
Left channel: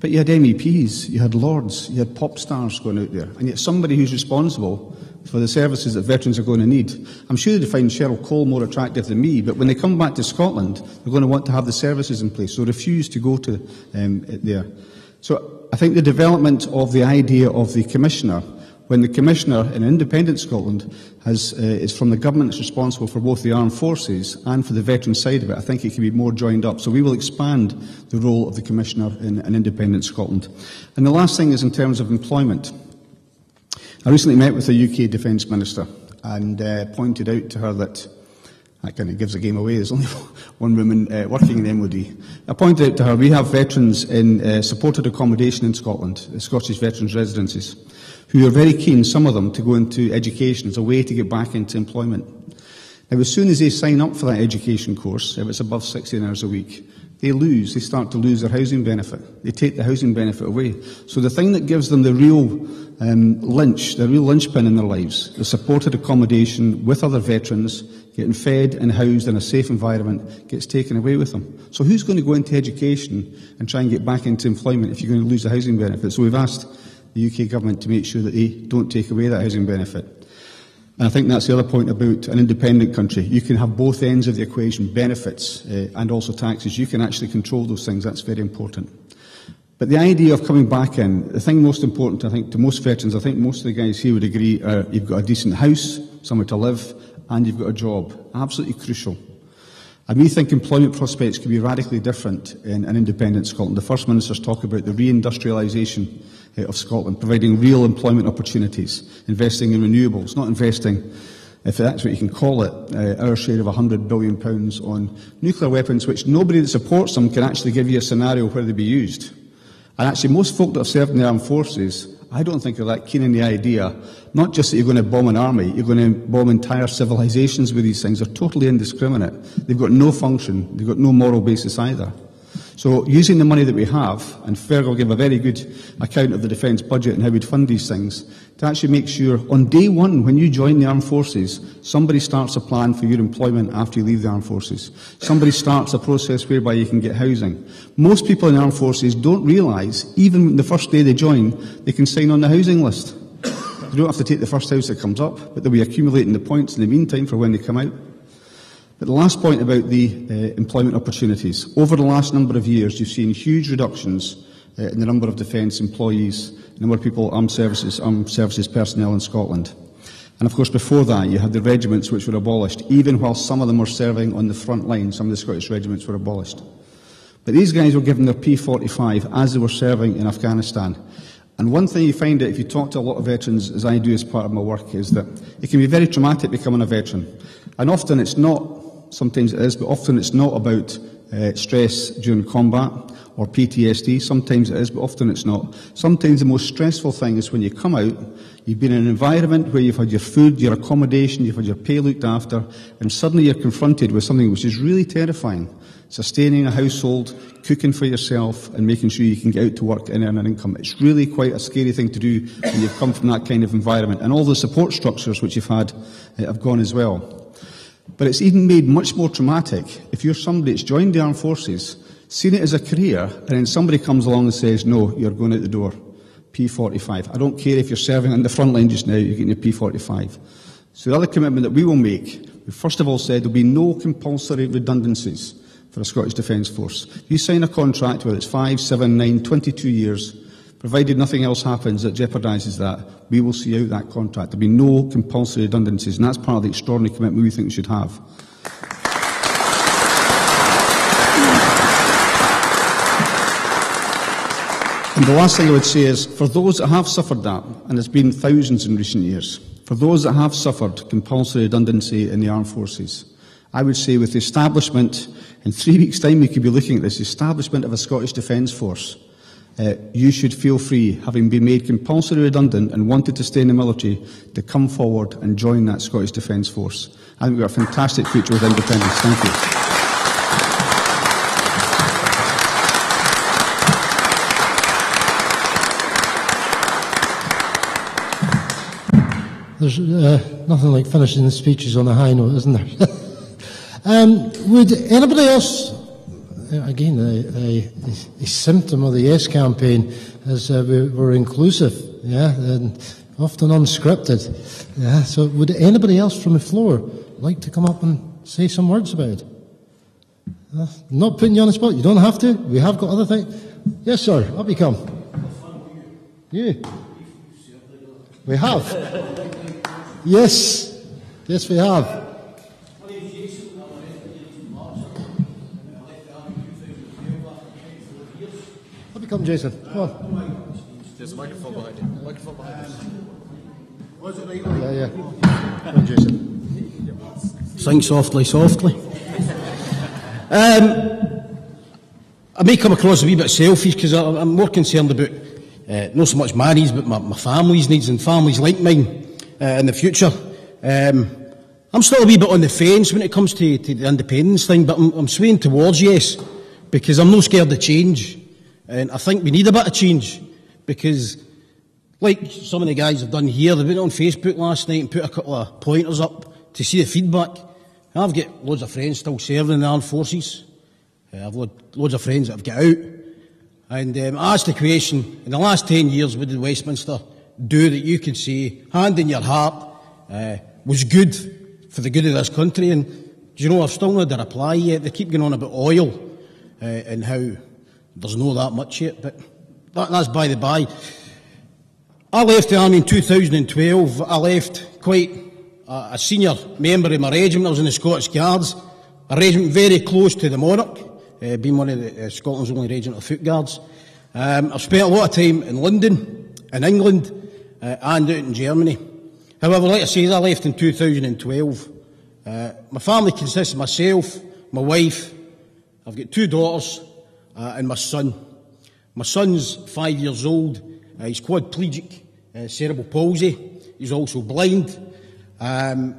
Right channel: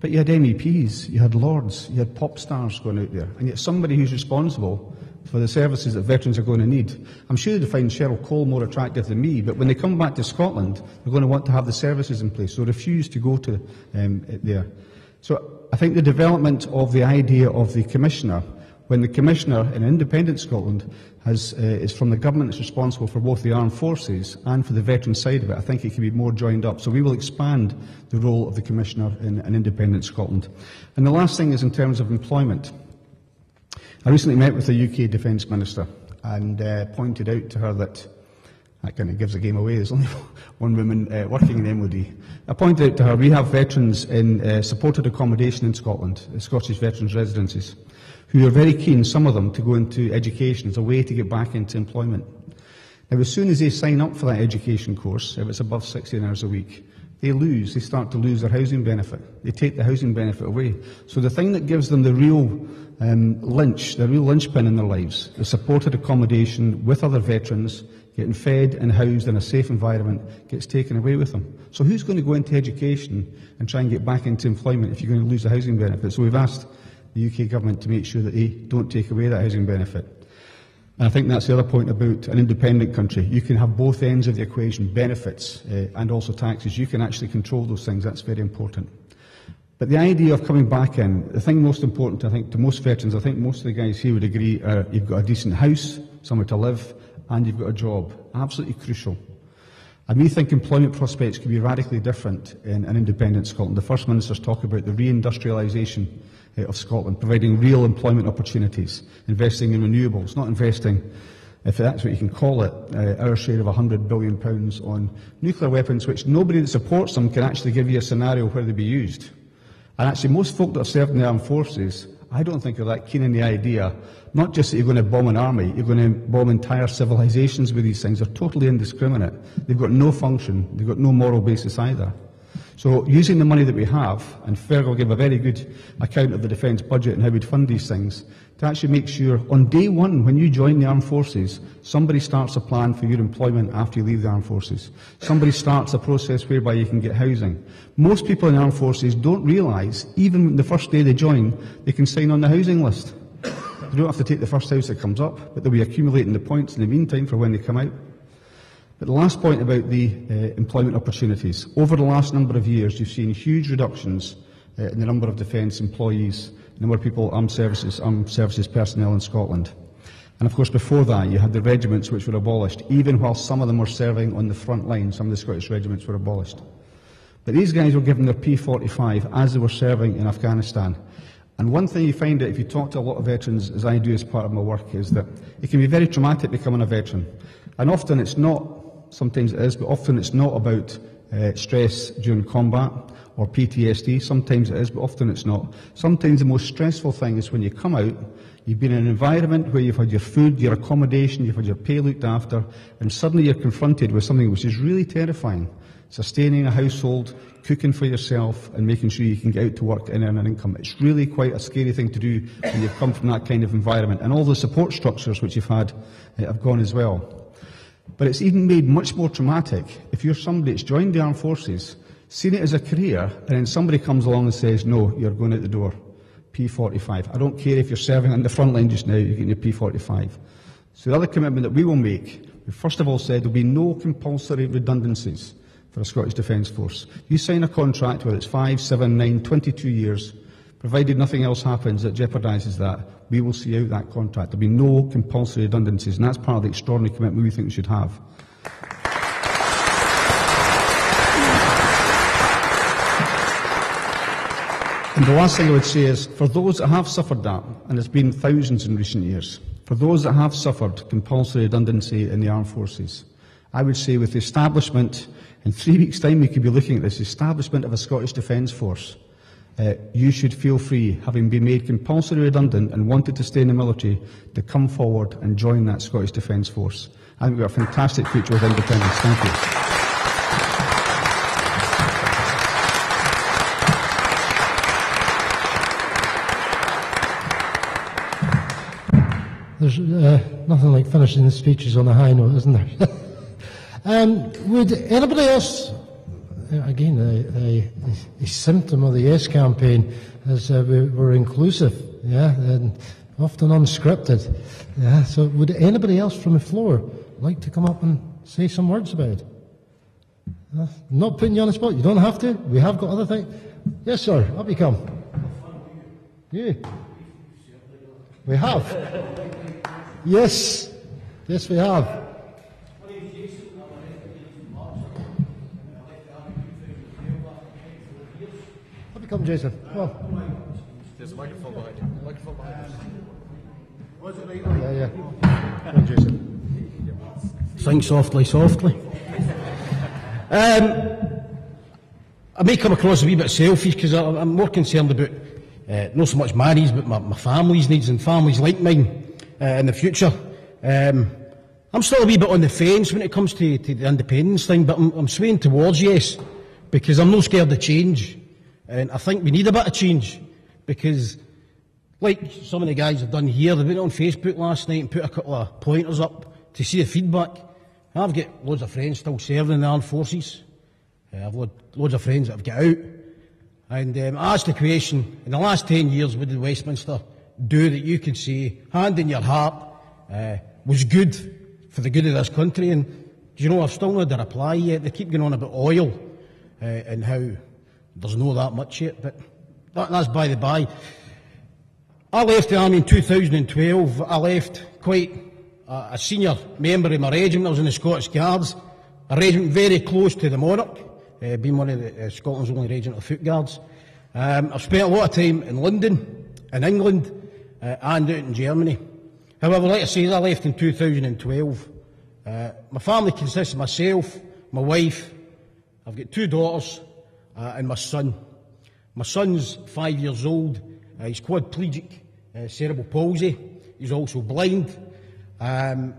But you had MEPs, you had lords, you had pop stars going out there, and yet somebody who's responsible for the services that veterans are going to need. I'm sure they'd find Cheryl Cole more attractive than me, but when they come back to Scotland, they're going to want to have the services in place, so refuse to go to there. So I think the development of the idea of the Commissioner, when the Commissioner in independent Scotland is from the government that's responsible for both the armed forces and for the veteran side of it, I think it can be more joined up. So we will expand the role of the Commissioner in an independent Scotland. And the last thing is in terms of employment. I recently met with the UK Defence Minister and pointed out to her that kind of gives the game away. There's only one woman working in the MOD. I pointed out to her we have veterans in supported accommodation in Scotland, the Scottish Veterans Residences, who are very keen, some of them, to go into education as a way to get back into employment. Now, as soon as they sign up for that education course, if it's above 16 hours a week, they start to lose their housing benefit. They take the housing benefit away. So the thing that gives them the real linchpin in their lives, the supported accommodation with other veterans, getting fed and housed in a safe environment, gets taken away with them. So who's going to go into education and try and get back into employment if you're going to lose the housing benefit? So we've asked the UK government to make sure that they don't take away that housing benefit. And I think that's the other point about an independent country. You can have both ends of the equation, benefits and also taxes. You can actually control those things. That's very important. But the idea of coming back in, the thing most important, I think, to most veterans, I think most of the guys here would agree, you've got a decent house, somewhere to live, and you've got a job. Absolutely crucial. And we think employment prospects could be radically different in an independent Scotland. The First Minister's talk about the reindustrialisation of Scotland, providing real employment opportunities, investing in renewables, not investing, if that's what you can call it, our share of £100 billion on nuclear weapons, which nobody that supports them can actually give you a scenario where they'd be used. And actually, most folk that have served in the armed forces, I don't think are that keen on the idea, not just that you're going to bomb an army, you're going to bomb entire civilisations with these things. They're totally indiscriminate. They've got no function. They've got no moral basis either. So using the money that we have, and Fergal will give a very good account of the defence budget and how we'd fund these things, to actually make sure on day one, when you join the armed forces, somebody starts a plan for your employment after you leave the armed forces. Somebody starts a process whereby you can get housing. Most people in the armed forces don't realise, even the first day they join, they can sign on the housing list. They don't have to take the first house that comes up, but they'll be accumulating the points in the meantime for when they come out. But the last point about the employment opportunities. Over the last number of years, you've seen huge reductions in the number of defence employees, the number of people, armed services personnel in Scotland. And of course, before that, you had the regiments which were abolished, even while some of them were serving on the front line. Some of the Scottish regiments were abolished. But these guys were given their P45 as they were serving in Afghanistan. And one thing you find out if you talk to a lot of veterans, as I do as part of my work, is that it can be very traumatic becoming a veteran. And often it's not, sometimes it is, but often it's not about stress during combat or PTSD. Sometimes it is, but often it's not. Sometimes the most stressful thing is when you come out, you've been in an environment where you've had your food, your accommodation, you've had your pay looked after, and suddenly you're confronted with something which is really terrifying. Sustaining a household, cooking for yourself, and making sure you can get out to work and earn an income. It's really quite a scary thing to do when you've come from that kind of environment. And all the support structures which you've had have gone as well. But it's even made much more traumatic if you're somebody that's joined the armed forces, seen it as a career, and then somebody comes along and says, no, you're going out the door. P45. I don't care if you're serving on the front line just now, you're getting your P45. So the other commitment that we will make, we first of all said there will be no compulsory redundancies for a Scottish Defence Force. If you sign a contract, whether it's 5, 7, 9, 22 years, provided nothing else happens that jeopardises that, we will see out that contract. There will be no compulsory redundancies, and that's part of the extraordinary commitment we think we should have. And the last thing I would say is, for those that have suffered that, and there's been thousands in recent years, for those that have suffered compulsory redundancy in the armed forces, I would say with the establishment, in 3 weeks' time we could be looking at this, establishment of a Scottish Defence Force, you should feel free, having been made compulsory redundant and wanted to stay in the military, to come forward and join that Scottish Defence Force. I think we've got a fantastic future with independence. Thank you. There's nothing like finishing the speeches on a high note, isn't there? Would anybody else, again, a symptom of the Yes campaign is we're inclusive, yeah, and often unscripted. Yeah, so would anybody else from the floor like to come up and say some words about it? Not putting you on the spot, you don't have to. We have got other things. Yes, sir, up you come. You? We have. Yes. Yes, we have. Up you come, Jason. Come on. There's a microphone behind you. Microphone behind you. Yeah. Come on, Jason. Sing softly, softly. I may come across a wee bit selfish because I'm more concerned about not so much my needs, but my family's needs and families like mine in the future. I'm still a wee bit on the fence when it comes to the independence thing, but I'm swaying towards yes, because I'm not scared of change. And I think we need a bit of change, because like some of the guys have done here, they went on Facebook last night and put a couple of pointers up to see the feedback. I've got loads of friends still serving in the armed forces. I've loads of friends that have got out. And I asked the question, in the last 10 years, what did Westminster do that you can say, hand in your heart, was good for the good of this country? And do you know, I've still not had a reply yet. They keep going on about oil and how there's no that much yet, but that's by the by. I left the army in 2012. I left quite a senior member of my regiment. I was in the Scottish Guards, a regiment very close to the monarch, being one of the Scotland's only regiment of foot guards. I've spent a lot of time in London, in England, and out in Germany. However, like I say, I left in 2012. My family consists of myself, my wife, I've got 2 daughters, and my son. My son's 5 years old. He's quadplegic, cerebral palsy. He's also blind. But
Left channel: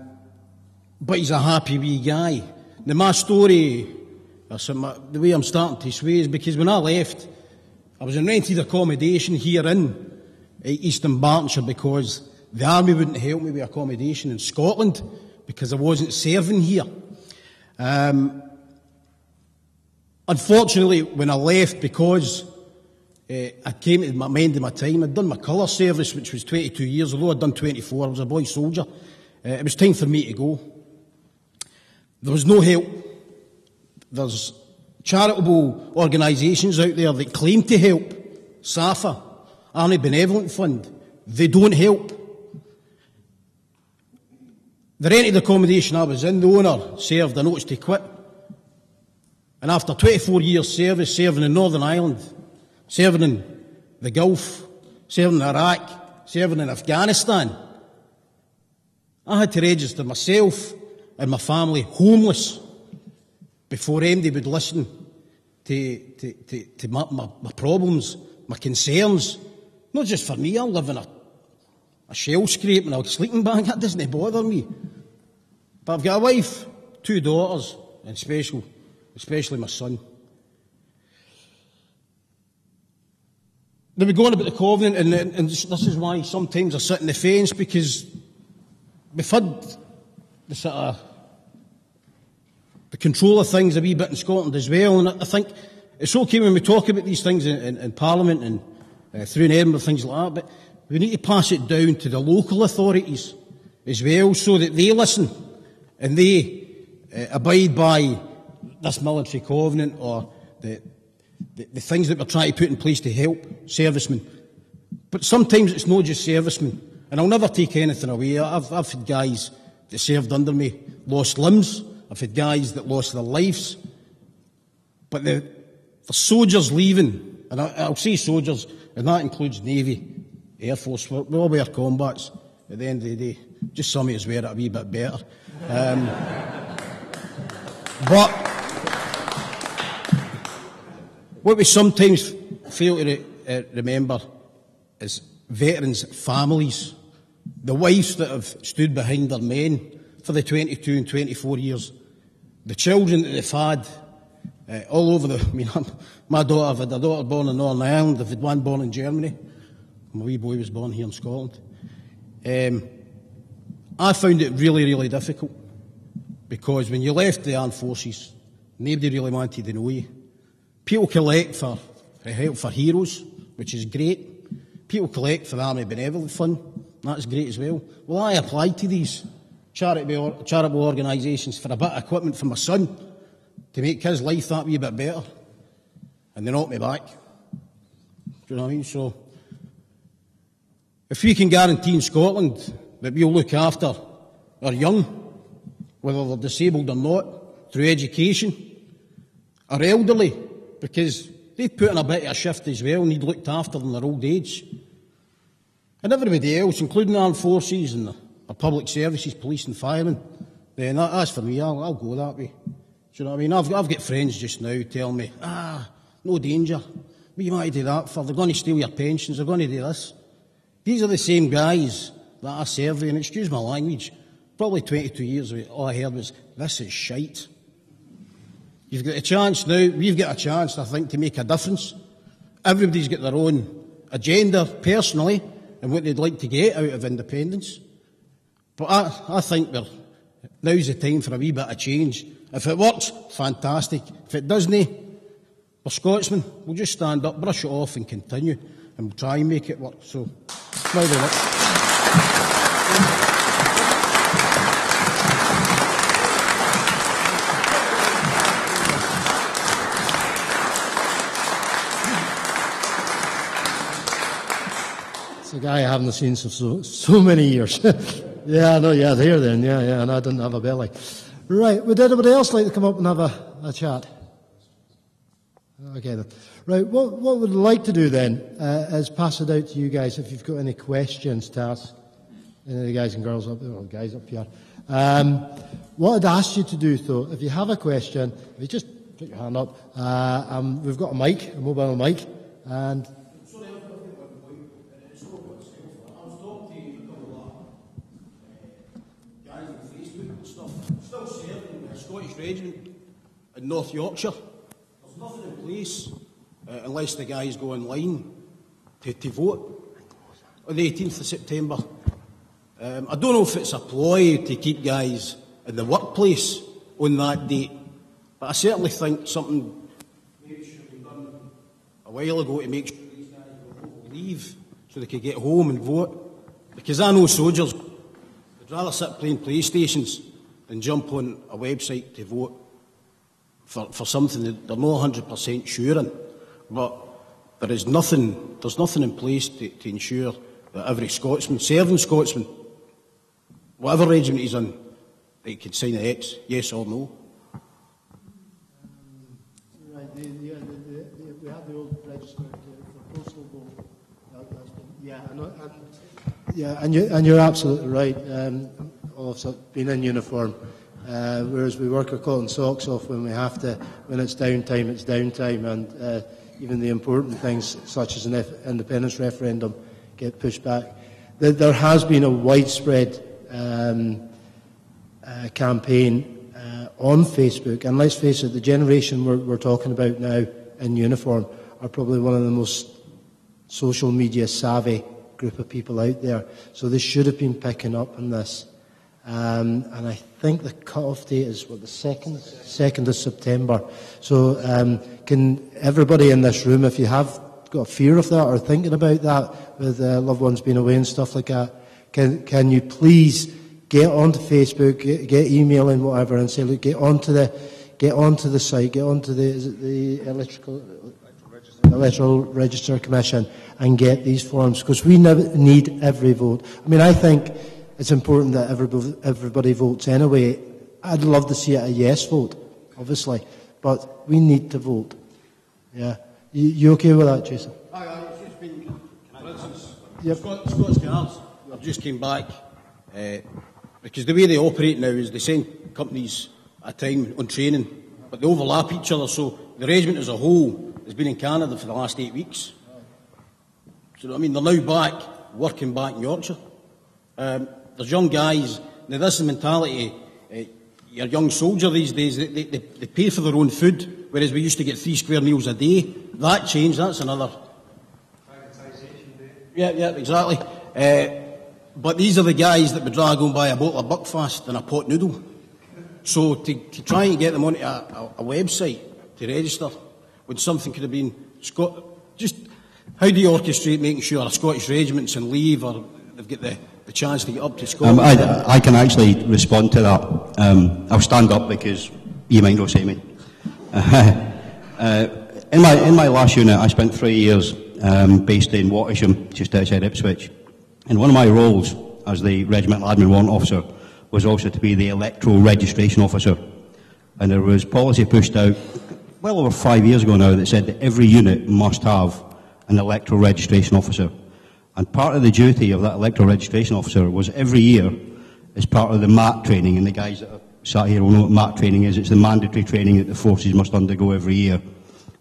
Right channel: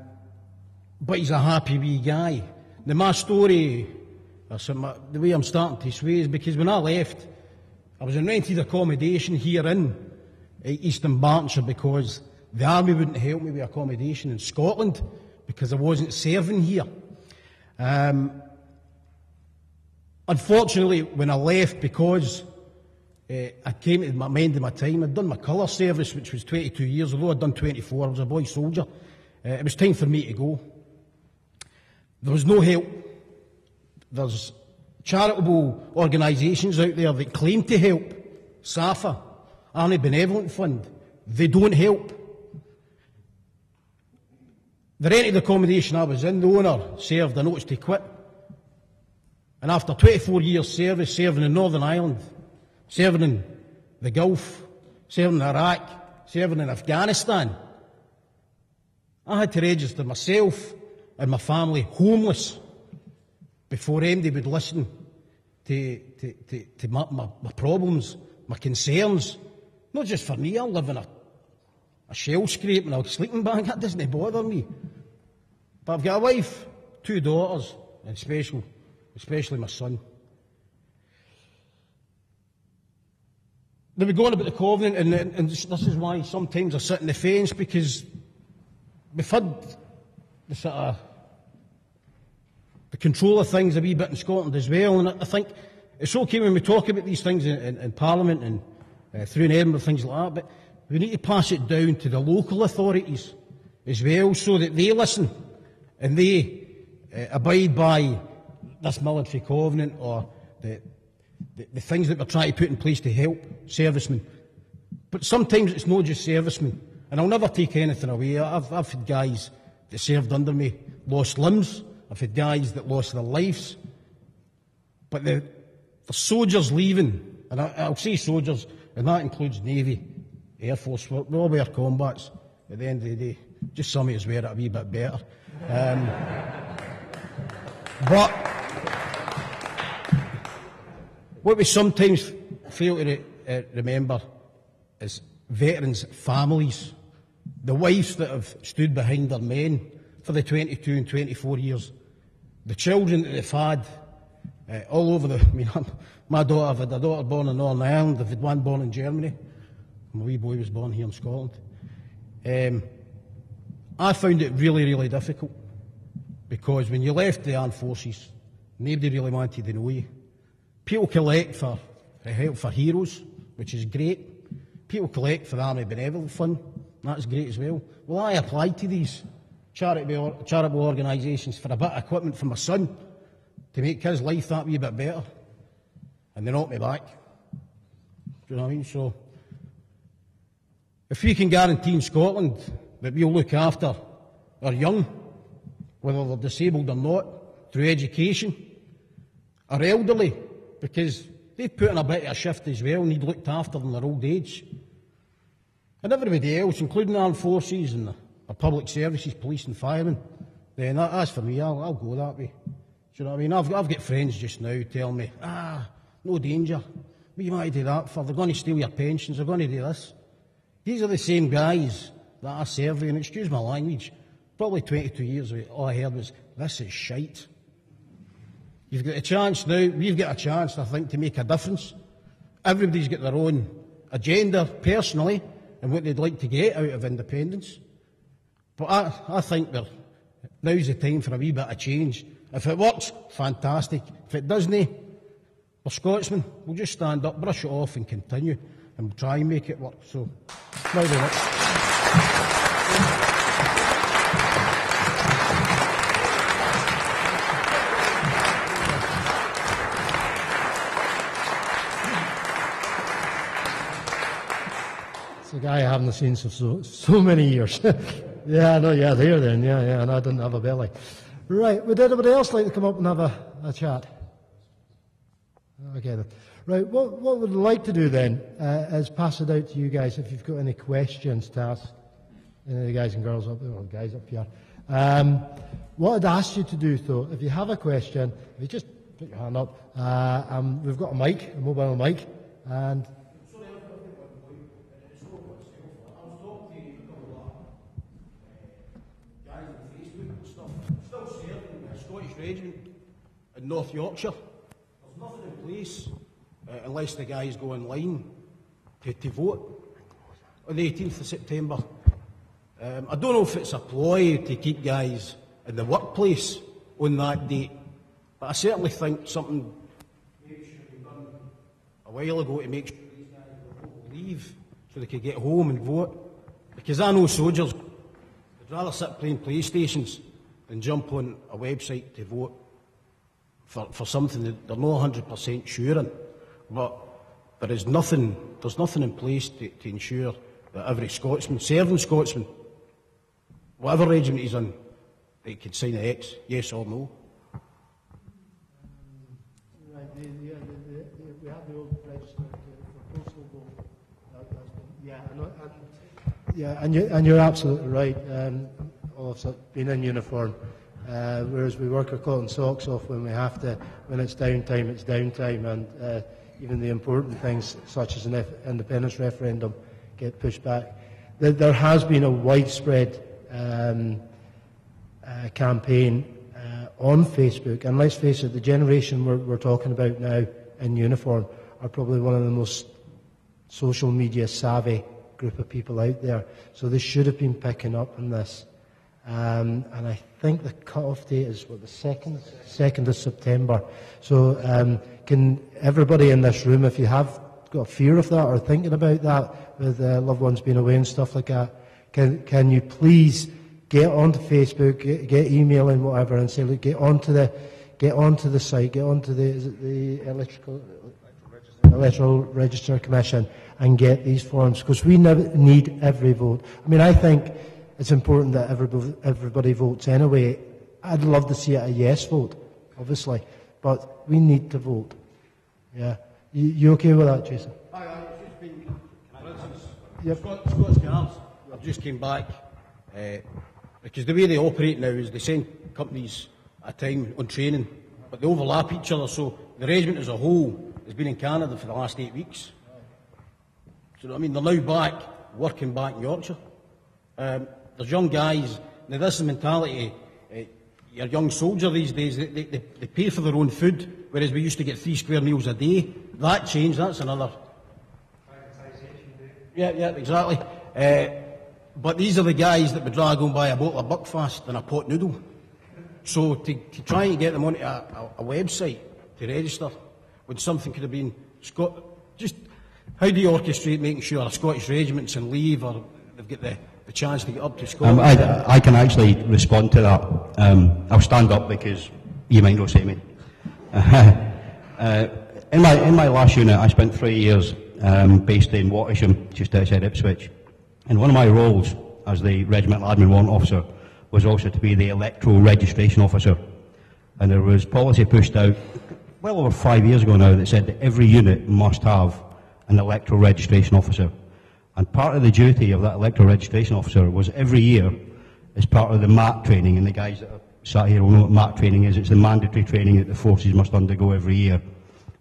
he's a happy wee guy. Now, my story, the way I'm starting to sway is because when I left, I was in rented accommodation here in Eastern Bartonshire because the army wouldn't help me with accommodation in Scotland because I wasn't serving here. Unfortunately, when I left, because I came to my end of my time, I'd done my colour service, which was 22 years, although I'd done 24, I was a boy soldier. It was time for me to go. There was no help. There's charitable organisations out there that claim to help. SAFA, Army Benevolent Fund, they don't help. The rented accommodation I was in, the owner served a notice to quit. And after 24 years service, serving in Northern Ireland, serving in the Gulf, serving in Iraq, serving in Afghanistan, I had to register myself and my family homeless before anybody would listen to my problems, my concerns. Not just for me, I live in a shell scrape and a sleeping bag, that doesn't bother me. But I've got a wife, 2 daughters, and especially my son. They were going about the Covenant, and this is why sometimes I sit on the fence, because we've had the sort of the control of things a wee bit in Scotland as well, and I think it's okay when we talk about these things in Parliament and through in Edinburgh, things like that, but we need to pass it down to the local authorities as well, so that they listen and they abide by this military covenant or the things that we're trying to put in place to help servicemen. But sometimes it's not just servicemen, and I'll never take anything away. I've had guys that served under me lost limbs. I've had guys that lost their lives. But the soldiers leaving, and I'll say soldiers, and that includes Navy, Air Force, we all wear combats at the end of the day. Just some of us wear it a wee bit better. But what we sometimes fail to remember is veterans' families, the wives that have stood behind their men for the 22 and 24 years, the children that they've had all over my daughter, I've had a daughter born in Northern Ireland, I've had one born in Germany, my wee boy was born here in Scotland. I found it really, really difficult, because when you left the armed forces, nobody really wanted to know you. People collect for help for heroes, which is great. People collect for the Army Benevolent Fund, that's great as well. Well, I applied to these charitable organisations for a bit of equipment for my son to make his life that wee bit better, and they knocked me back. Do you know what I mean? So, if we can guarantee in Scotland that we'll look after our young, whether they're disabled or not, through education, our elderly, because they've put in a bit of a shift as well and need looked after in their old age, and everybody else, including the armed forces and the public services, police and firemen, then that's for me, I'll go that way. Do you know what I mean? I've got friends just now telling me, no danger, what you might do that for? They're going to steal your pensions, they're going to do this. These are the same guys that I serve with, and excuse my language, probably 22 years ago, all I heard was, this is shite. You've got a chance now, we've got a chance, I think, to make a difference. Everybody's got their own agenda, personally, and what they'd like to get out of independence. But I think now's the time for a wee bit of change. If it works, fantastic. If it doesn't, we're Scotsmen. We'll just stand up, brush it off and continue, and we'll try and make it work. So, now the work. It's a guy I haven't seen for so many years. Yeah, I know, yeah, there then, yeah, and I didn't have a belly. Right, would anybody else like to come up and have a chat? Okay then. Right, what we'd like to do then is pass it out to you guys if you've got any questions to ask any of the guys and girls up there, or guys up here. What I'd ask you to do, though, if you have a question, if you just put your hand up, we've got a mic, a mobile mic, and... Regiment in North Yorkshire. There's nothing in place unless the guys go online to vote on the 18th of September. I don't know if it's a ploy to keep guys in the workplace on that date, but I certainly think something maybe should have been done a while ago to make sure these guys will leave so they could get home and vote. Because I know soldiers would rather sit playing PlayStations than jump on a website to vote for something that they're not 100% sure in. But there's nothing in place to ensure that every Scotsman, serving Scotsman, whatever regiment he's in, they can sign an X, yes or no. Right, we have the old register for postal vote. And you're absolutely right. All of us been in uniform, whereas we work our cotton socks off when we have to. When it's downtime, it's downtime, and even the important things such as an independence referendum get pushed back. There has been a widespread campaign on Facebook, and let's face it, the generation we're talking about now in uniform are probably one of the most social media savvy group of people out there, so they should have been picking up on this. And I think the cut-off date is, what, the 2nd of September. So can everybody in this room, if you have got a fear of that or thinking about that with loved ones being away and stuff like that, can you please get onto Facebook, get emailing, whatever, and say, look, get onto the site, get onto the Electoral Register Commission and get these forms, because we need every vote. I mean, I think it's important that everybody votes anyway. I'd love to see it a yes vote, obviously, but we need to vote. Yeah, you okay with that, Jason? Aye, it's just been, for instance, yep. Scots Guards have just came back, because the way they operate now is they send companies at a time on training, but they overlap each other, so the regiment as a whole has been in Canada for the last 8 weeks. So, I mean, they're now back, working back in Yorkshire. There's young guys, now this is the mentality, your young soldier these days, they pay for their own food, whereas we used to get 3 square meals a day. That changed, that's another... Yeah, exactly. But these are the guys that would rather go and buy a bottle of Buckfast than a pot noodle. So to try and get them onto a website to register, when something could have been... just how do you orchestrate making sure a Scottish regiment's in leave or they've got the chance to get up to Scotland? I can actually respond to that. I'll stand up because you might not see me. In my last unit, I spent 3 years based in Watersham, just outside Ipswich. And one of my roles as the regimental admin warrant officer was also to be the electoral registration officer. And there was policy pushed out well over 5 years ago now that said that every unit must have an electoral registration officer. And part of the duty of that electoral registration officer was every year, as part of the MAT training, and the guys that are sat here will know what MAT training is. It's the mandatory training that the forces must undergo every year,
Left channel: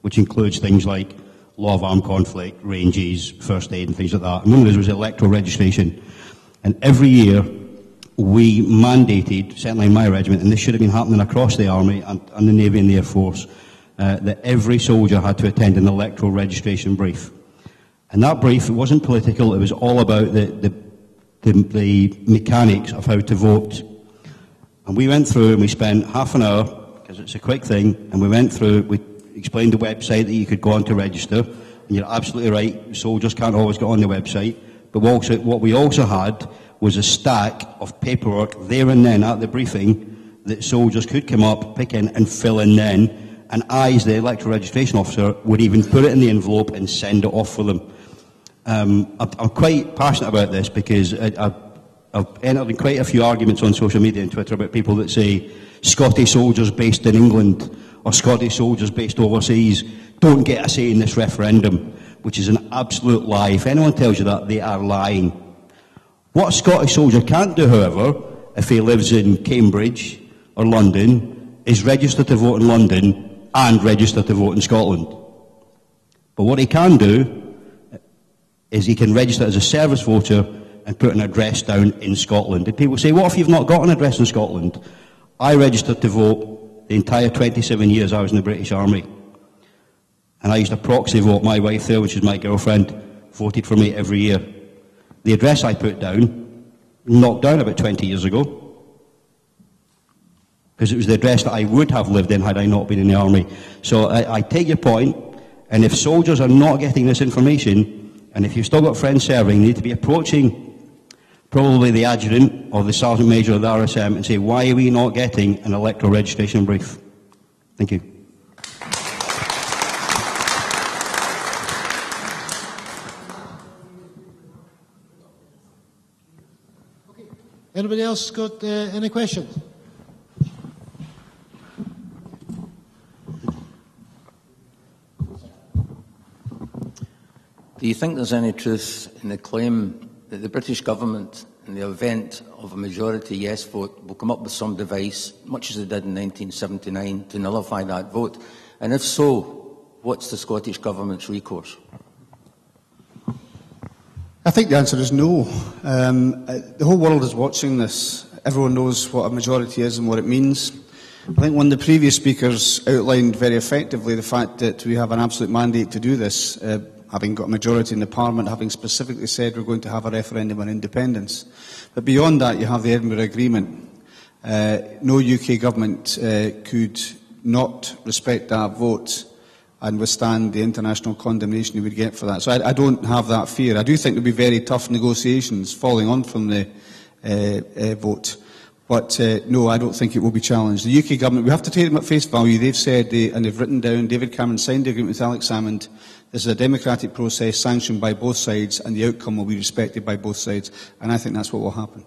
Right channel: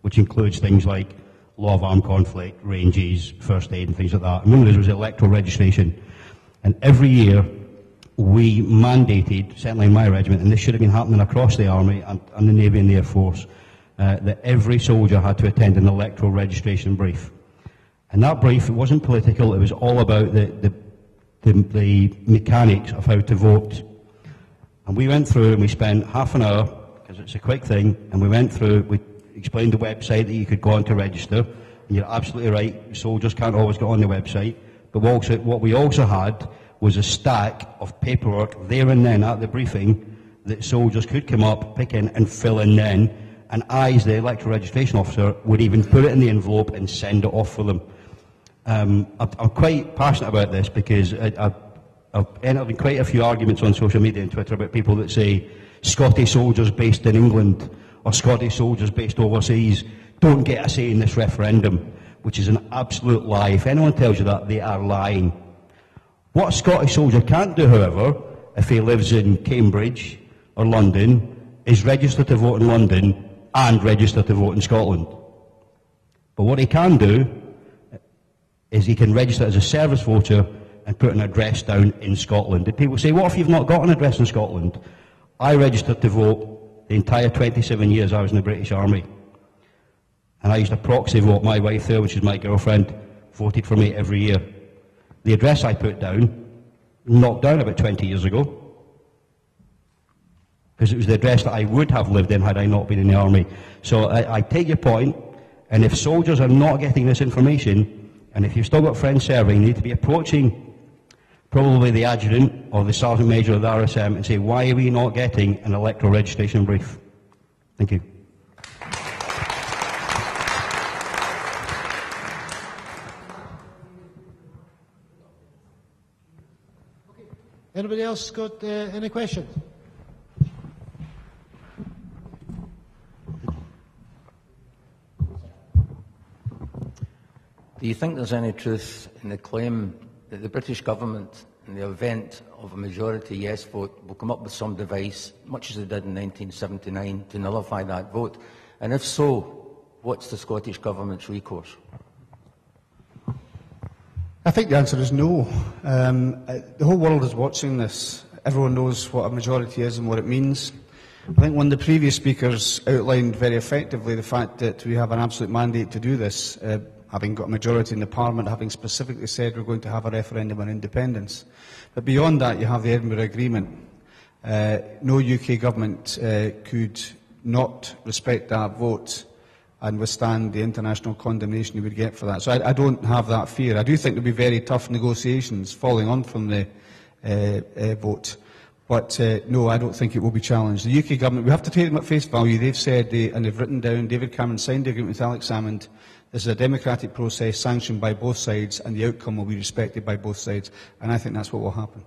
which includes things like law of armed conflict, ranges, first aid and things like that. And one of those was electoral registration. And every year, we mandated, certainly in my regiment, and this should have been happening across the Army and the Navy and the Air Force, that every soldier had to attend an electoral registration brief. And that brief, it wasn't political, it was all about the mechanics of how to vote. And we went through and we spent half an hour, because it's a quick thing, and we went through, we explained the website that you could go on to register, and you're absolutely right, soldiers can't always get on the website, but what we also had was a stack of paperwork there and then at the briefing that soldiers could come up, pick in and fill in then, and I, as the electoral registration officer, would even put it in the envelope and send it off for them. I'm quite passionate about this because I've entered in quite a few arguments on social media and Twitter about people that say Scottish soldiers based in England or Scottish soldiers based overseas don't get a say in this referendum, which is an absolute lie. If anyone tells you that, they are lying. What a Scottish soldier can't do, however, if he lives in Cambridge or London, is register to vote in London and register to vote in Scotland. But what he can do is he can register as a service voter and put an address down in Scotland. And people say, what if you've not got an address in Scotland? I registered to vote the entire 27 years I was in the British Army. And I used a proxy vote. My wife there, which is my girlfriend, voted for me every year. The address I put down, knocked down about 20 years ago, because it was the address that I would have lived in had I not been in the Army. So I take your point, and if soldiers are not getting this information, and if you've still got friends serving, you need to be approaching probably the adjutant or the sergeant major of the RSM and say, why are we not getting an electoral registration brief? Thank you. Anybody else got any questions? Do you think there's any truth in the claim that the British government, in the event of a majority yes vote, will come up with some device, much as they did in 1979, to nullify that vote? And if so, what's the Scottish Government's recourse? I think the answer is no. The whole world is watching this. Everyone knows what a majority is and what it means. I think one of the previous speakers outlined very effectively the fact that we have an absolute mandate to do this, having got a majority in the Parliament, having specifically said we're going to have a referendum on independence. But beyond that, you have the Edinburgh Agreement. No UK government could not respect that vote and withstand the international condemnation you would get for that. So I don't have that fear. I do think there will be very tough negotiations following on from the vote. But no, I don't think it will be challenged. The UK government, we have to take them at face value. They've said, and they've written down, David Cameron signed the agreement with Alex Salmond. This is a democratic process sanctioned by both sides, and the outcome will be respected by both sides. And I think that's what will happen.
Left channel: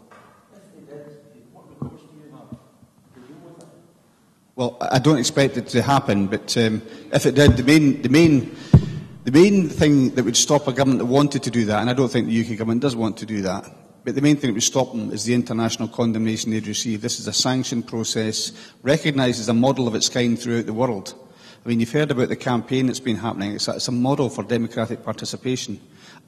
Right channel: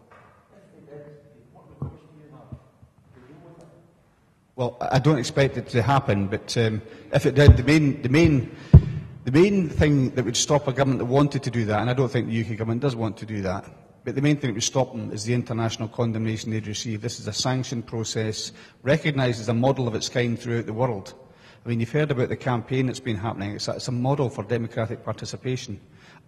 Well, I don't expect it to happen, but if it did, the main thing that would stop a government that wanted to do that, and I don't think the UK government does want to do that, but the main thing that would stop them is the international condemnation they'd receive. This is a sanctioned process, recognised as a model of its kind throughout the world. I mean, you've heard about the campaign that's been happening. It's a model for democratic participation,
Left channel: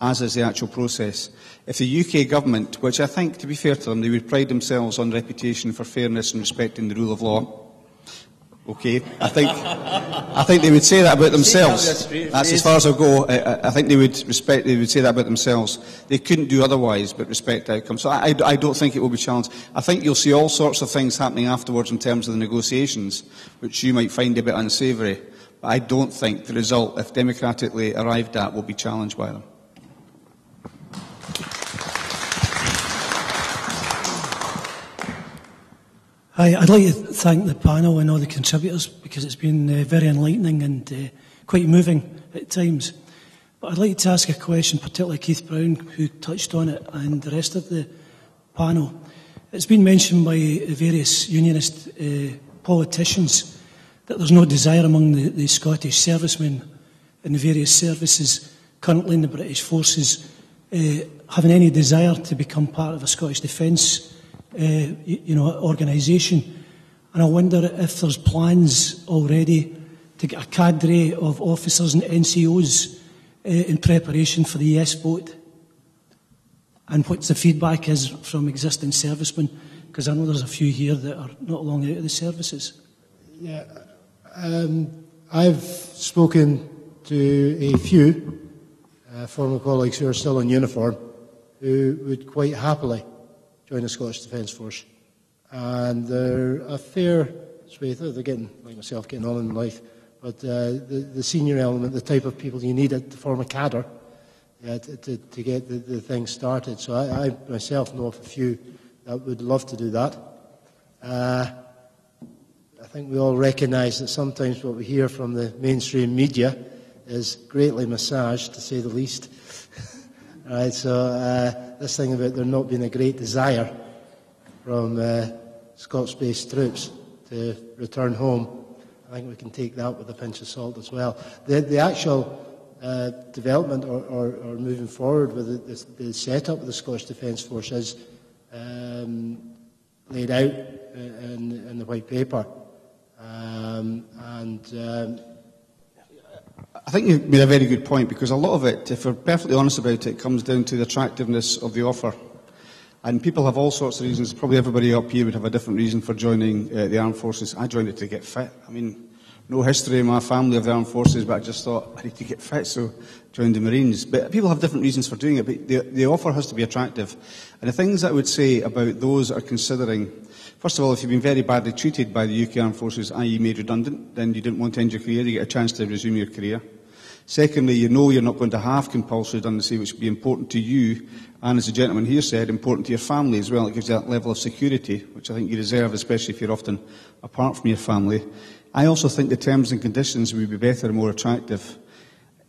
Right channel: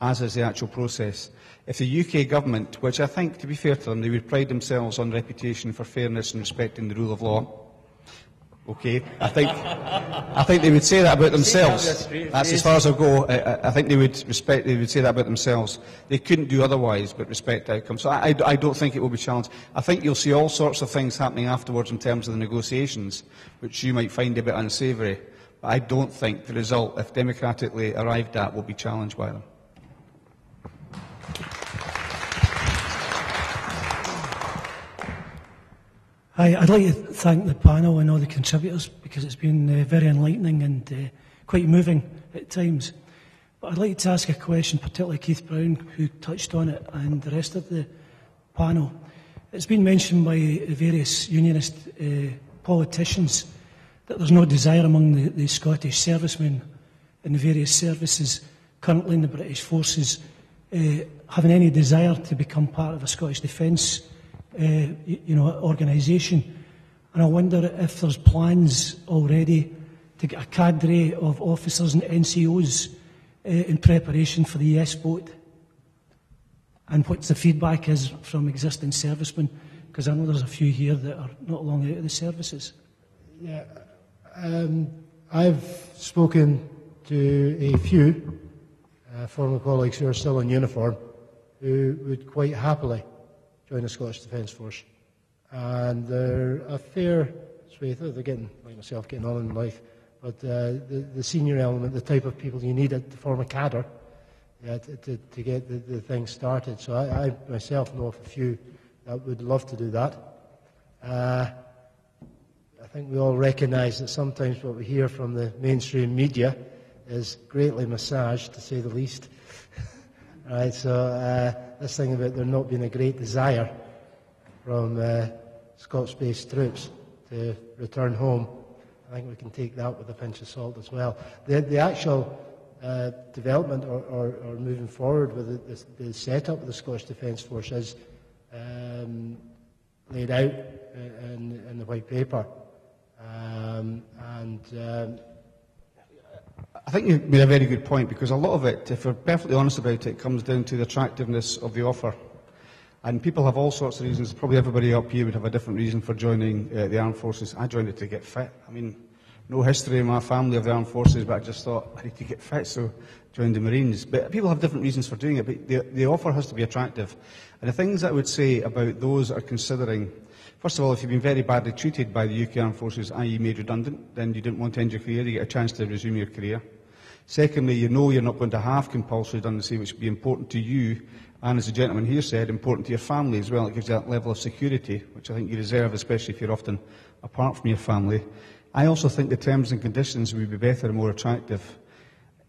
as is the actual process. If the UK government, which I think, to be fair to them, they would pride themselves on reputation for fairness and respecting the rule of law, okay, I think they would say that about themselves. That's as far as I'll go. I think they would say that about themselves. They couldn't do otherwise but respect outcomes. So I don't think it will be challenged. I think you'll see all sorts of things happening afterwards in terms of the negotiations, which you might find a bit unsavoury. But I don't think the result, if democratically arrived at, will be challenged by them. Hi, I'd like to thank the panel and all the contributors because it's been very enlightening and quite moving at times. But I'd like to ask a question, particularly Keith Brown, who touched on it, and the rest of the panel. It's been mentioned by various unionist politicians that there's no desire among the Scottish servicemen in the various services currently in the British forces having any desire to become part of a Scottish Defence organisation. And I wonder if there's plans already to get a cadre of officers and NCOs in preparation for the yes vote, and what the feedback is from existing servicemen Because I know there's a few here that are not long out of the services. Yeah, I've spoken to a few former colleagues who are still in uniform who would quite happily join the Scottish Defence Force. And they're a fair swathe. They're getting, like myself, getting on in life. But the senior element, the type of people you need to form a cadre to get the thing started. So I myself know of a few that would love to do that. I think we all recognise that sometimes what we hear from the mainstream media is greatly massaged, to say the least. Right, so this thing about there not being a great desire from Scots-based troops to return home, I think we can take that with a pinch of salt as well. The actual development or moving forward with the setup of the Scottish Defence Force is laid out in the white paper. I think you've made a very good point, because a lot of it, if we're perfectly honest about it, comes down to the attractiveness of the offer. And people have all sorts of reasons. Probably everybody up here would have a different reason for joining the armed forces. I joined it to get fit. I mean, no history in my family of the armed forces, but I just thought I need to get fit, so joined the Marines. But people have different reasons for doing it, but the offer has to be attractive. And the things I would say about those that are considering, first of all, if you've been very badly treated by the UK Armed Forces, i.e. made redundant, then you didn't want to end your career, you get a chance to resume your career. Secondly, you know you're not going to have compulsory redundancy, which would be important to you, and as the gentleman here said, important to your family as well. It gives you that level of security, which I think you deserve, especially if you're often apart from your family. I also think the terms and conditions would be better and more attractive.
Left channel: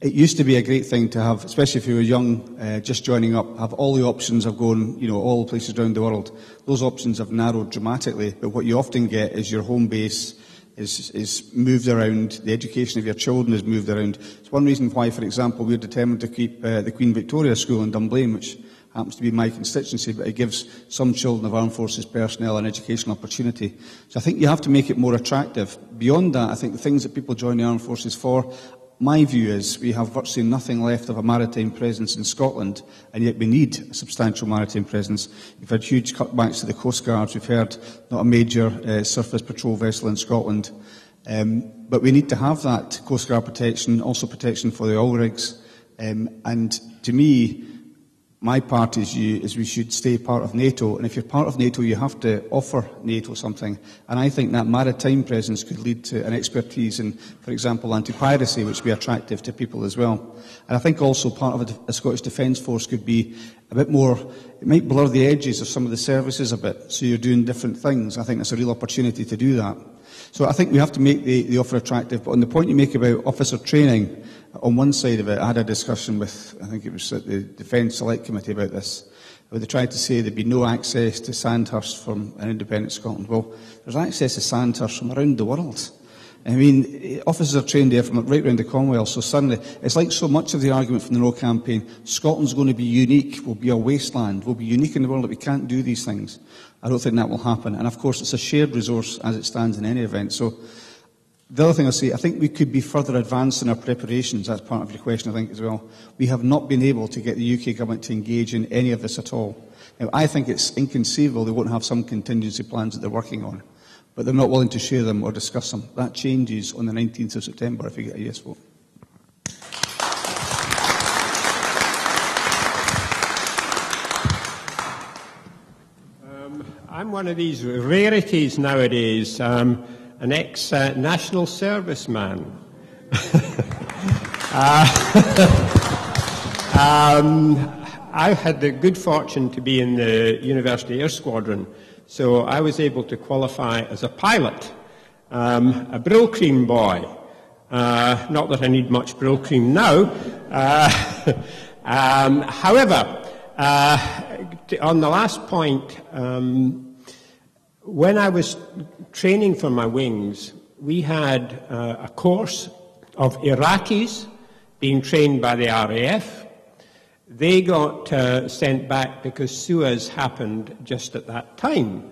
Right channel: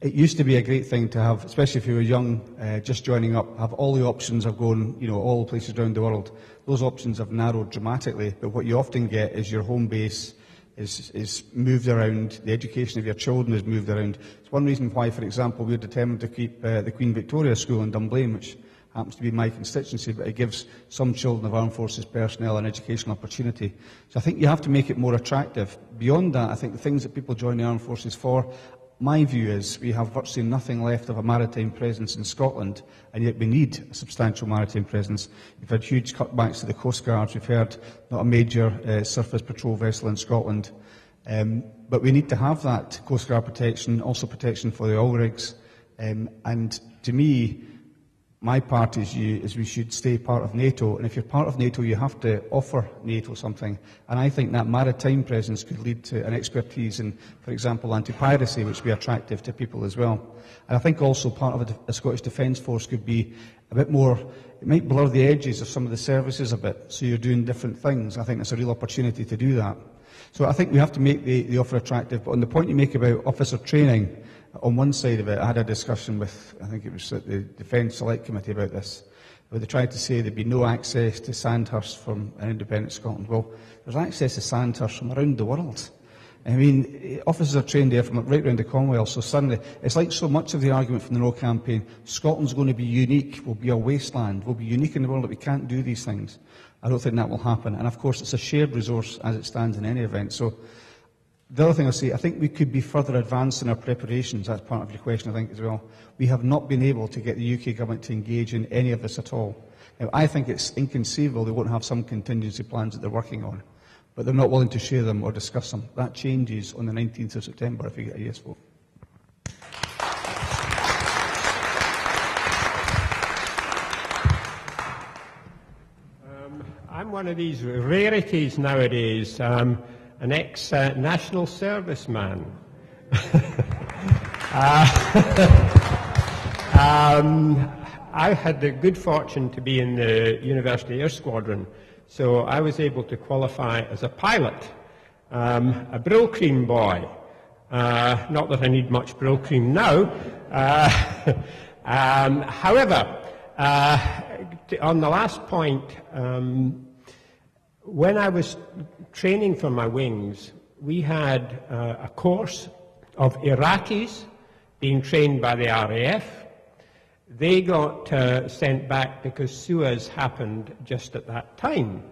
It used to be a great thing to have, especially if you were young, just joining up, have all the options of going, all the places around the world. Those options have narrowed dramatically, but what you often get is your home base is moved around, the education of your children is moved around. It's one reason why, for example, we're determined to keep the Queen Victoria School in Dunblane, which happens to be my constituency, but it gives some children of armed forces personnel an educational opportunity. So I think you have to make it more attractive. Beyond that, I think the things that people join the armed forces for, my view is we have virtually nothing left of a maritime presence in Scotland, and yet we need a substantial maritime presence. We've had huge cutbacks to the Coast Guards. We've heard not a major surface patrol vessel in Scotland. But we need to have that Coast Guard protection, also protection for the oil rigs. And to me, my party's view is we should stay part of NATO, and if you're part of NATO, you have to offer NATO something. And I think that maritime presence could lead to an expertise in, for example, anti-piracy, which would be attractive to people as well. And I think also part of a Scottish Defence Force could be a bit more, it might blur the edges of some of the services a bit, so you're doing different things. I think that's a real opportunity to do that. So I think we have to make the offer attractive. But on the point you make about officer training, on one side of it, I had a discussion with, I think it was at the Defence Select Committee about this, where they tried to say there'd be no access to Sandhurst from an independent Scotland. Well, there's access to Sandhurst from around the world. I mean, officers are trained there from right around the Commonwealth, so suddenly, it's like so much of the argument from the No campaign, Scotland's going to be unique, we'll be a wasteland, we'll be unique in the world, that we can't do these things. I don't think that will happen. And of course, it's a shared resource as it stands in any event. So the other thing I'll say, I think we could be further advanced in our preparations. That's part of your question, I think, as well. We have not been able to get the UK government to engage in any of this at all. Now, I think it's inconceivable they won't have some contingency plans that they're working on, but they're not willing to share them or discuss them. That changes on the 19th of September if you get a yes vote. I'm one of these rarities nowadays. An ex-national serviceman. I had the good fortune to be in the University Air Squadron, so I was able to qualify as a pilot, a Brill Cream boy. Not that I need much Brill Cream now. However, on the last point, when I was training for my wings, we had a course of Iraqis being trained by the RAF. They got sent back because Suez happened just at that time.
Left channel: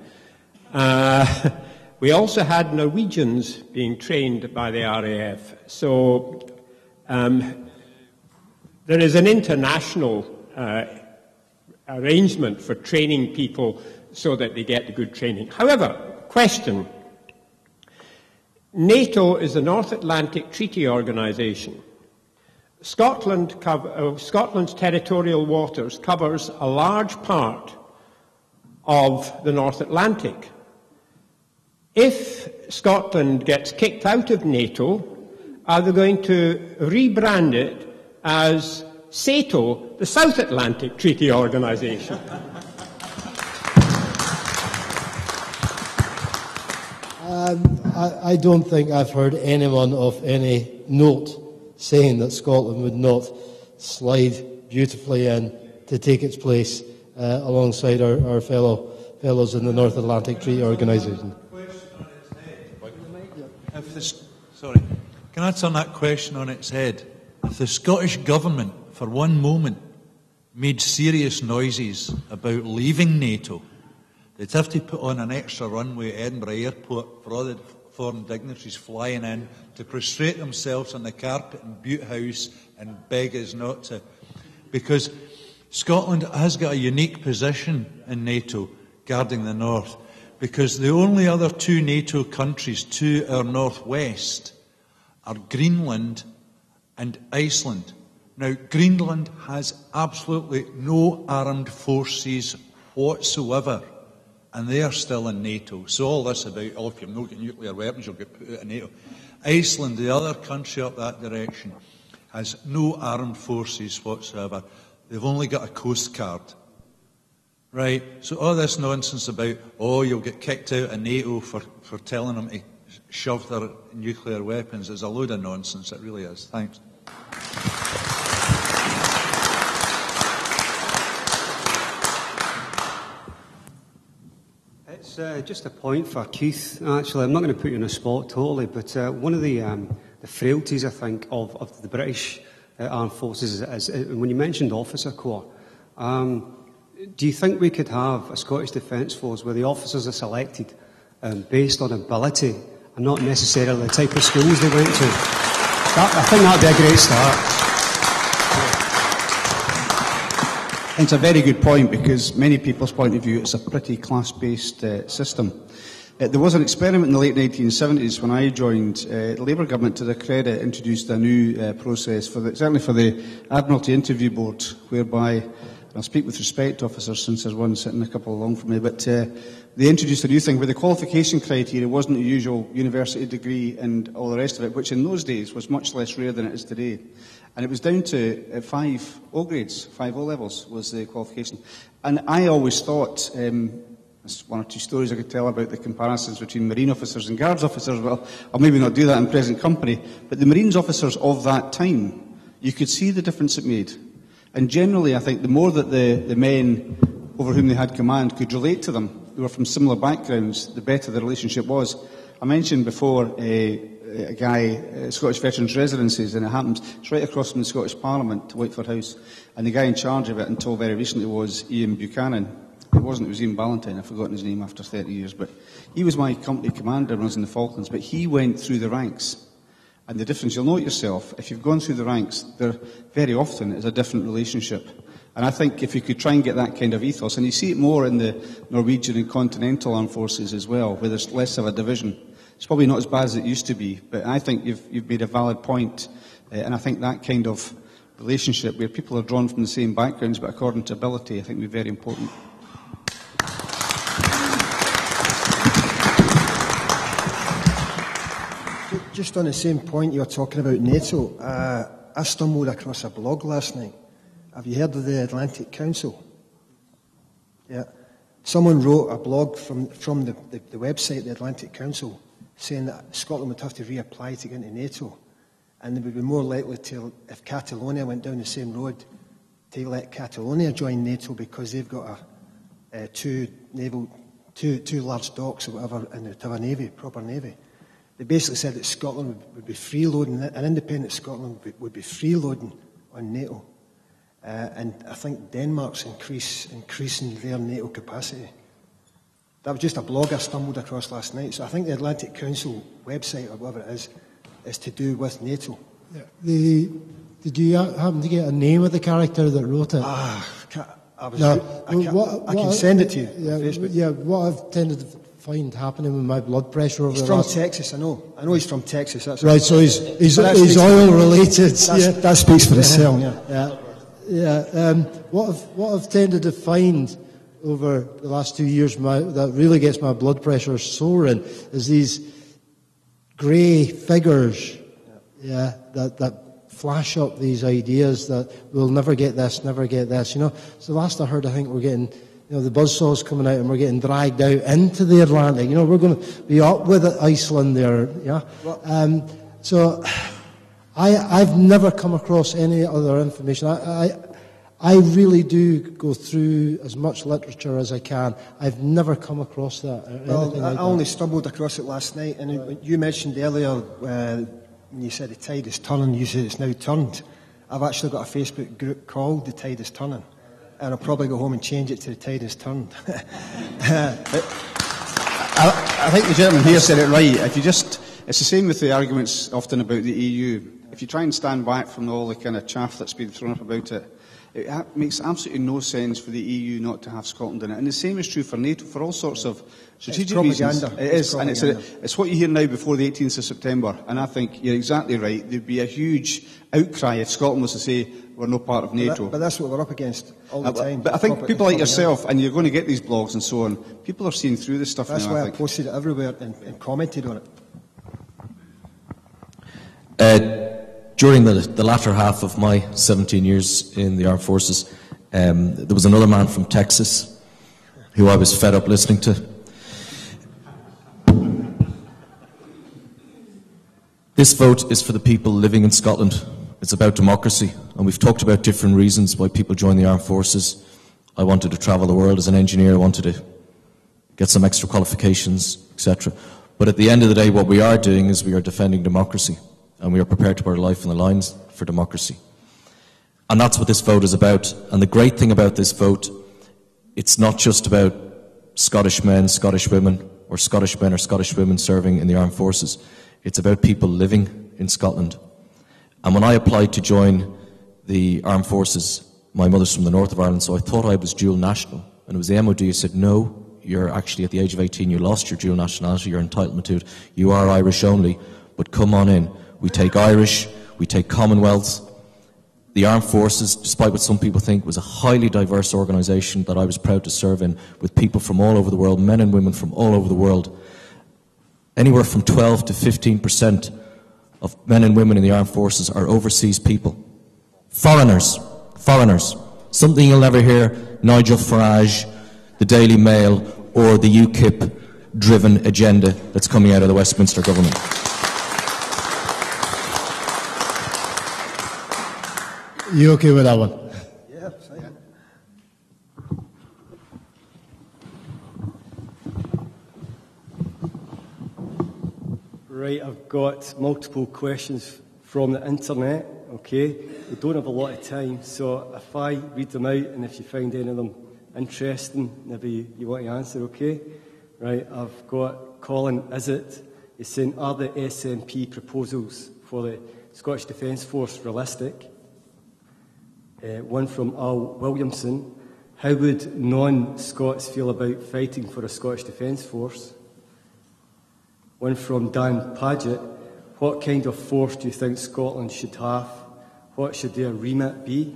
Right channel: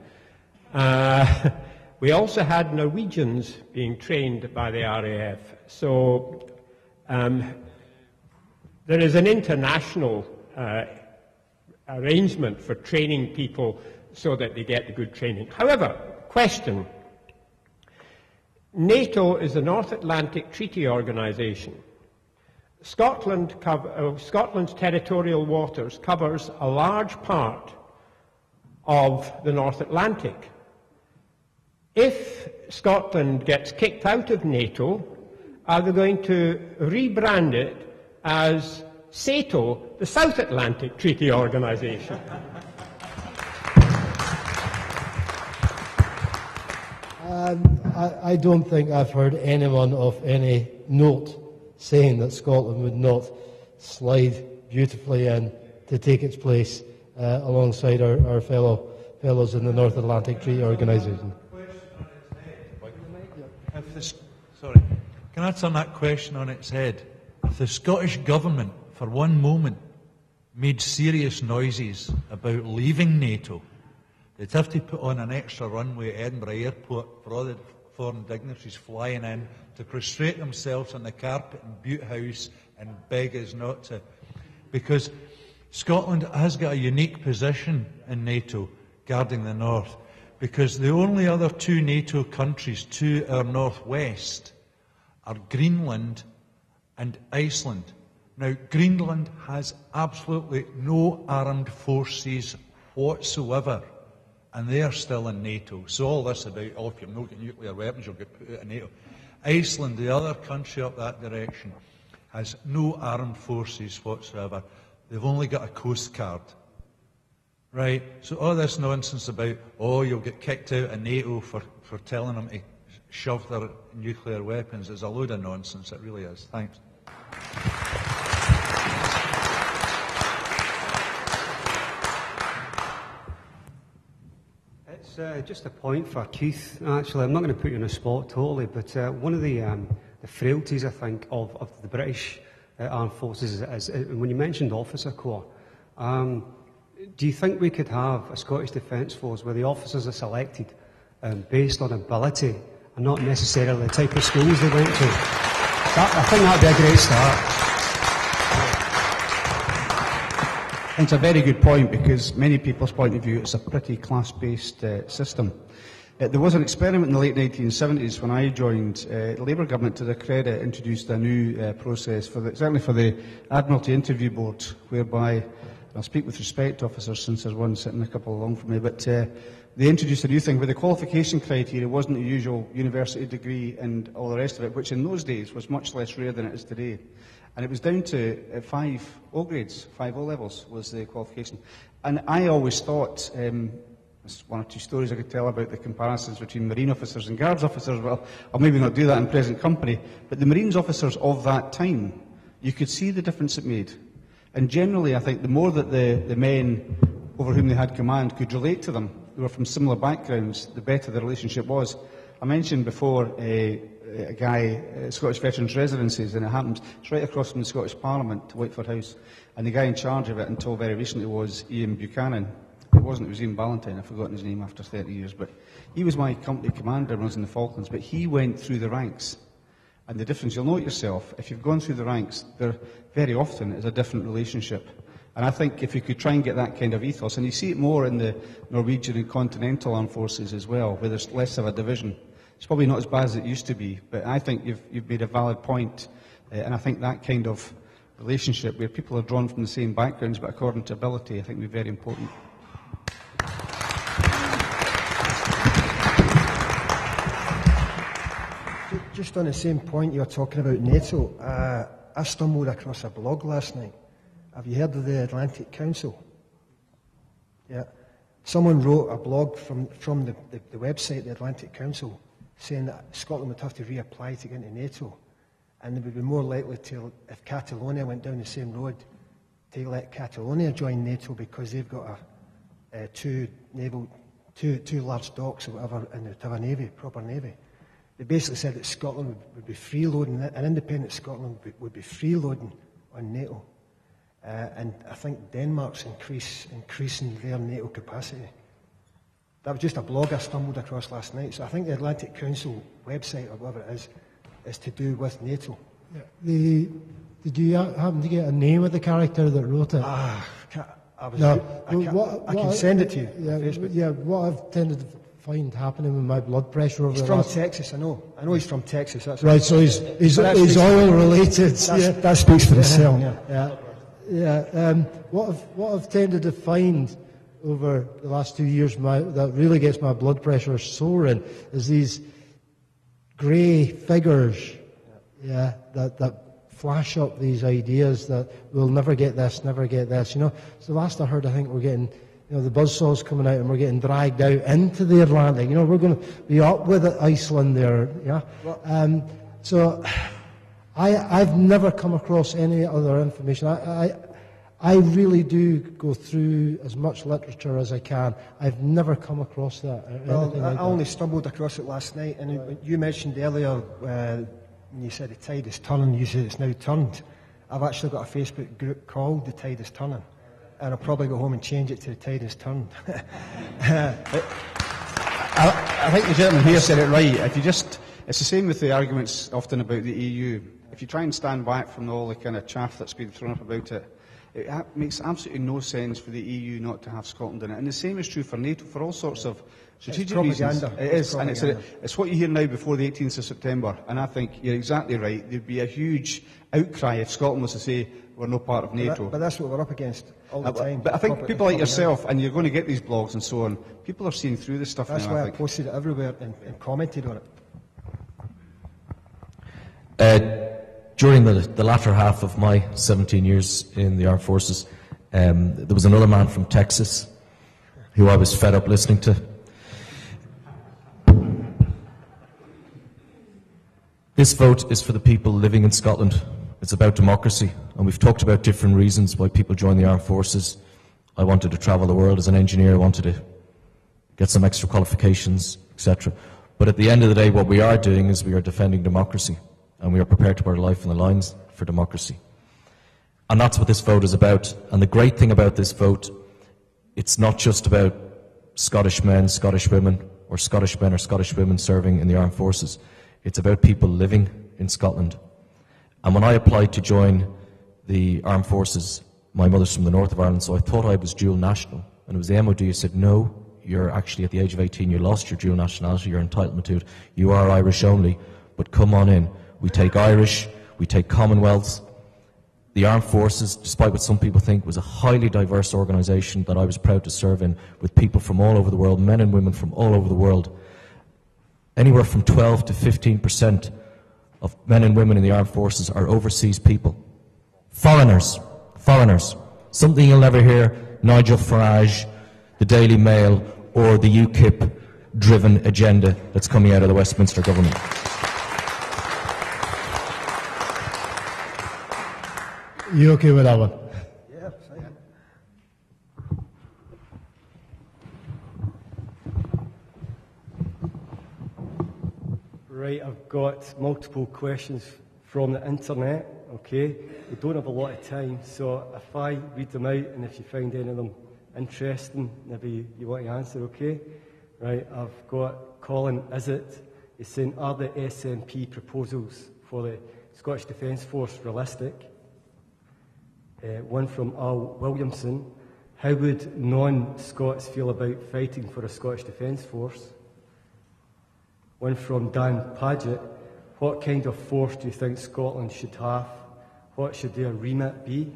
We also had Norwegians being trained by the RAF. So there is an international arrangement for training people so that they get the good training. However, question. NATO is the North Atlantic Treaty Organisation. Scotland's territorial waters covers a large part of the North Atlantic. If Scotland gets kicked out of NATO, are they going to rebrand it as SATO, the South Atlantic Treaty Organisation? I don't think I've heard anyone of any note saying that Scotland would not slide beautifully in to take its place alongside our fellows in the North Atlantic Treaty Organisation. Sorry, can I turn that question on its head? If the Scottish Government, for one moment, made serious noises about leaving NATO, they'd have to put on an extra runway at Edinburgh Airport for all the foreign dignitaries flying in to prostrate themselves on the carpet in Bute House and beg us not to. Because Scotland has got a unique position in NATO, guarding the north, because the only other two NATO countries to our northwest are Greenland and Iceland. Now, Greenland has absolutely no armed forces whatsoever, and they are still in NATO. So all this about, oh, if you've not got nuclear weapons, you'll get put out of NATO. Iceland, the other country up that direction, has no armed forces whatsoever. They've only got a coast guard. Right? So all this nonsense about, oh, you'll get kicked out of NATO for telling them to shove their nuclear weapons is a load of nonsense. It really is. Thanks. It's just a point for Keith, actually. I'm not going to put you on the spot totally, but one of the frailties, I think, of the British Armed Forces is when you mentioned officer corps, do you think we could have a Scottish Defence Force where the officers are selected based on ability and not necessarily the type of schools they went to? I think that would be a great start. It's a very good point, because many people's point of view, it's a pretty class-based system. There was an experiment in the late 1970s when I joined. The Labour government, to their credit, introduced a new process, certainly for the Admiralty Interview Board, whereby, and I'll speak with respect to officers since there's one sitting a couple along from me, but they introduced a new thing where the qualification criteria wasn't the usual university degree and all the rest of it, which in those days was much less rare than it is today. And it was down to 5 O grades, 5 O levels was the qualification. And I always thought, there's one or two stories I could tell about the comparisons between Marine officers and Guards officers. Well, I'll maybe not do that in present company. But the Marines officers of that time, you could see the difference it made. And generally, I think the more that the men over whom they had command could relate to them, who were from similar backgrounds, the better the relationship was. I mentioned before a guy, Scottish Veterans Residencies, and it happens, it's right across from the Scottish Parliament to Whiteford House, and the guy in charge of it until very recently was Ian Buchanan. It wasn't, it was Ian Ballantyne, I've forgotten his name after 30 years, but he was my company commander when I was in the Falklands, but he went through the ranks. And the difference, you'll note yourself, if you've gone through the ranks, there very often is a different relationship. And I think if you could try and get that kind of ethos, and you see it more in the Norwegian and continental armed forces as well, where there's less of a division. It's probably not as bad as it used to be, but I think you've made a valid point, and I think that kind of relationship where people are drawn from the same backgrounds but according to ability, I think would be very important. Just on the same point you were talking about NATO, I stumbled across a blog last night. Have you heard of the Atlantic Council? Yeah. Someone wrote a blog from the website, the Atlantic Council, saying that Scotland would have to reapply to get into NATO, and they would be more likely to, if Catalonia went down the same road, to let Catalonia join NATO because they've got two large docks or whatever, and they'd have a navy, proper navy. They basically said that Scotland would be freeloading, an independent Scotland would be freeloading on NATO. And I think Denmark's increasing their NATO capacity. That was just a blog I stumbled across last night. So I think the Atlantic Council website, or whatever it is to do with NATO. Yeah. Did you happen to get a name of the character that wrote it? I I can send it to you on Yeah, Facebook. yeah, what I've tended to find happening with my blood pressure over He's the from last... Texas, I know. I know he's from Texas. That's Right, so he's But that speaks for- oil related. That speaks for itself, yeah. What I've tended to find over the last 2 years that really gets my blood pressure soaring is these grey figures, that flash up these ideas that we'll never get this, never get this. You know, so last I heard, I think we're getting, the buzzsaws coming out and we're getting dragged out into the Atlantic. You know, we're going to be up with Iceland there. Yeah. So I've never come across any other information. I really do go through as much literature as I can. I've never come across that. Well, I only stumbled across it last night, and you mentioned earlier when you said the tide is turning, you said it's now turned. I've actually got a Facebook group called The Tide is Turning, and I'll probably go home and change it to The Tide is Turned. I think the gentleman here said it right. It's the same with the arguments often about the EU. If you try and stand back from all the kind of chaff that's been thrown up about it, it makes absolutely no sense for the EU not to have Scotland in it. And the same is true for NATO, for all sorts of strategic reasons. It is, and it's what you hear now before the 18th of September. And I think you're exactly right. There'd be a huge outcry if Scotland was to say we're no part of NATO. But that's what we're up against all the time. But I think people like yourself, and you're going to get these blogs and so on, people are seeing through this stuff that's now, why I think. posted it everywhere and commented on it. During the latter half of my 17 years in the armed forces, there was another man from Texas who I was fed up listening to. This vote is for the people living in Scotland. It's about democracy, and we've talked about different reasons why people join the armed forces. I wanted to travel the world as an engineer, I wanted to get some extra qualifications, etc. But at the end of the day, what we are doing is we are defending democracy, and we are prepared to put our life on the lines for democracy. And that's what this vote is about. And the great thing about this vote, it's not just about Scottish men, Scottish women, or Scottish men or Scottish women serving in the armed forces. It's about people living in Scotland. And when I applied to join the armed forces, my mother's from the north of Ireland, so I thought I was dual national. And it was the MOD who said, no, you're actually at the age of 18, you lost your dual nationality, your entitlement to it. You are Irish only, but come on in. We take Irish, we take Commonwealth. The Armed Forces, despite what some people think, was a highly diverse organisation that I was proud to serve in, with people from all over the world, men and women from all over the world. Anywhere from 12 to 15% of men and women in the Armed Forces are overseas people. Foreigners. Something you'll never hear Nigel Farage, the Daily Mail, or the UKIP-driven agenda that's coming out of the Westminster government. You okay with that one? Yeah, fine. Right, I've got multiple questions from the internet, okay? We don't have a lot of time, so if I read them out and if you find any of them interesting, maybe you want to answer, okay? Right, I've got Colin Izzet. He's saying, are the SNP proposals for the Scottish Defence Force realistic? One from Al Williamson. How would non-Scots feel about fighting for a Scottish Defence Force? One from Dan Paget. What kind of force do you think Scotland should have? What should their remit be?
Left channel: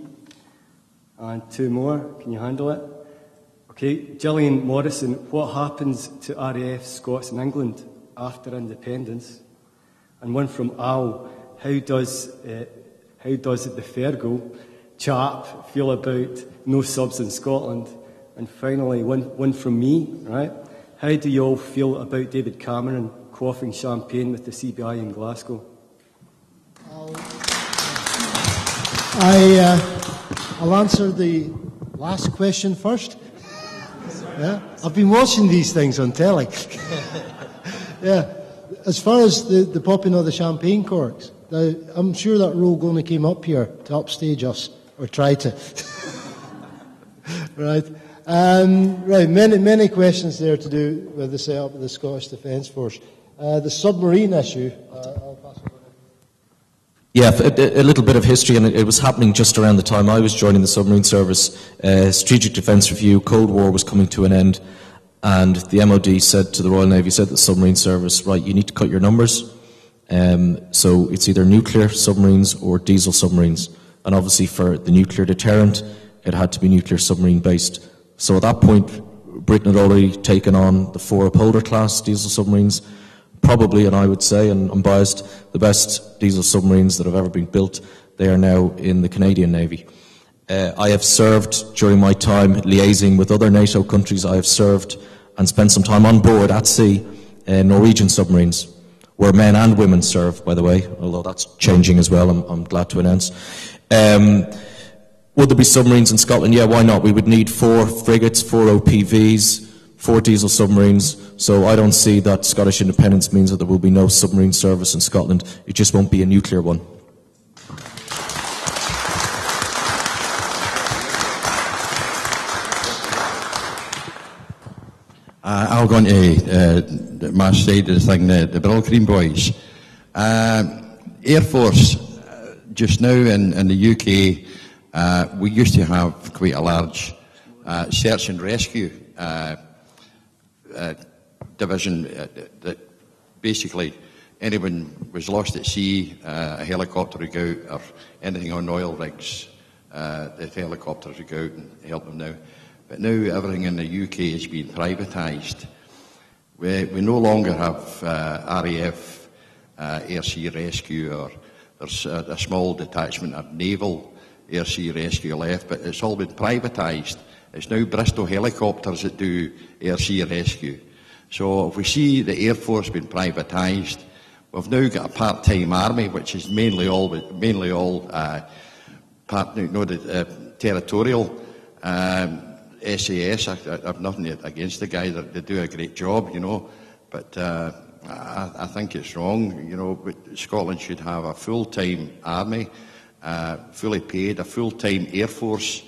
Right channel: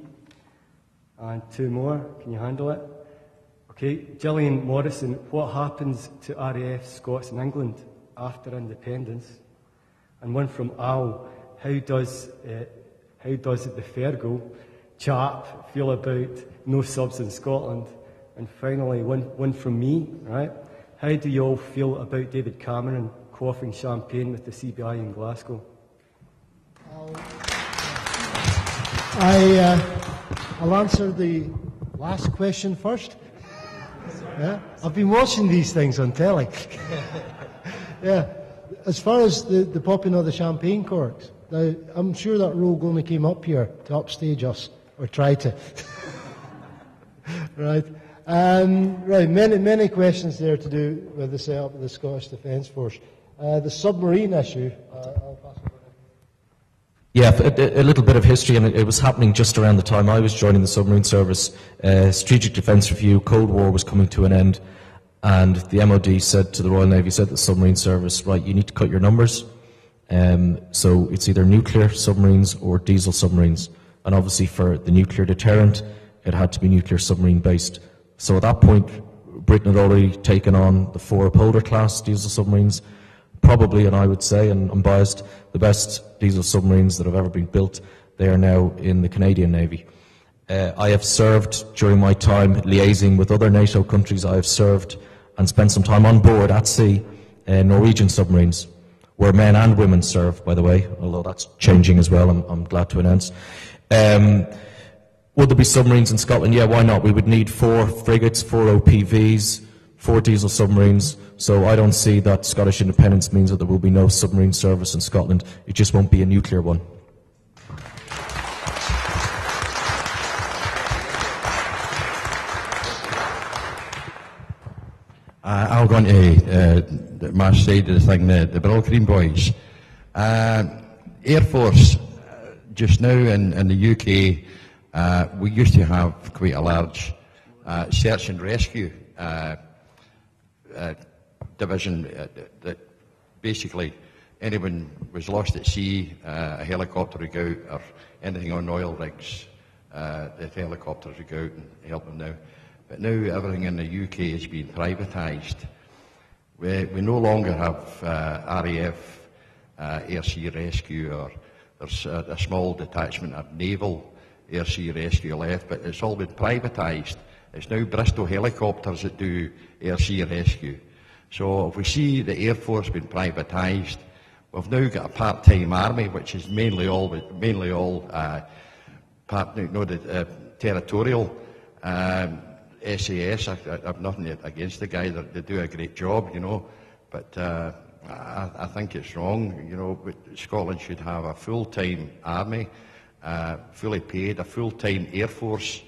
And two more. Can you handle it? Okay. Gillian Morrison. What happens to RAF Scots in England after independence? And one from Al. How does the Fergal chap feel about no subs in Scotland? And finally, one from me, right? How do you all feel about David Cameron quaffing champagne with the CBI in Glasgow? I'll answer the last question first. Yeah, I've been watching these things on telly. Yeah, as far as the popping of the champagne corks, I'm sure that rogue only came up here to upstage us, or try to. Right. Right. Many questions there to do with the setup of the Scottish Defence Force. The submarine issue. I'll pass Yeah, a little bit of history, and it was happening just around the time I was joining the submarine service. Strategic Defence Review, Cold War was coming to an end, and the MOD said to the Royal Navy, said to the submarine service, right, you need to cut your numbers. So it's either nuclear submarines or diesel submarines. And obviously for the nuclear deterrent, it had to be nuclear submarine based. So at that point, Britain had already taken on the 4 Upholder class diesel submarines, probably, and I would say, and I'm biased, the best diesel submarines that have ever been built. They are now in the Canadian Navy. I have served during my time liaising with other NATO countries. I have served and spent some time on board at sea Norwegian submarines, where men and women serve, by the way, although that's changing as well, I'm glad to announce. Would there be submarines in Scotland? Yeah, why not? We would need 4 frigates, 4 OPVs, 4 diesel submarines, so I don't see that Scottish independence means that there will be no submarine service in Scotland. It just won't be a nuclear one. I'll go on to my side of the thing, the Brill Green Boys. Air Force, just now in the UK, we used to have quite a large search and rescue division that basically anyone was lost at sea, a helicopter would go out, or anything on oil rigs, the helicopters would go out and help them now. But now everything in the UK has been privatised. We no longer have RAF air sea rescue, or there's a small detachment of naval air sea rescue left, but it's all been privatised. It's now Bristol helicopters that do air sea rescue. So if we see the Air Force being privatised, we've now got a part-time army, which is mainly all territorial. SAS, I've nothing against the guy, they do a great job, you know, but I think it's wrong, you know. Scotland should have a full-time army, fully paid, a full-time Air Force,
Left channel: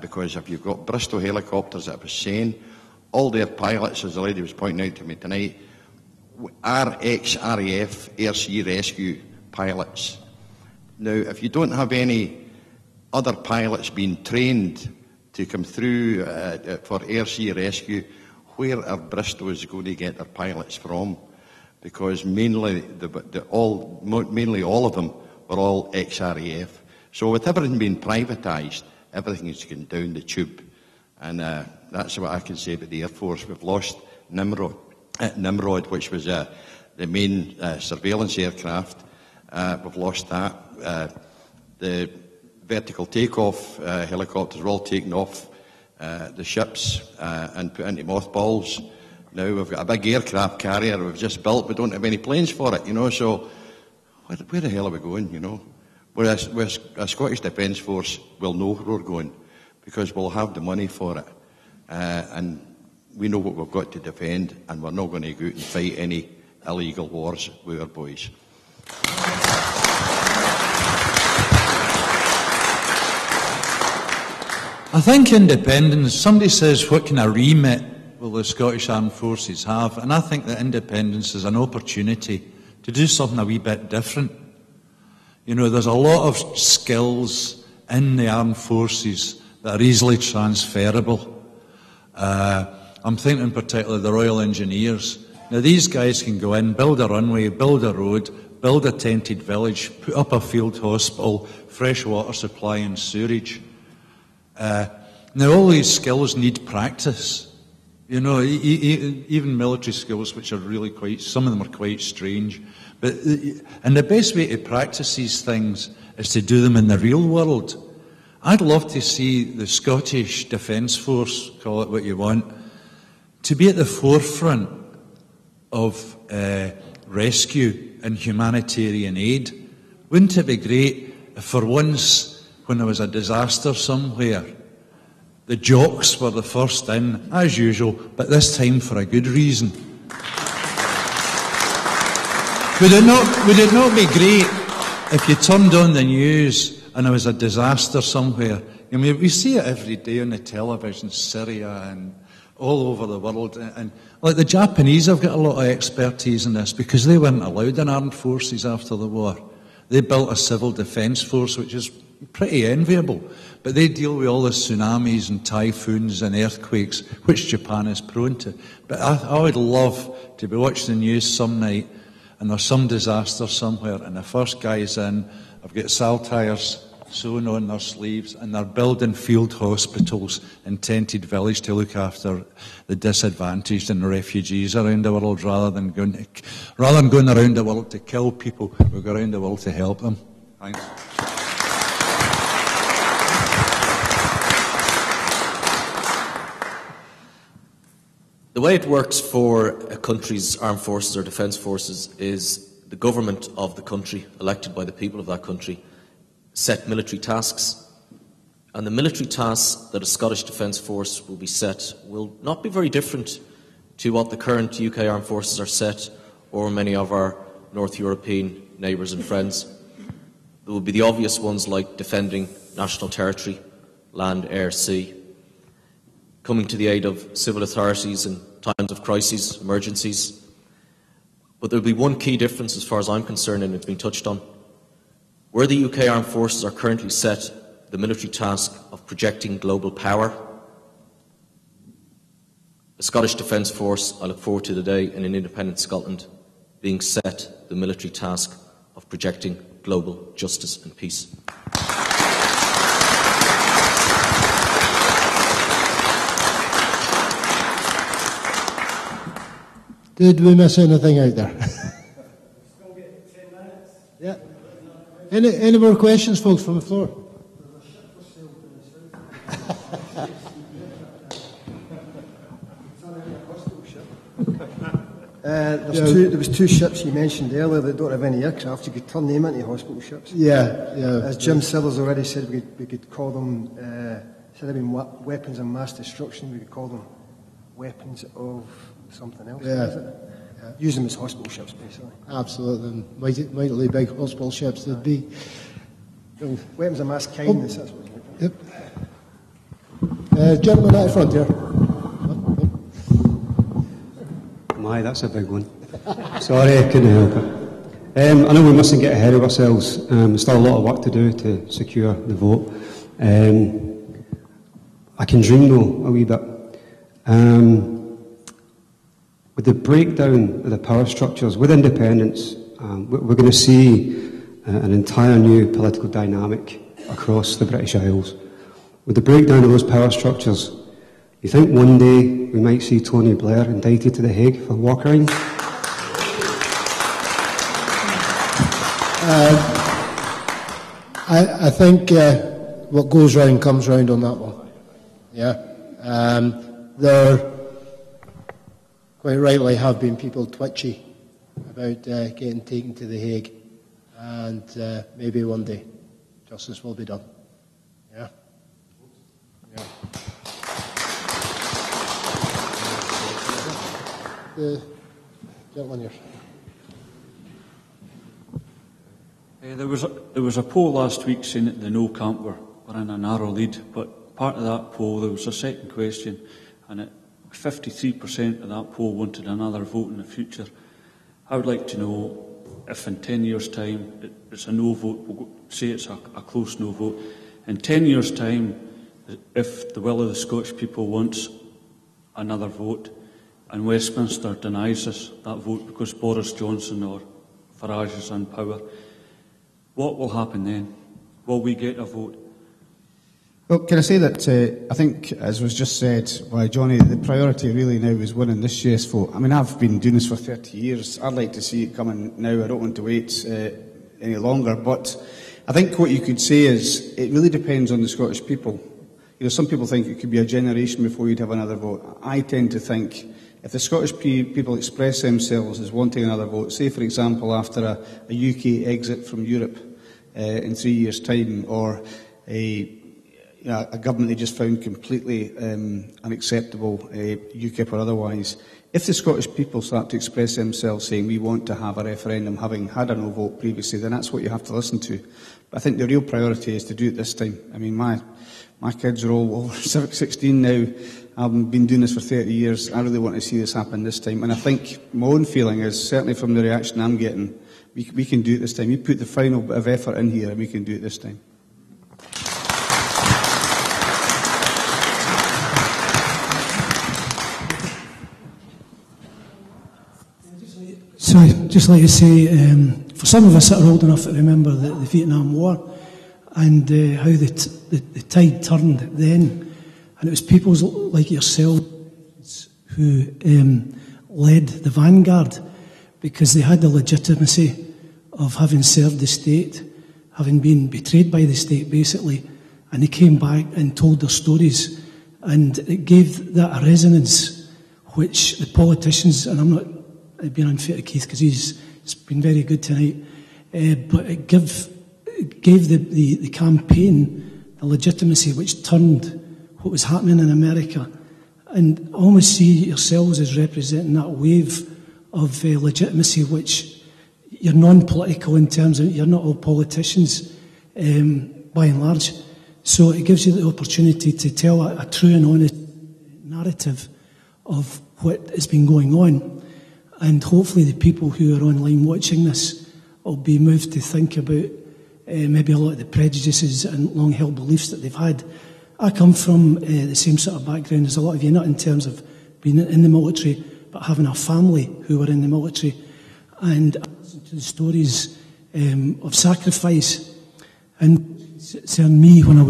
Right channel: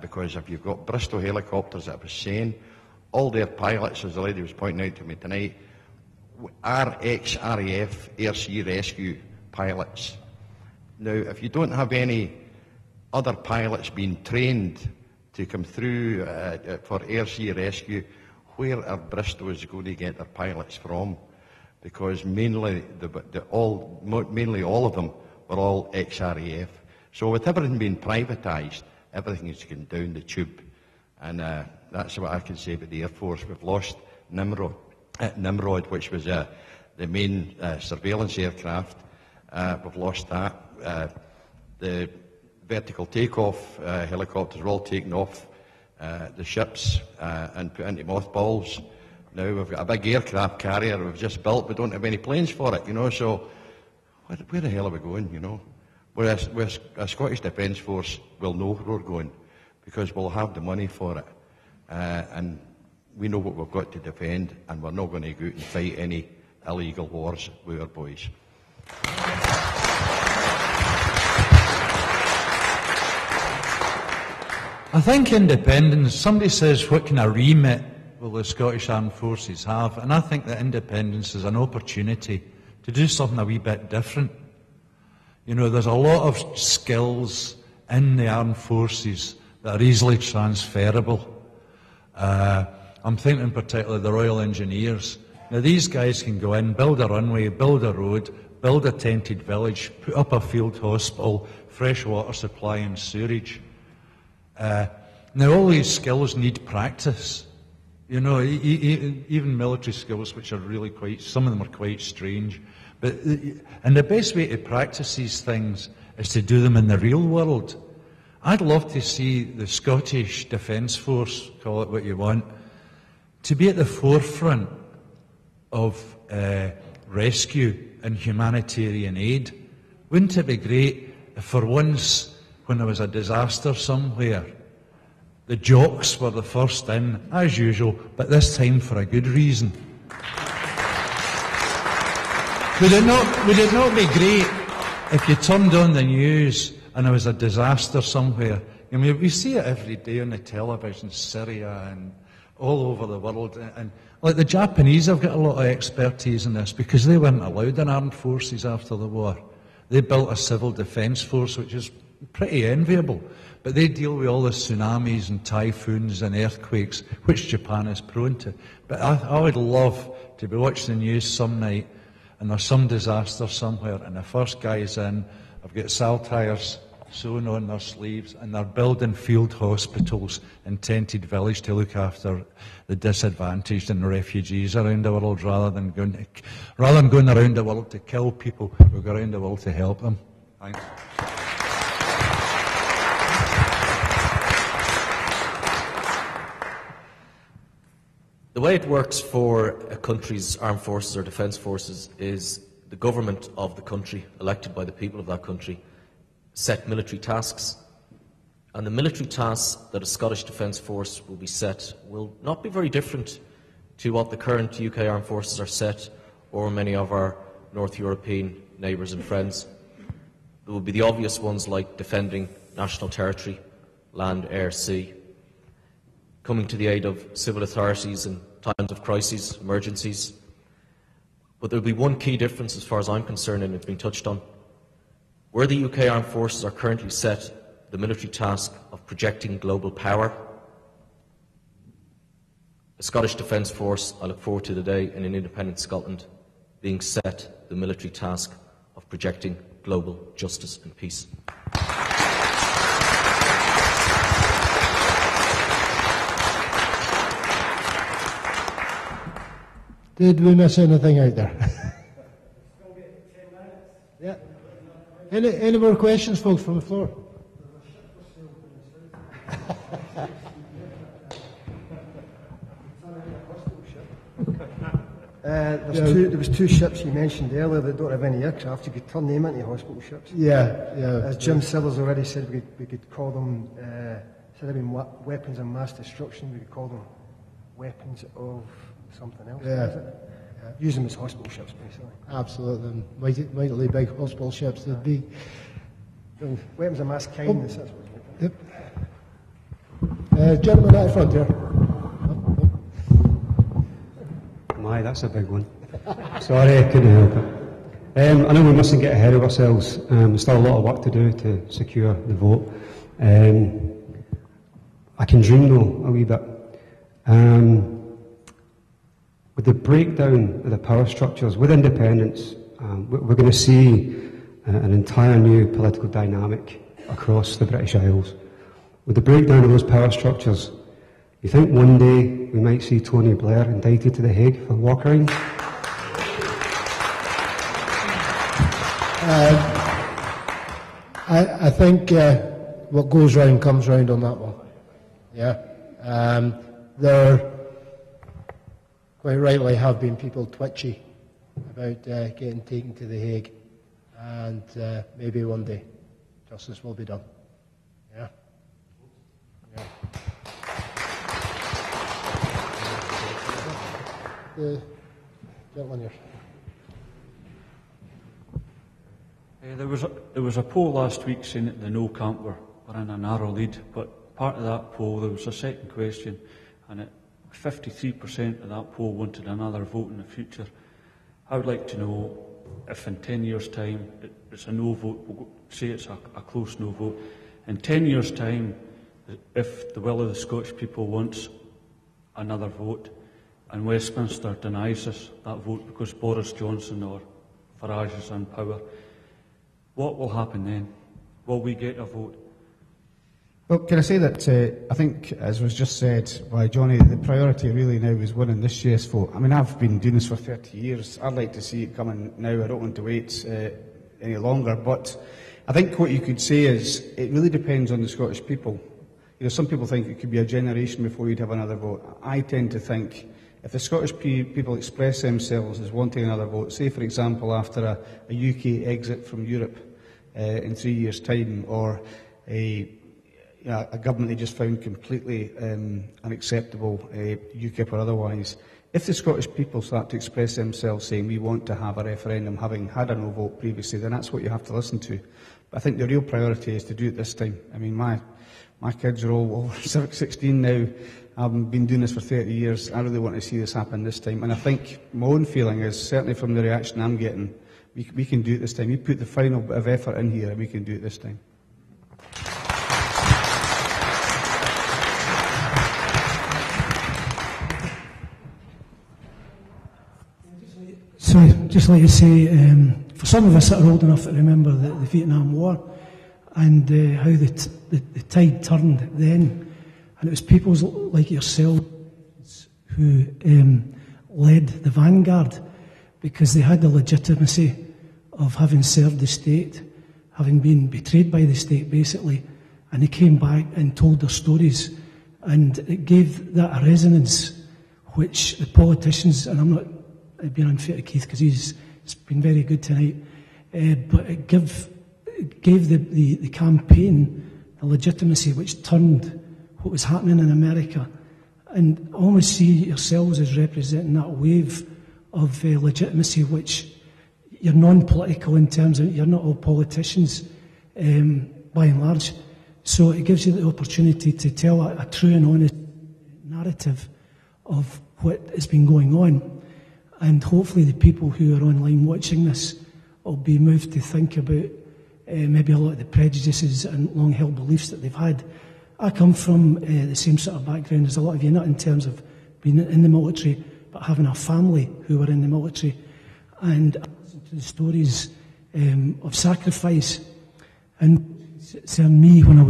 because if you've got Bristol helicopters that I was saying, all their pilots, as the lady was pointing out to me tonight, are ex-RAF air sea rescue pilots. Now, if you don't have any other pilots being trained to come through for air sea rescue, where are Bristol's going to get their pilots from? Because mainly all of them were all ex-RAF. So with everything being privatised, everything is going down the tube. And that's what I can say about the Air Force. We've lost Nimrod, which was the main surveillance aircraft. We've lost that. The vertical takeoff helicopters were all taken off the ships and put into mothballs. Now we've got a big aircraft carrier we've just built. We don't have any planes for it, you know, so where the hell are we going, you know? Whereas a Scottish Defence Force will know where we're going, because we'll have the money for it. And we know what we've got to defend, and we're not going to go out and fight any illegal wars with our boys. I think independence, somebody says, what kind of remit will the Scottish Armed Forces have? And I think that independence is an opportunity to do something a wee bit different. You know, there's a lot of skills in the armed forces that are easily transferable. I'm thinking particularly the Royal Engineers. Now, these guys can go in, build a runway, build a road, build a tented village, put up a field hospital, fresh water supply and sewerage. Now, all these skills need practice. You know, even military skills, which are really some of them are quite strange. And the best way to practice these things is to do them in the real world. I'd love to see the Scottish Defence Force, call it what you want, to be at the forefront of rescue and humanitarian aid. Wouldn't it be great if for once, when there was a disaster somewhere, the jocks were the first in, as usual, but this time for a good reason? Would it not be great if you turned on the news and there was a disaster somewhere? I mean, we see it every day on the television, Syria and all over the world. And like the Japanese have got a lot of expertise in this because they weren't allowed in armed forces after the war. They built a civil defence force, which is pretty enviable. But they deal with all the tsunamis and typhoons and earthquakes, which Japan is prone to. But I would love to be watching the news some night and there's some disaster somewhere and the first guy's in, I've got saltires sewn on their sleeves and they're building field hospitals in tented village to look after the disadvantaged and the refugees around the world rather than going around the world to kill people. We go around the world to help them. Thanks. The way it works for a country's armed forces or defence forces is the government of the country, elected by the people of that country, set military tasks. And the military tasks that a Scottish Defence Force will be set will not be very different to what the current UK armed forces are set or many of our North European neighbours and friends. There will be the obvious ones like defending national territory, land, air, sea, coming to the aid of civil authorities in times of crises, emergencies. But there will be one key difference as far as I'm concerned, and it's been touched on. Where the UK armed forces are currently set, the military task of projecting global power, the Scottish Defence Force, I look forward to the day in an independent Scotland, being set the military task of projecting global justice and peace. Did we miss anything out there? Yeah. Any more questions, folks, from the floor? There was two ships you mentioned earlier that don't have any aircraft. You could turn them into hospital ships. Yeah. As Jim Sillars already said, we could call them, instead of being weapons of mass destruction, we could call them weapons of something else. Yeah. Use them as hospital ships, basically. Absolutely. Mightily big hospital ships they'd be. Weapons of mass kindness, that's what Yep. Gentleman at the front here. My, that's a big one. Sorry, I couldn't help it. I know we mustn't get ahead of ourselves. There's still a lot of work to do to secure the vote. I can dream, though, a wee bit. With the breakdown of the power structures, with independence, we're going to see an entire new political dynamic across the British Isles. With the breakdown of those power structures, you think one day we might see Tony Blair indicted to The Hague for war crimes? I think what goes round comes round on that one. Yeah. There quite rightly have been people twitchy about getting taken to The Hague, and maybe one day justice will be done. Yeah. Yeah. The gentleman here. There was a poll last week saying that the No camp were in a narrow lead, but part of that poll there was a second question, and 53% of that poll wanted another vote in the future. I would like to know if in 10 years' time it's a no vote, we'll say it's a close no vote. In 10 years' time, if the will of the Scottish people wants another vote, and Westminster denies us that vote because Boris Johnson or Farage is in power, what will happen then? Will we get a vote? Well, can I say that I think, as was just said by Johnny, the priority really now is winning this yes vote. I mean, I've been doing this for 30 years. I'd like to see it coming now. I don't want to wait any longer. But I think what you could say is it really depends on the Scottish people. You know, some people think it could be a generation before you'd have another vote. I tend to think if the Scottish people express themselves as wanting another vote, say, for example, after a UK exit from Europe in 3 years' time, or a government they just found completely unacceptable, UKIP or otherwise, if the Scottish people start to express themselves saying we want to have a referendum, having had a no vote previously, then that's what you have to listen to. But I think the real priority is to do it this time. I mean, my kids are all over 16 now. I've been doing this for 30 years. I really want to see this happen this time. And I think my own feeling is, certainly from the reaction I'm getting, we can do it this time. We put the final bit of effort in here, and we can do it this time. So I'd just like to say, for some of us that are old enough to remember the Vietnam War and how the tide turned then, and it was people like yourselves who led the vanguard because they had the legitimacy of having served the state, having been betrayed by the state basically, and they came back and told their stories, and it gave that a resonance which the politicians, and I'm not being unfair to Keith because he's been very good tonight, but it gave the campaign the legitimacy which turned what was happening in America. And I almost see yourselves as representing that wave of legitimacy which you're non-political in terms of you're not all politicians by and large. So it gives you the opportunity to tell a true and honest narrative of what has been going on. And hopefully the people who are online watching this will be moved to think about maybe a lot of the prejudices and long-held beliefs that they've had. I come from the same sort of background as a lot of you, not in terms of being in the military, but having a family who were in the military. And I listened to the stories of sacrifice. And concerned me when I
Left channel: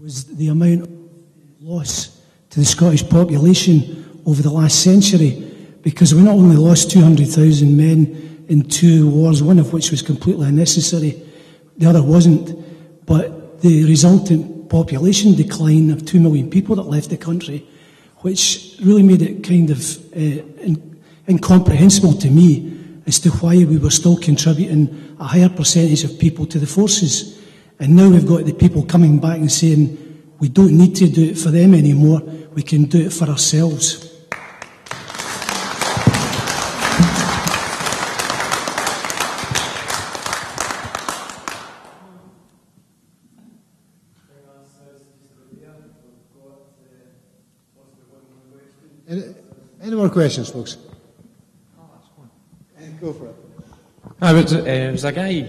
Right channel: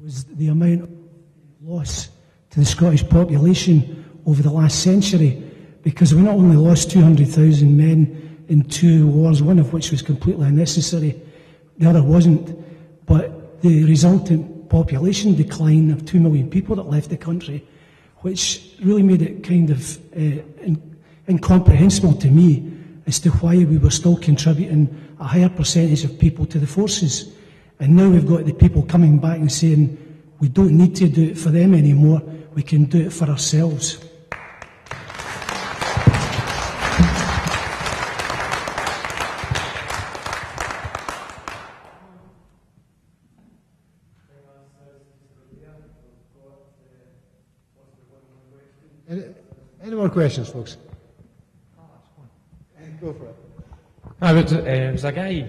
was the amount of loss to the Scottish population over the last century, because we not only lost 200,000 men in 2 wars, one of which was completely unnecessary, the other wasn't, but the resultant population decline of 2 million people that left the country, which really made it kind of incomprehensible to me as to why we were still contributing a higher percentage of people to the forces. And now we've got the people coming back and saying, we don't need to do it for them anymore, we can do it for ourselves. Any more questions, folks? Go for it. There was a guy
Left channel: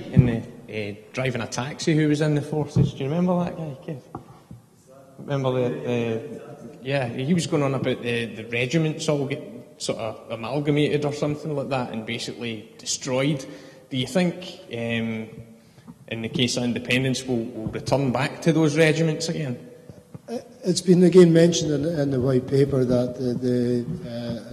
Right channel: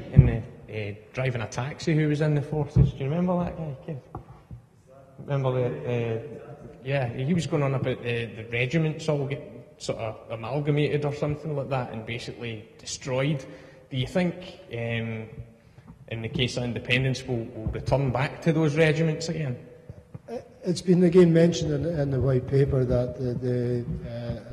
driving a taxi who was in the forces. Do you remember that guy, Keith? Remember yeah, he was going on about the regiments all get sort of amalgamated or something like that and basically destroyed. Do you think, in the case of independence, we'll return back to those regiments again? It's been again mentioned in the white paper that the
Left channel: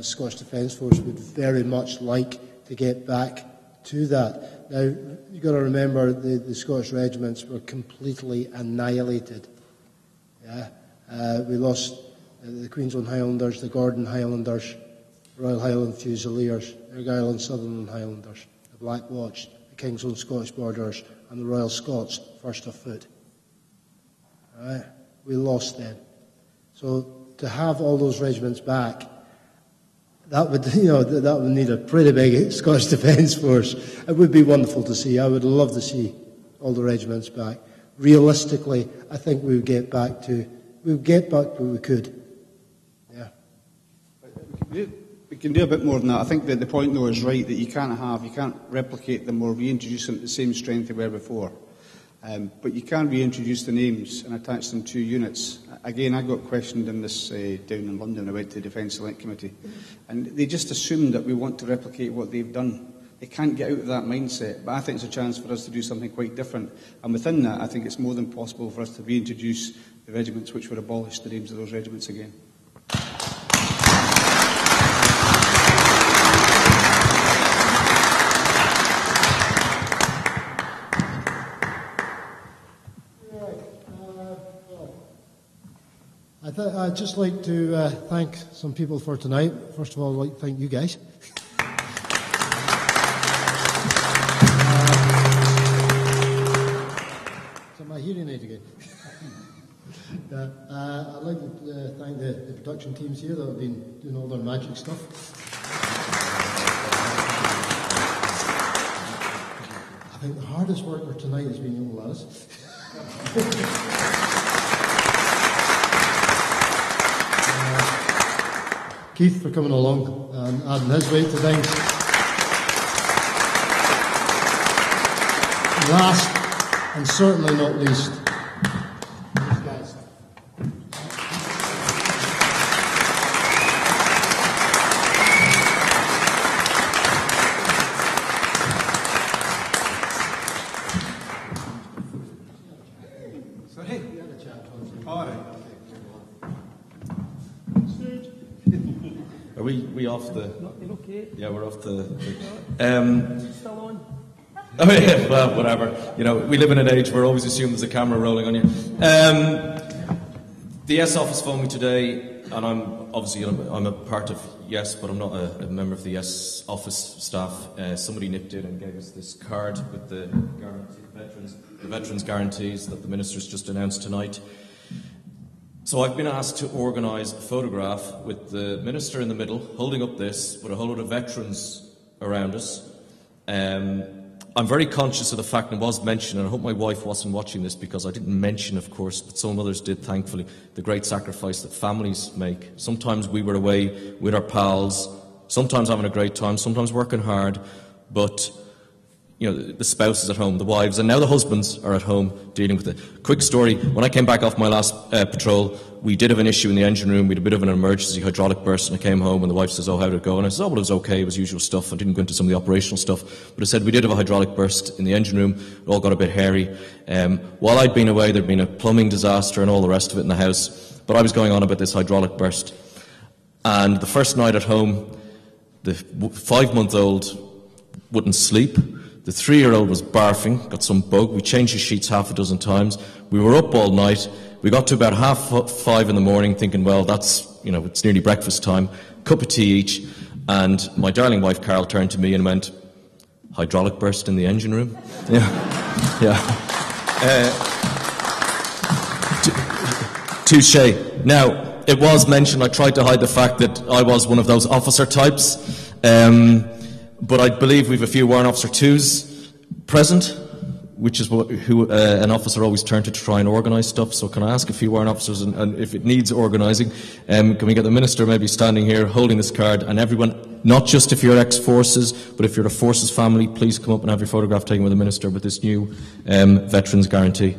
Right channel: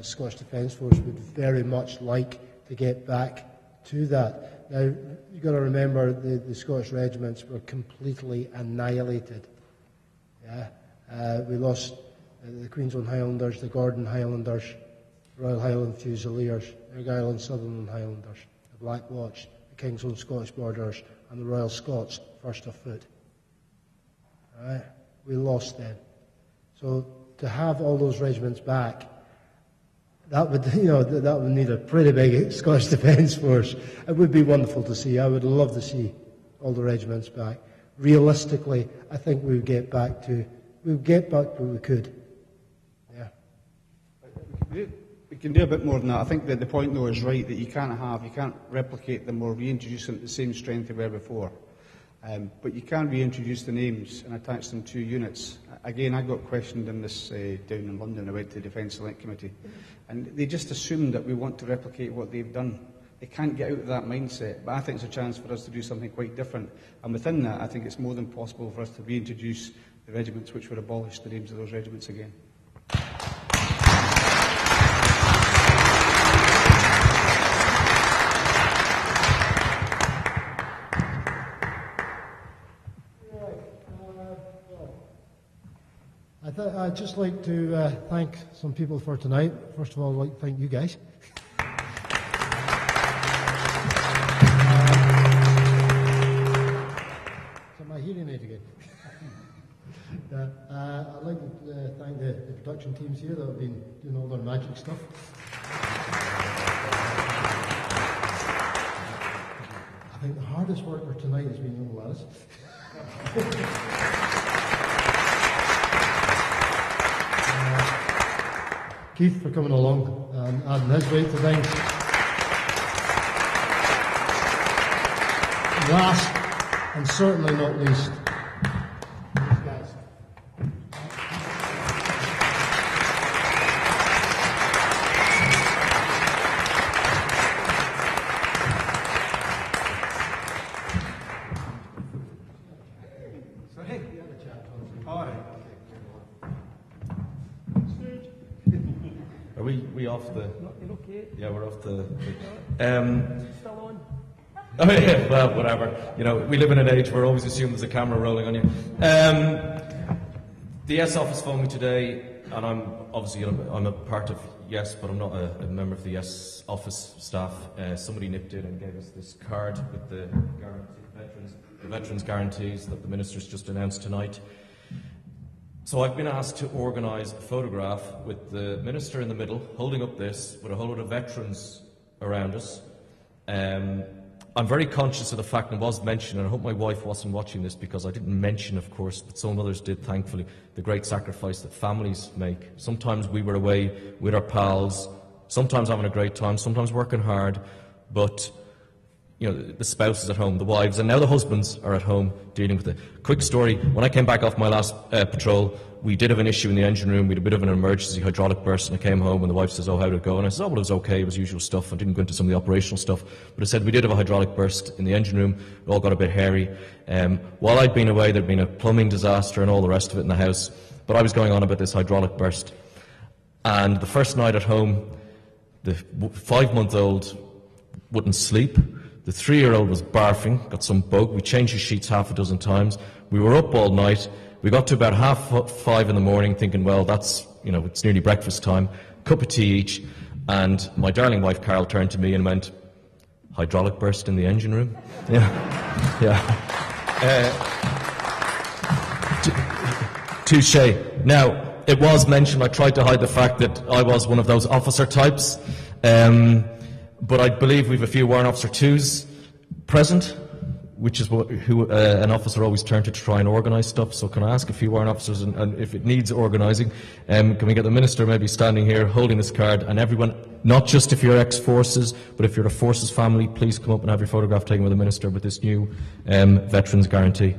Scottish Defence Force would very much like to get back to that. Now, you've got to remember the Scottish regiments were completely annihilated. Yeah? We lost the Queensland Highlanders, the Gordon Highlanders, Royal Highland Fusiliers, the Argyll and Sutherland Highlanders, the Black Watch, the King's Own Scottish Borders, and the Royal Scots, first of foot. Right? We lost them. So to have all those regiments back, that would, that would need a pretty big Scottish Defence Force. It would be wonderful to see. I would love to see all the regiments back. Realistically, I think we would get back to what we could. Yeah. We can do a bit more than that. I think that the point, though, is right, that you can't replicate them or reintroduce them at the same strength they were before. But you can reintroduce the names and attach them to units. Again, I got questioned in this down in London. I went to the Defence Select Committee, and they just assumed that we want to replicate what they've done. They can't get out of that mindset, but I think it's a chance for us to do something quite different. And within that, I think it's more than possible for us to reintroduce the regiments which were abolished, the names of those regiments again. I'd just like to thank some people for tonight. First of all, I'd like to thank you guys. Is that my hearing aid again? I'd like to thank the production teams here that have been doing all their magic stuff. I think the hardest worker tonight has been young Lattice. Keith for coming along and adding his weight to things. last, and certainly not least, these guys. Sorry? All right. Are we off the? Okay. Yeah, we're off Still on. Oh yeah, well, whatever. You know, we live in an age where always assume there's a camera rolling on you. The Yes office phoned me today, and I'm a part of Yes, but I'm not a member of the Yes office staff. Somebody nipped in and gave us this card with the veterans guarantees that the minister's just announced tonight. So I've been asked to organise a photograph with the minister in the middle, holding up this, with a whole lot of veterans around us. I'm very conscious of the fact, and it was mentioned, and I hope my wife wasn't watching this because I didn't mention, of course, but some others did, thankfully, the great sacrifice that families make. Sometimes we were away with our pals, sometimes having a great time, sometimes working hard, but you know, the spouses at home, the wives, and now the husbands are at home dealing with it. Quick story, when I came back off my last patrol, we did have an issue in the engine room. We had a bit of an emergency hydraulic burst, and I came home and the wife says, "Oh, how did it go?" And I said, "Oh, well, it was okay, it was usual stuff." I didn't go into some of the operational stuff, but I said we did have a hydraulic burst in the engine room. It all got a bit hairy. While I'd been away, there'd been a plumbing disaster and all the rest of it in the house, but I was going on about this hydraulic burst. And the first night at home, the 5-month-old wouldn't sleep. The 3-year-old was barfing, got some bug. We changed his sheets half a dozen times. We were up all night. We got to about 5:30 in the morning thinking, well, that's, you know, it's nearly breakfast time. Cup of tea each. And my darling wife, Carol, turned to me and went, "Hydraulic burst in the engine room?" Yeah. Yeah. Touche. Now, it was mentioned, I tried to hide the fact that I was one of those officer types. But I believe we've a few Warrant Officer 2s present, which is who an officer always turns to try and organise stuff. So can I ask a few Warrant Officers, and if it needs organising, can we get the Minister maybe standing here holding this card, and everyone, not just if you're ex-forces, but if you're a forces family, please come up and have your photograph taken with the Minister with this new veterans guarantee.